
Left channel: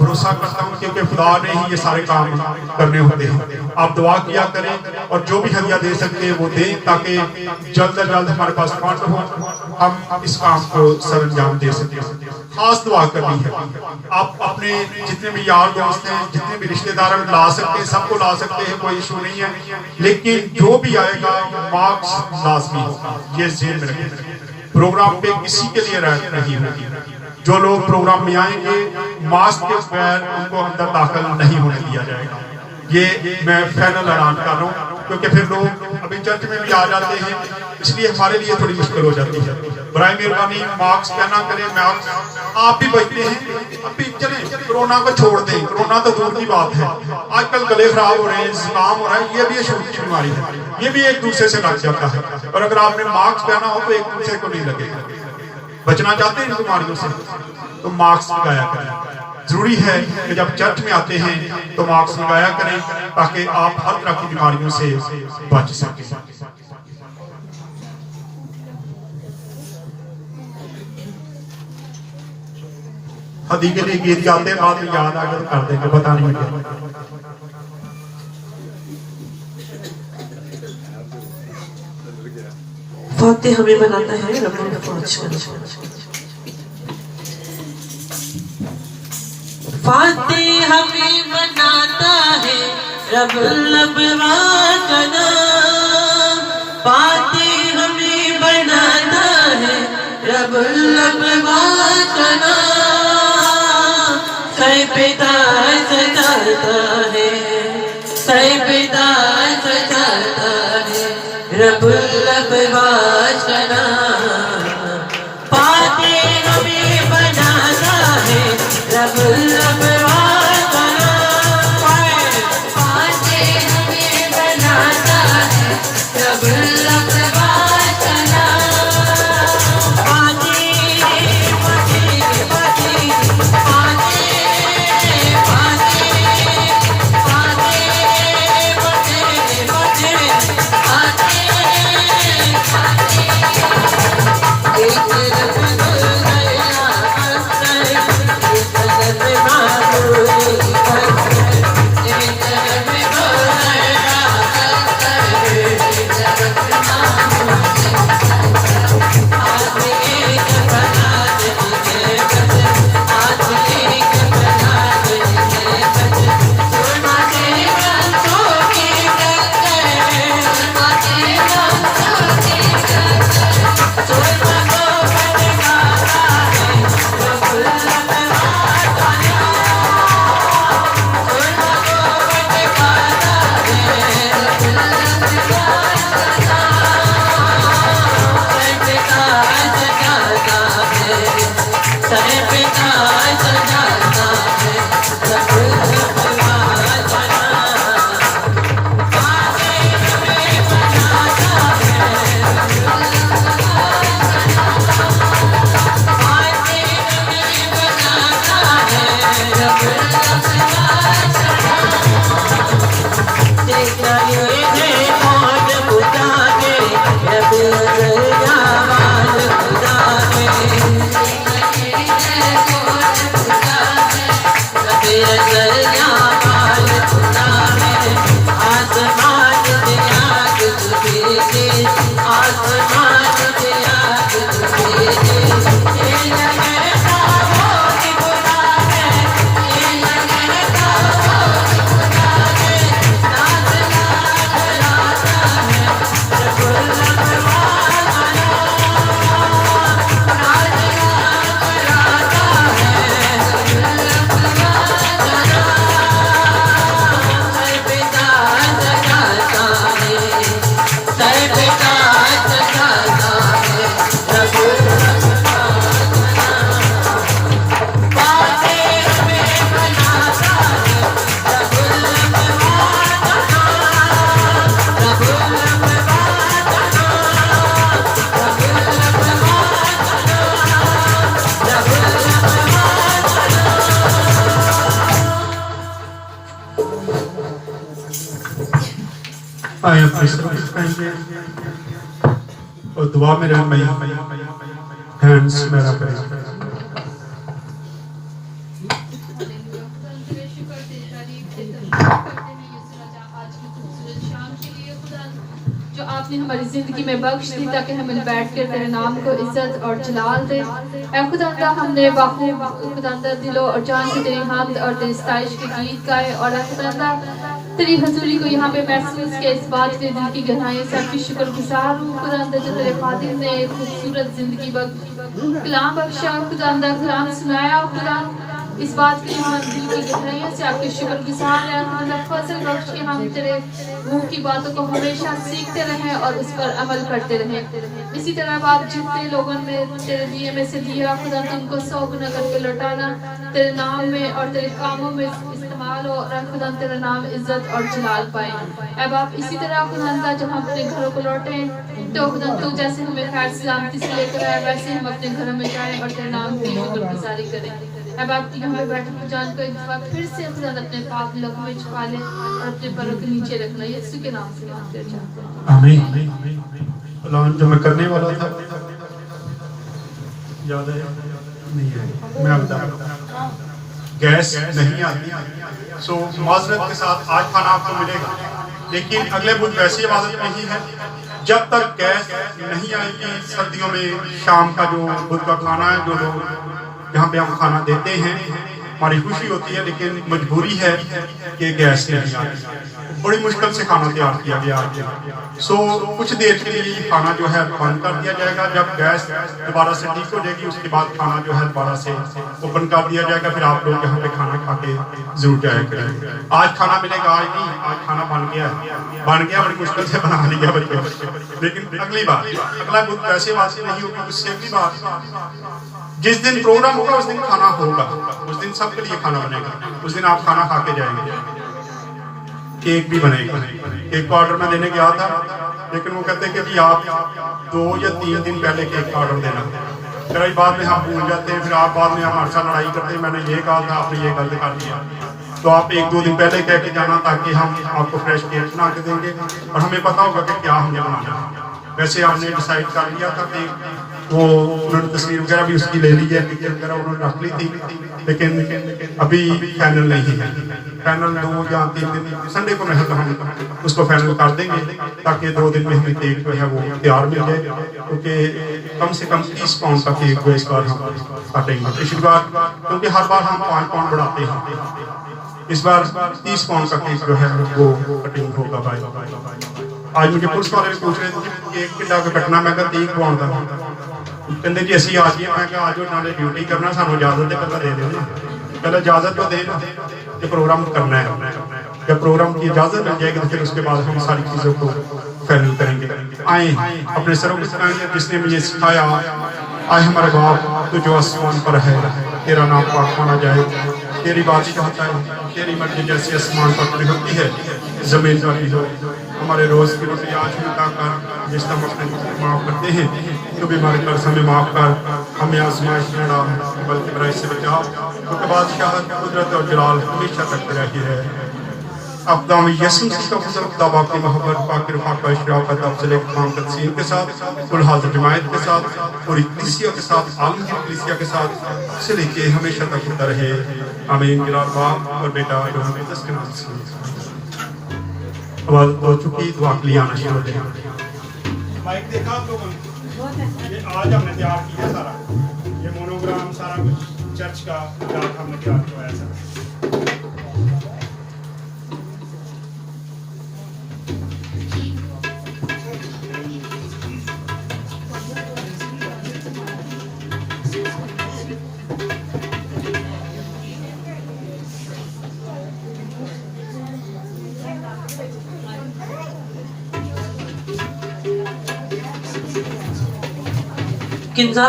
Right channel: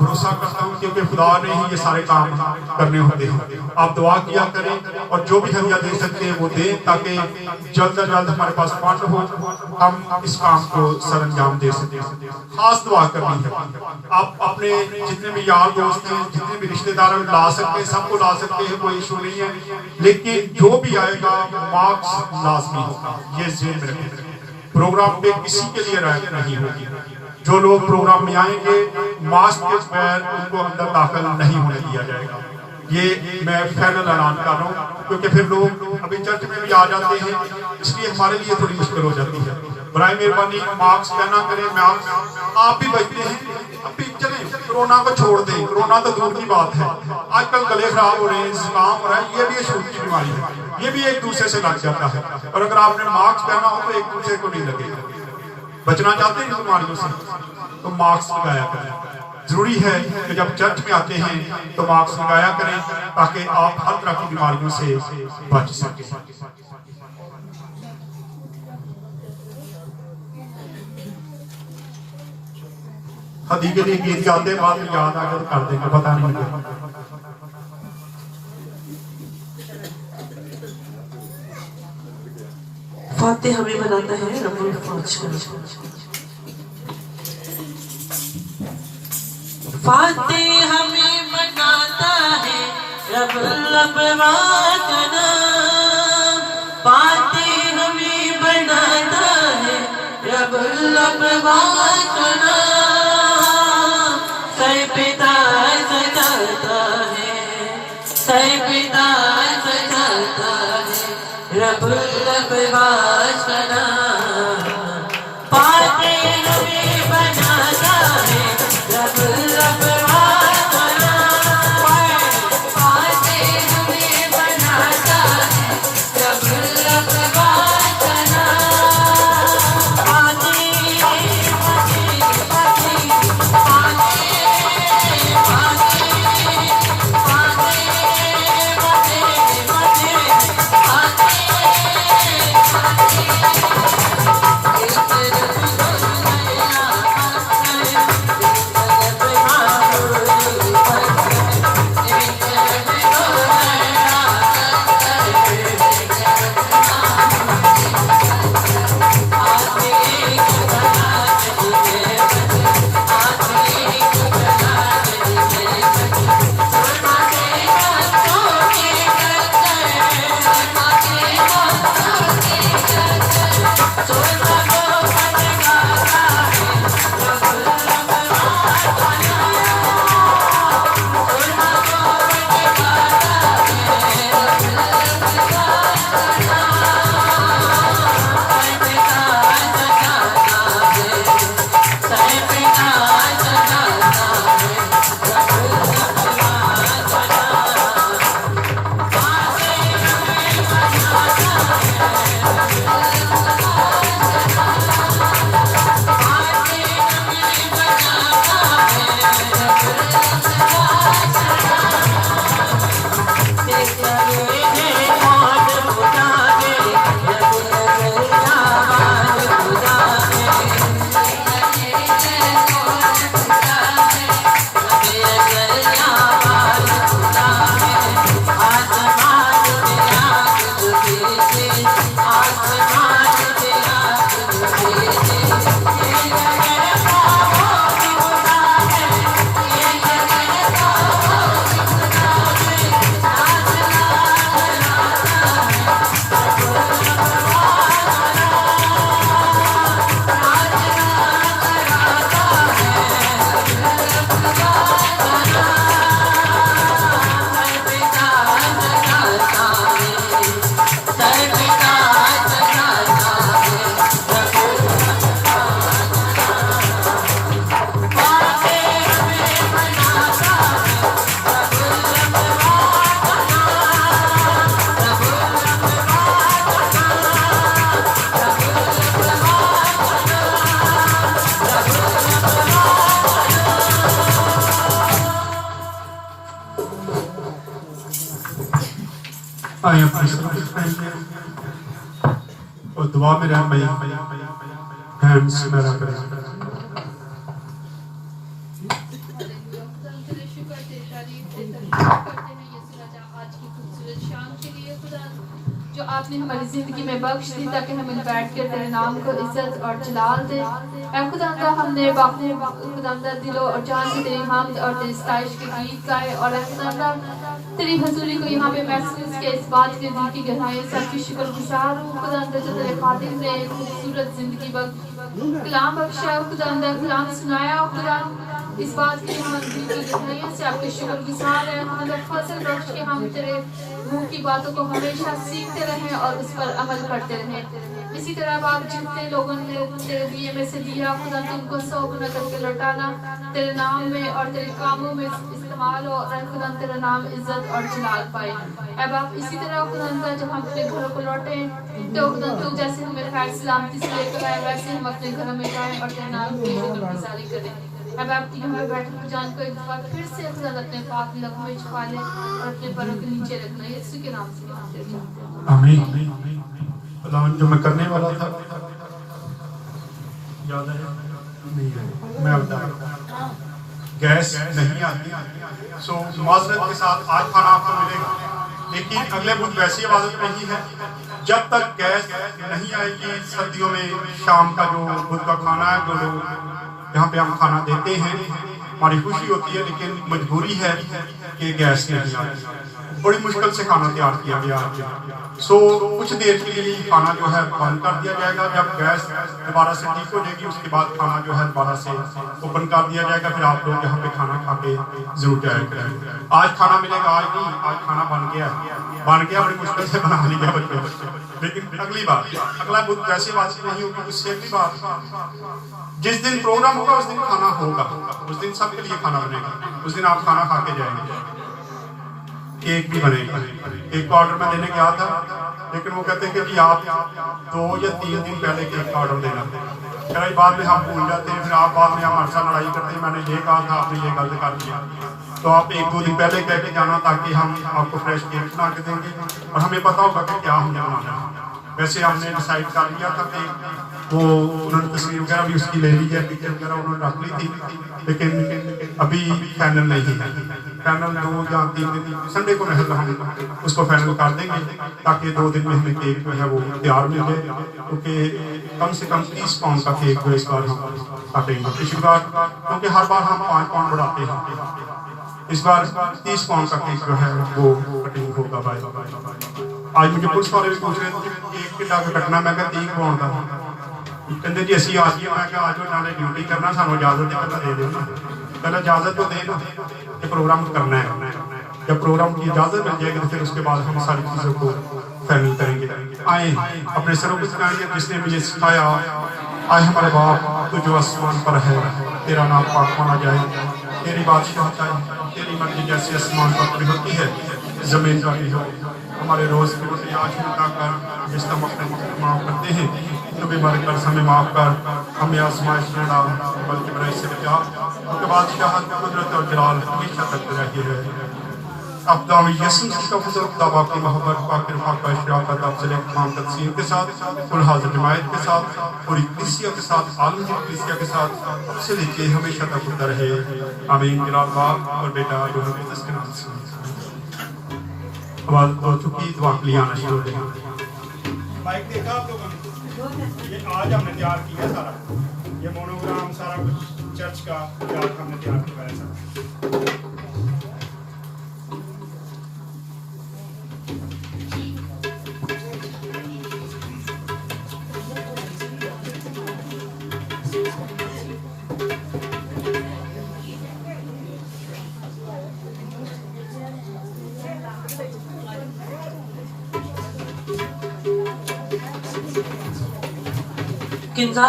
भरोसा करता हूँ क्योंकि खुदा ने ही ये सारे काम करने होते हैं। आप दुआ किया करें और जो भी हदिया दे सकते हैं वो दें, ताकि जल्द से जल्द हमारे पास फंड हो, हम इस काम को सरंजाम दे सकें। खास दुआ करनी है, आप अपने जितने भी यार दोस्त हैं, जितने भी रिश्तेदार हैं ला सकते हैं, सबको ला सकते हैं, कोई इशू नहीं है। लेकिन जो भी आएगा मार्क्स लाजमी होगा, ये जेल में रखें। प्रोग्राम पे किसी के लिए राइट नहीं होगी। जो लोग प्रोग्राम में आएंगे मास्क के बगैर उनको अंदर दाखिल नहीं होने दिया जाएगा। ये मैं फाइनल ऐलान कर रहा हूँ, क्योंकि फिर लोग अभी चर्च में भी आ जाते हैं, इसलिए हमारे लिए थोड़ी मुश्किल हो जाती है। बराए मेहरबानी मास्क पहना करें, मास्क आप भी बचते हैं। अभी चले कोरोना को छोड़ दें, कोरोना तो दूर की बात है, आजकल गले खराब हो रहे हैं, जुकाम हो रहा है, ये भी एक शुरू की बीमारी है, ये भी एक दूसरे से लग जाता है। और अगर आपने मास्क पहना हो तो एक दूसरे को नहीं लगेगा। बचना चाहते हैं इन बीमारियों से तो मास्क लगाया करें। जरूरी है कि जब चर्च में आते हैं तो मास्क लगाया करें, ताकि आप हर तरह की बीमारियों से बच सकें। हदी के लिए गीत गाते हैं, रात में याद आ गया तो कर देंगे, पता नहीं क्या। फातिह हमें बनाता है रब्बुल फौज का। फातिह हमें बनाता है रब्बुल फौज का। फातिह हमें बनाता है रब्बुल फौज का। सही पिता सजाता है, सही पिता सजाता है रब्बुल फौज का नाम। फातिह हमें बनाता है रब्बुल फौज का नाम। फातिह हमें बनाता है रब्बुल फौज का नाम। Fatih Fatih Fatih Fatih Fatih Fatih Fatih Fatih आए अपने सर झुकाएंगे और दुआ में रहना हैंड्स मेरा करें। जो आपने हमारी जिंदगी में बख्श दी ताकि हम बैठ कर तेरे नाम को इज्जत और जलाल दे। ऐ खुदांदा हमने बाखूब खुदांदा दिलो और जान से तेरी हमद और तेरी सताइश के गीत गाए और ऐ खुदांदा तेरी हजूरी को यहाँ पे महसूस किया। इस बात के दिल की गहराइयों से आपकी शुक्रगुजार हूँ खुदांदा जो तेरे खादिम ने एक खूबसूरत जिंदगी कलाम बख्शा खुदांदा, कलाम सुनाया खुदांदा। इस बात की हम दिल की गहराइयों से आपके शुक्रगुजार हैं खुदांदा। फजल बख्श के हम तेरे मुंह की बातों को हमेशा सीखते रहें और उस पर अमल करते रहें। इसी तरह बात जितने लोगों ने तेरे दिए में से दिया खुदा तुमको 100 गुना करके लौटाना तेरे नाम में और तेरे कामों में इस्तेमाल हो और खुदा तेरा नाम इज्जत और जलाल पाए। अब आप इसी तरह खुदा जब हम अपने घरों को लौटे तो खुदा तू जैसे हमें खैर सलामती से लेकर आए वैसे हम अपने घर में जाएं और तेरे नाम की शुक्रगुजारी करें। अब आप यहाँ पे बैठे जान को एक बार फिर से खुदा अपने पाप लहू में छुपा ले और अपने पैरों के नीचे रखना यीशु के नाम से मांगते चाहते हैं आमीन। ऐलान जो मैं करने वाला था याद है नहीं है, मैं बता गैस नहीं आती सो माजरत के साथ आज खाना आपको मिलेगा, लेकिन अगले बुध वैसी इबादत नहीं है जब तक गैस नहीं आएगी। सर्दियों में शाम का जो बुध का खाना है जो लोग यहाँ पे हम खाना देते हैं हमारी खुशी होती है, लेकिन मजबूरी है कि गैस नहीं आती। बड़ी मुश्किल से खाना तैयार किया गया सो कुछ देर के लिए खाना जो है बंद कर दिया जाएगा। जब गैस दोबारा से ठीक हो जाएगी उसके बाद खाना जो है दोबारा से ओपन कर दिया जाएगा। फिर आप लोग यहाँ पे खाना खा के जरूर जाया करेंगे। आज खाना मिलेगा, आज नहीं, आज खाना बन गया बड़ी मुश्किल से बना लिया बच्चे, लेकिन अगली बार अगला बुध वैसे वासी नहीं होगी। उससे अगली बार जिस दिन प्रोग्राम होगा उस दिन खाना होगा, उस दिन सबके लिए खाना बनेगा, उस दिन आप खाना खा के जाएंगे। केक भी बनेगा। केक का ऑर्डर मैं देने गया था लेकिन वो कहते हैं कि आप 2 या 3 दिन पहले केक का ऑर्डर देना। फिर बाद में हम भूल जाते हैं, फिर आप बाद में हमारे साथ लड़ाई करते हैं मैंने ये कहा था आपने ये गलत कर दिया। तो आप 1-2 दिन पहले कह के जाना ताकि हम आपको फ्रेश केक बना के देंगे और हमें पता होगा कि क्या हमने बनाना। वैसे हमने डिसाइड कर लिया था कि वो उन्होंने तस्वीर वगैरह भी उसकी ले ली है, पिक्चर वगैरह उन्होंने रख ली थी, लेकिन अभी फाइनल नहीं है। फाइनल 2 या 3 दिन संडे को हम उसको फाइनल कर देंगे ताकि 2 दिन में हमें केक जो है वो तैयार मिल जाए, क्योंकि कम से कम 30 पाउंड का केक जो इस बार हम काटेंगे। पिछली बार क्योंकि हर बार हम 5 पाउंड बढ़ाते हैं, इस बार 30 पाउंड का केक जो है वो कटिंग होगा भाई। आज मुझे पुलिस वाले भी पूछ रहे थे केक कितना कटना, मैं कहा 30 पाउंड का। कहते जी असी आ गए, मैं आज उन्होंने ड्यूटी करना सानू इजाजत पता दे दो ना, पहले इजाजत तो दे ना ये प्रोग्राम करना है। जब प्रोग्राम की इजाजत मिल जाएगी तो फिर उसके बाद हम सारी चीजों को फाइनल करेंगे। आए अपने सरों को सिखाएंगे जिसने मुझे सिखाया। आए हमारे बाप तो जो आसमान पर है तेरा नाम पाक माना जाए, तेरी बादशाहता है, तेरी मर्जी जैसे आसमान पर पूरी होती है जमीन पर भी हो। हमारे रोज की रोटी आज मिलता कर जिस हम अपने माफ करते हैं तो बीमारी कर हमें माफ कर, हमें आजमाइश में डाल बल्कि बुराई से बचा। उसके बाद शाहत कुदरत और जलाल हमेशा करते रही है। अब दाम यसम का फजल खुदा की मोहब्बत पाक रफाका शराफत अफजल इमाम तकसीम के साथ कुल हाजिर जमायत के साथ पूरी कलीसिया के साथ आलमगीर कलीसिया के साथ से लेके हमेशा तक होता रहे। आमीन। मेरा बाप और बेटा जो हमें तस्वीर आवाज हो चुकी दुआ के लिए आना शुरू हो जाए। माइक देखा आप लोगों ने, ये आज हमने तैयार किया सारा, ये मोनोग्राम सारा कुछ चर्च का आज हमने तैयार करवाया सारा। किंजा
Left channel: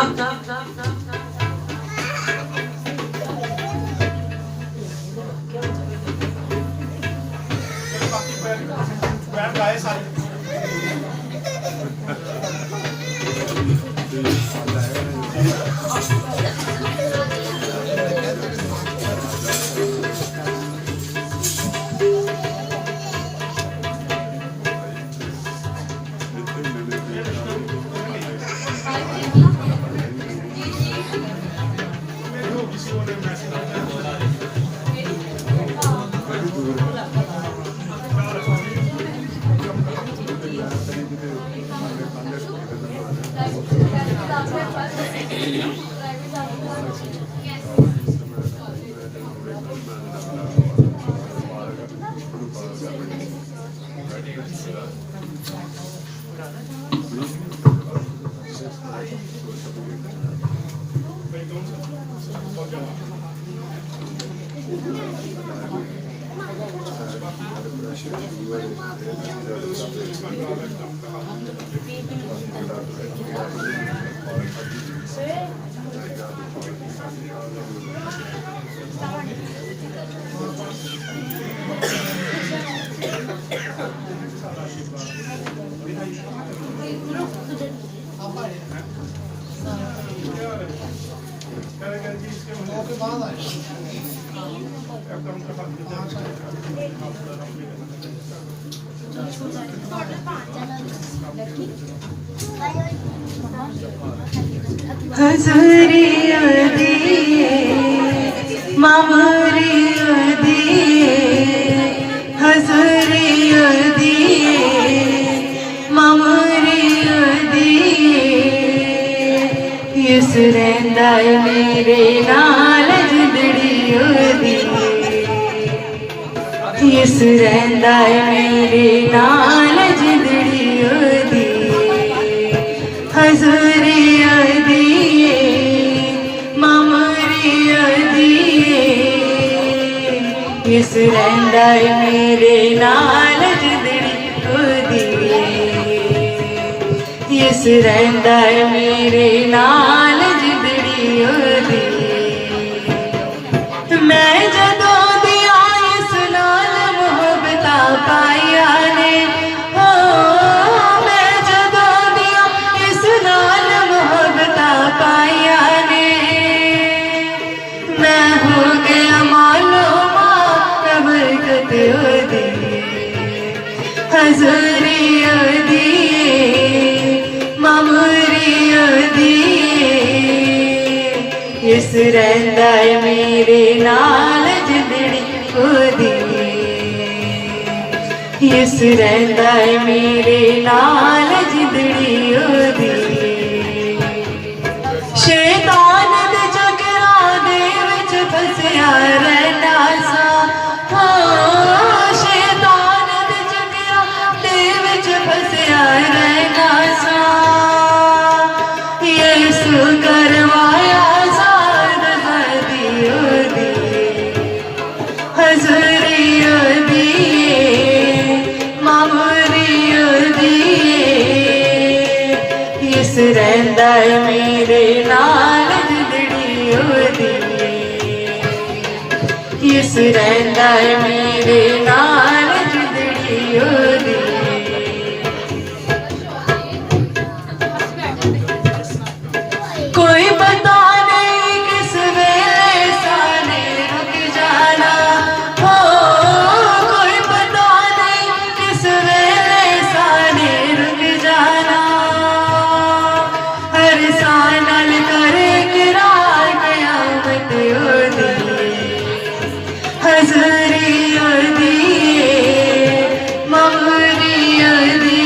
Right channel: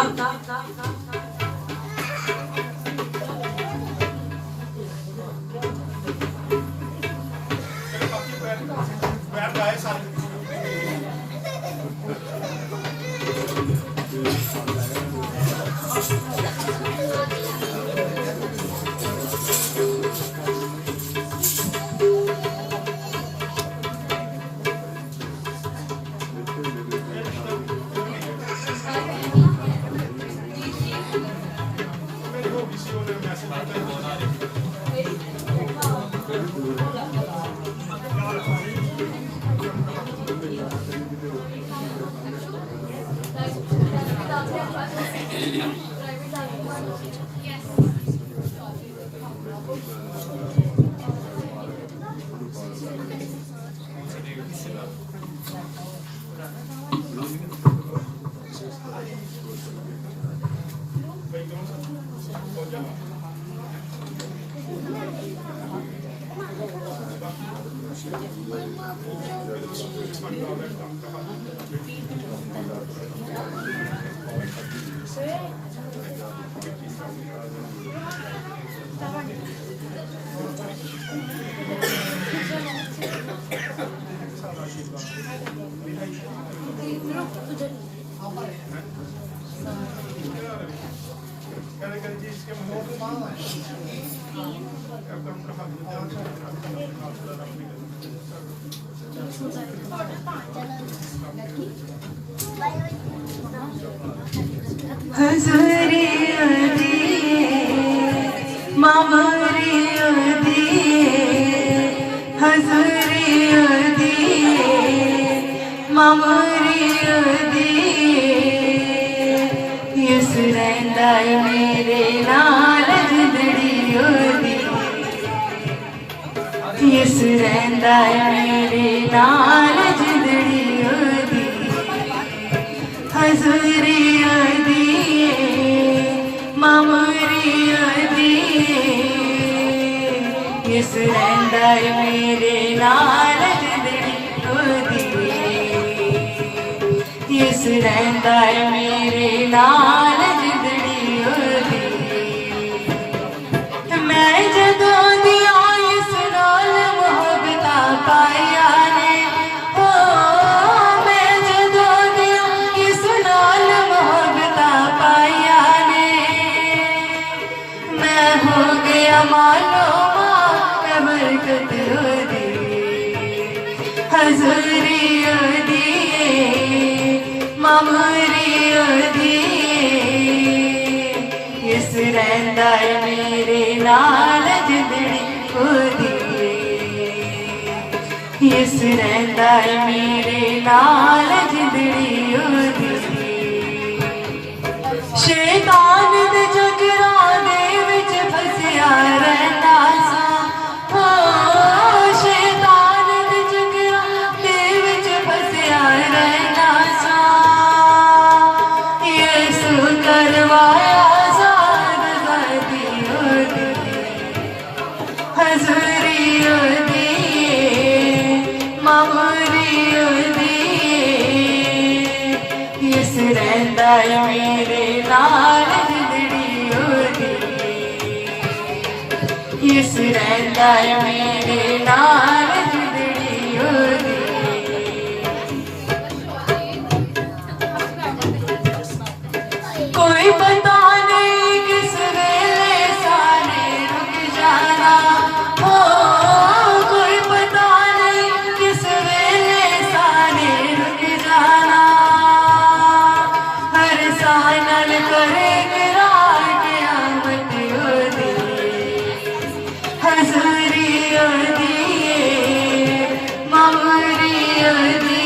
हजरी अदी मामरी अदी हजरी अदी मामरी अदी इस रैंदा मेरे नाल जिंदड़ी अदी इस रैंदा मेरे नाल जिंदड़ी अदी हजरी अदी इस रैंदा मेरे नाल जिंदड़ी ओदी इस रैंदा मेरे नाल जिंदड़ी ओदी मैं जदों दिया इस नाल मोहब्बत पाया ने ओ मैं जदों दिया इस नाल मोहब्बत पाया ने मैं हो गया मालूम हजरी अदी मामरी अदी इस रैंदा मेरे नाल जिंदड़ी ओदी इस रैंदा मेरे नाल जिंदड़ी ओदी शैतान दे जगरा दे विच फसिया रहना सा रैंदा मेरे नाल जिंदड़ी ओदी इस रैंदा मेरे नाल जिंदड़ी ओदी कोई पता नहीं किस वेले साने रुक जाना हो कोई पता नहीं किस वेले साने रुक जाना सानल करे किरार क़यामत ओदी हजरी ओदी मामरी ओदी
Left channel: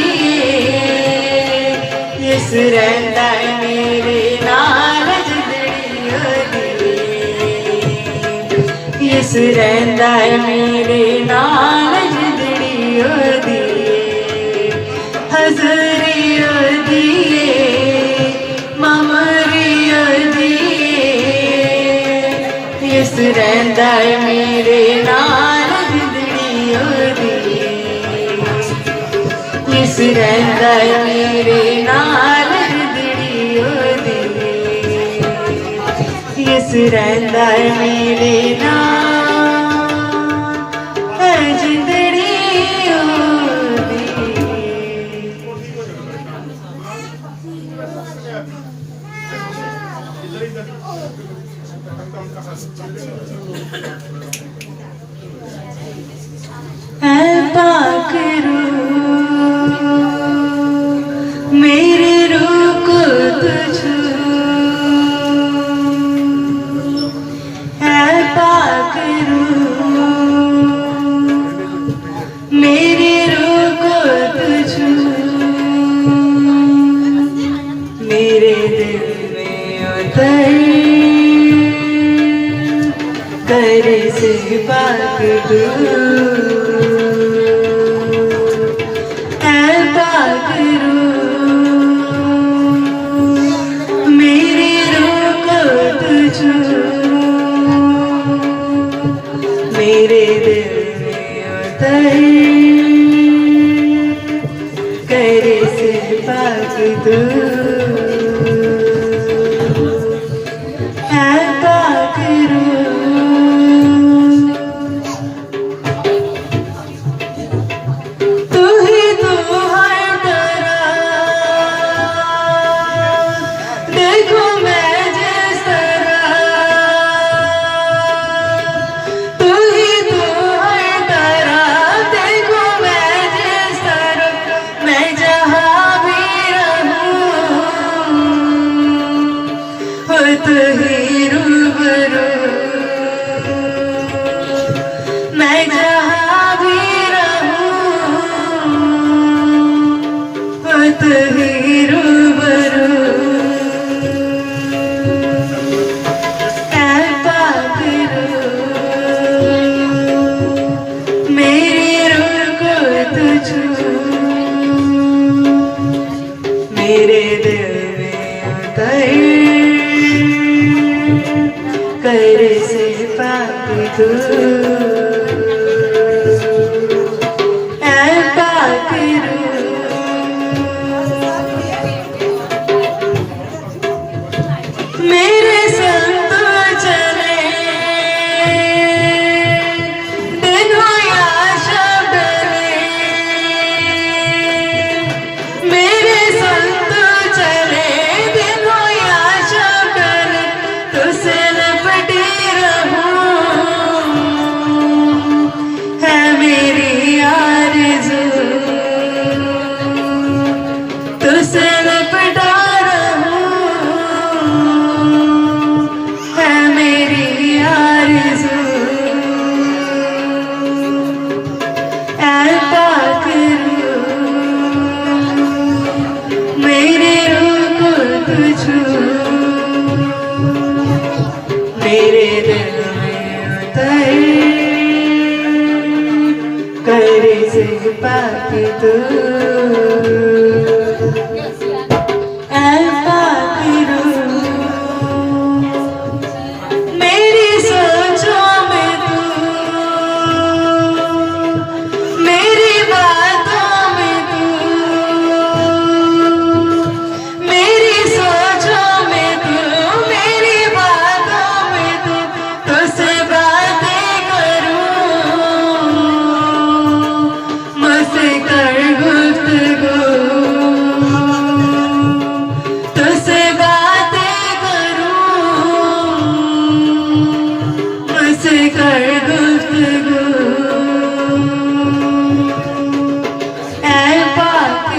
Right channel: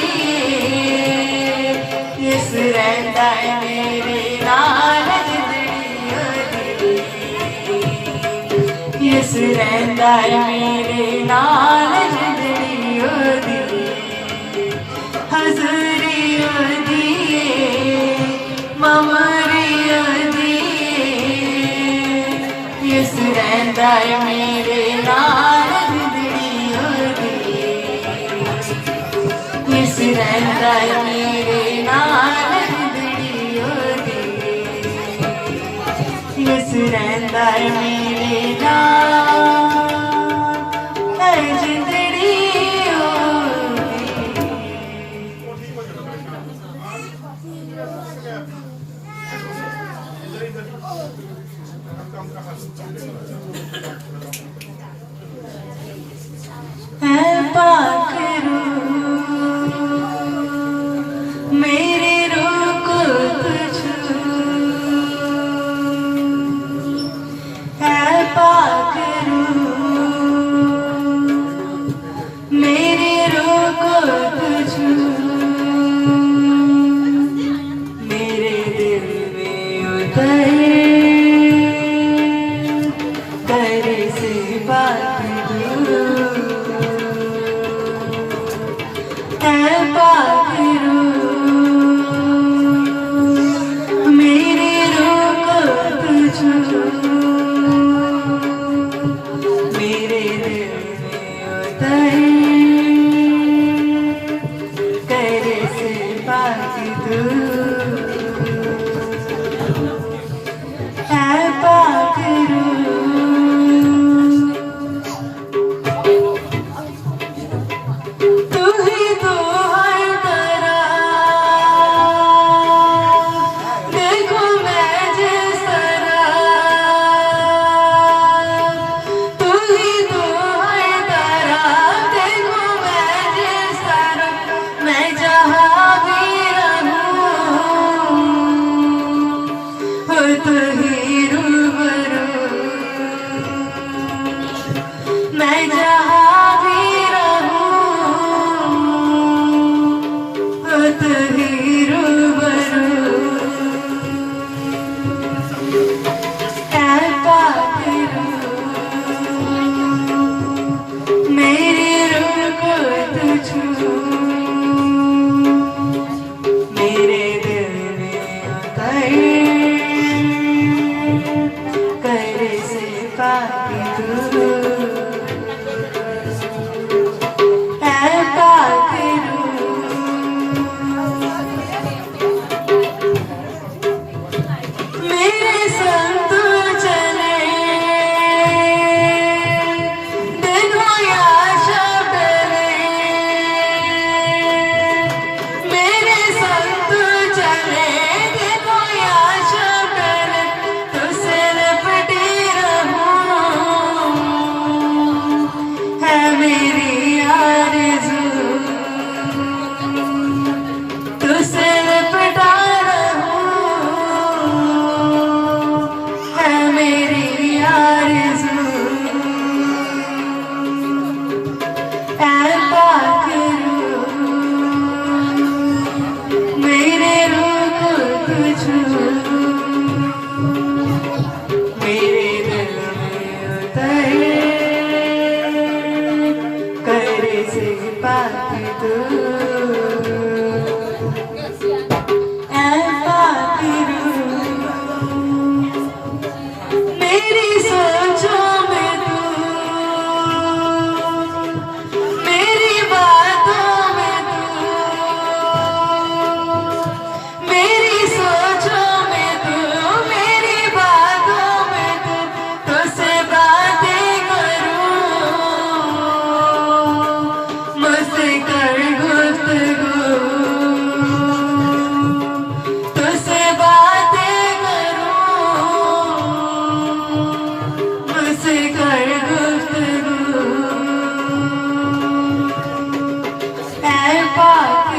इस रैंदा मेरे नाल जिंदड़ी ओदी इस रैंदा मेरे नाल जिंदड़ी ओदी हजरी ओदी मामरी अदी इस रैंदा मेरे नाल जिंदड़ी ओदी इस रैंदा मेरे नाल जिंदड़ी ओदी इस रैंदा मेरे नाल जिंदड़ी ओदी पाक रूह मेरी रूह को तुझ तेरे से पाक तू है पाक तू ही तो हर तरह देखो मैं जिस तरह तू ही तो हर तरह देखो मैं जिस तरह मैं जहाँ भी रहूं हो तू ही रूबरू मैं जहाँ भी रहूं हो तू ही रूबरू ऐ पाक मेरे रूह को तू छू मेरे दिल में उतर कर से पाक तू ऐ पाक मेरे संग तू चले दिन हो या शब मेरे संग तू चले दिन हो या शब तुझसे लिपटी रहूं है मेरी आरज़ू तुझसे लिपटा रहूं है मेरी आरज़ू ऐ पाक मेरे रूह को तू छू मेरे दिल में उतर कर से पाक तू ऐ पाक मेरी सोचों में तू मेरी बातों में तू मेरी सोचों में तू मेरी बातों में तू तुझसे बातें करूं मुझसे कर गुफ्तगू तुझसे बातें करूं मुझसे कर गुफ्तगू ऐ पाक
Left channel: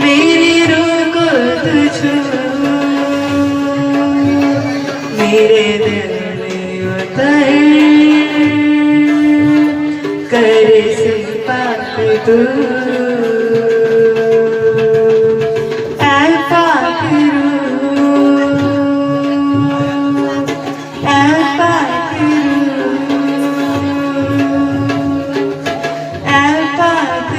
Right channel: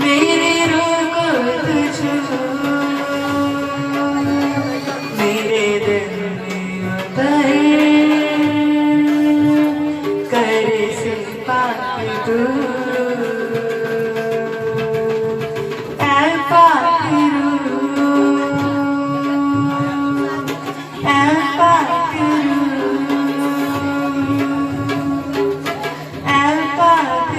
मेरी रूह को तू छू मेरे दिल में उतर कर से पाक तू ऐ पाक ऐ पाक ऐ पाक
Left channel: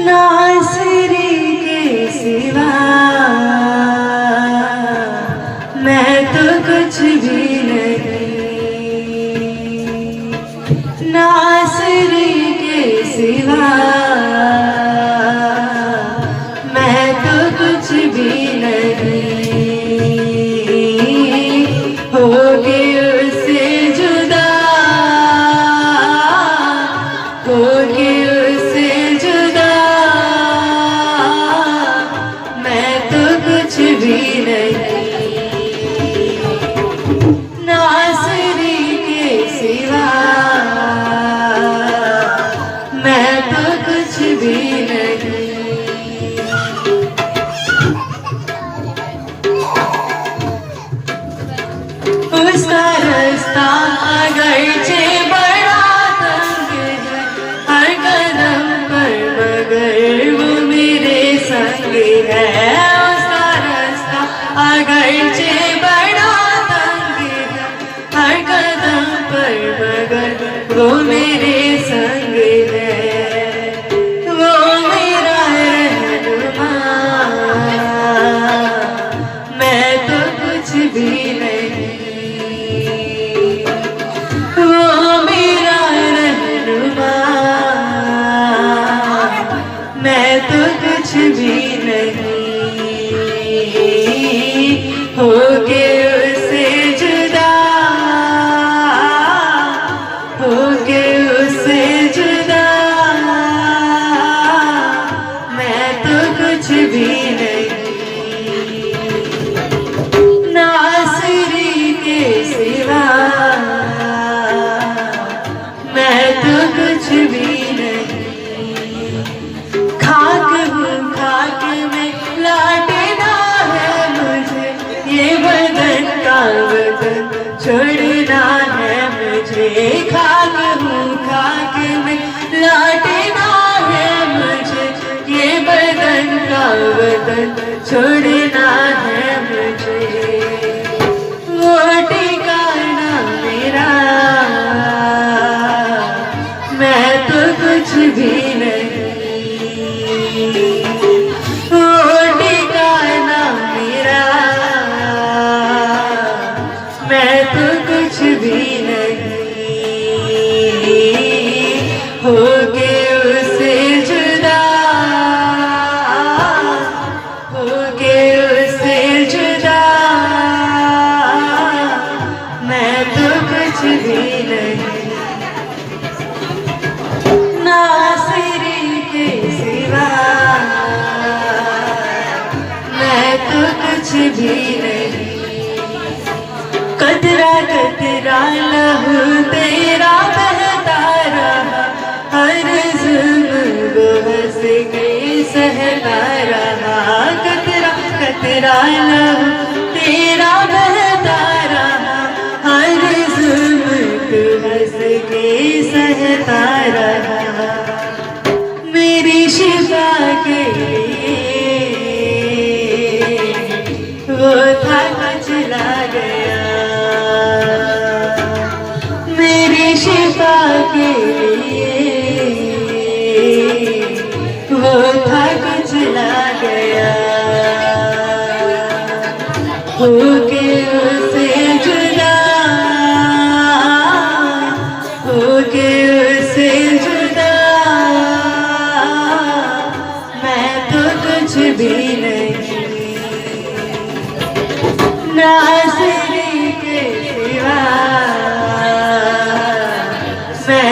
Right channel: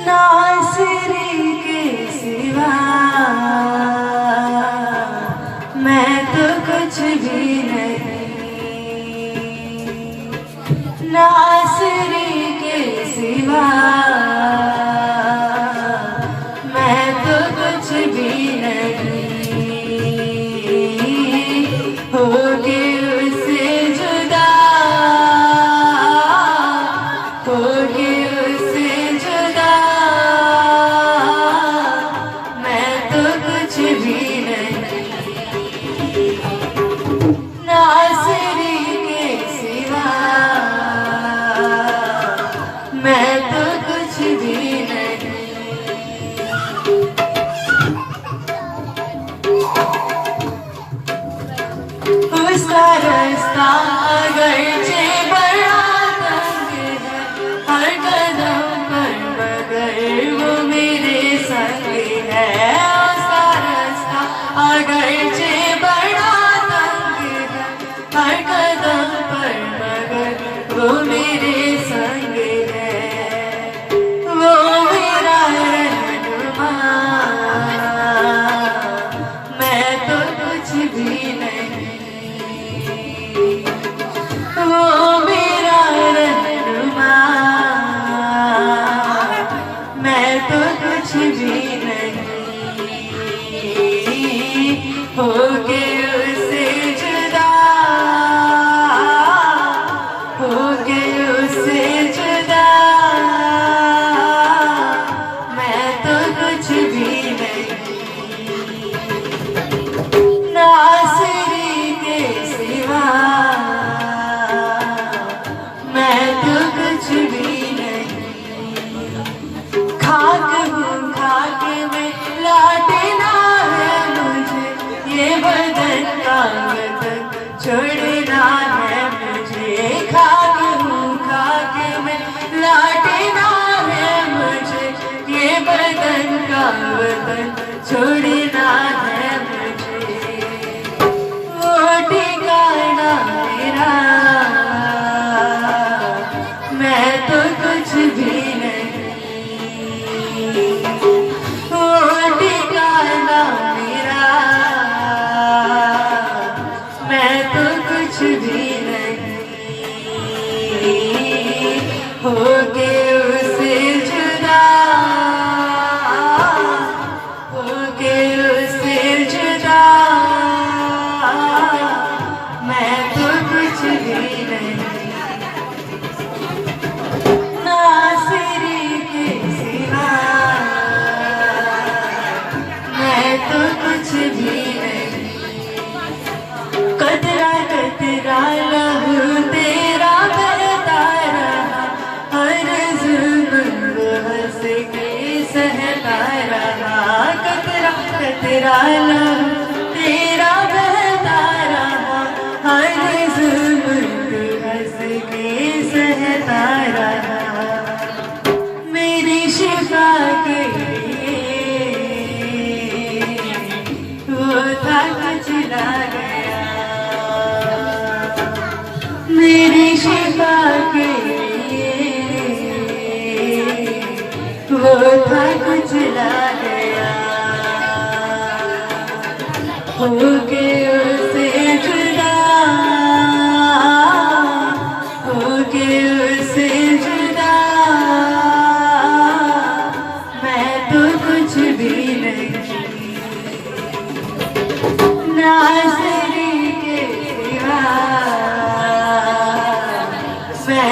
नासिरी के सिवा मैं तो कुछ भी नहीं नासिरी के सिवा मैं तो कुछ भी नहीं हो के उससे जुदा हो के उससे जुदा मैं तो कुछ भी नहीं नासिरी के सिवा मैं तो कुछ भी नहीं उसका रास्ता अगरचे बड़ा तंग है हर कदम पर मगर वो मेरे संग है उसका रास्ता अगरचे बड़ा तंग है हर कदम पर मगर वो मेरे संग है छोड़ना है मुझे, खाक हूँ खाक में लौटना है मुझे, ये बदन का वतन छोड़ना है मुझे। वो ठिकाना मेरा, मैं तो कुछ भी नहीं। वो ठिकाना मेरा, मैं तो कुछ भी नहीं। हो के उससे जुदा, हो के उससे जुदा, मैं तो कुछ भी नहीं। नासिरी के सिवा मैं तो कुछ भी नहीं। कतरा कतरा लहू तेरा बहता रहा, हर जुल्म वो हंस के सहता रहा। कतरा कतरा लहू तेरा बहता रहा, हर जुल्म तू हंस के सहता रहा। मेरी शिफा के वो था चला गया, मेरी शिफा के वो था चला गया। हो के उसे जुदा, हो के उसे जुदा, मैं तो कुछ भी नहीं। ना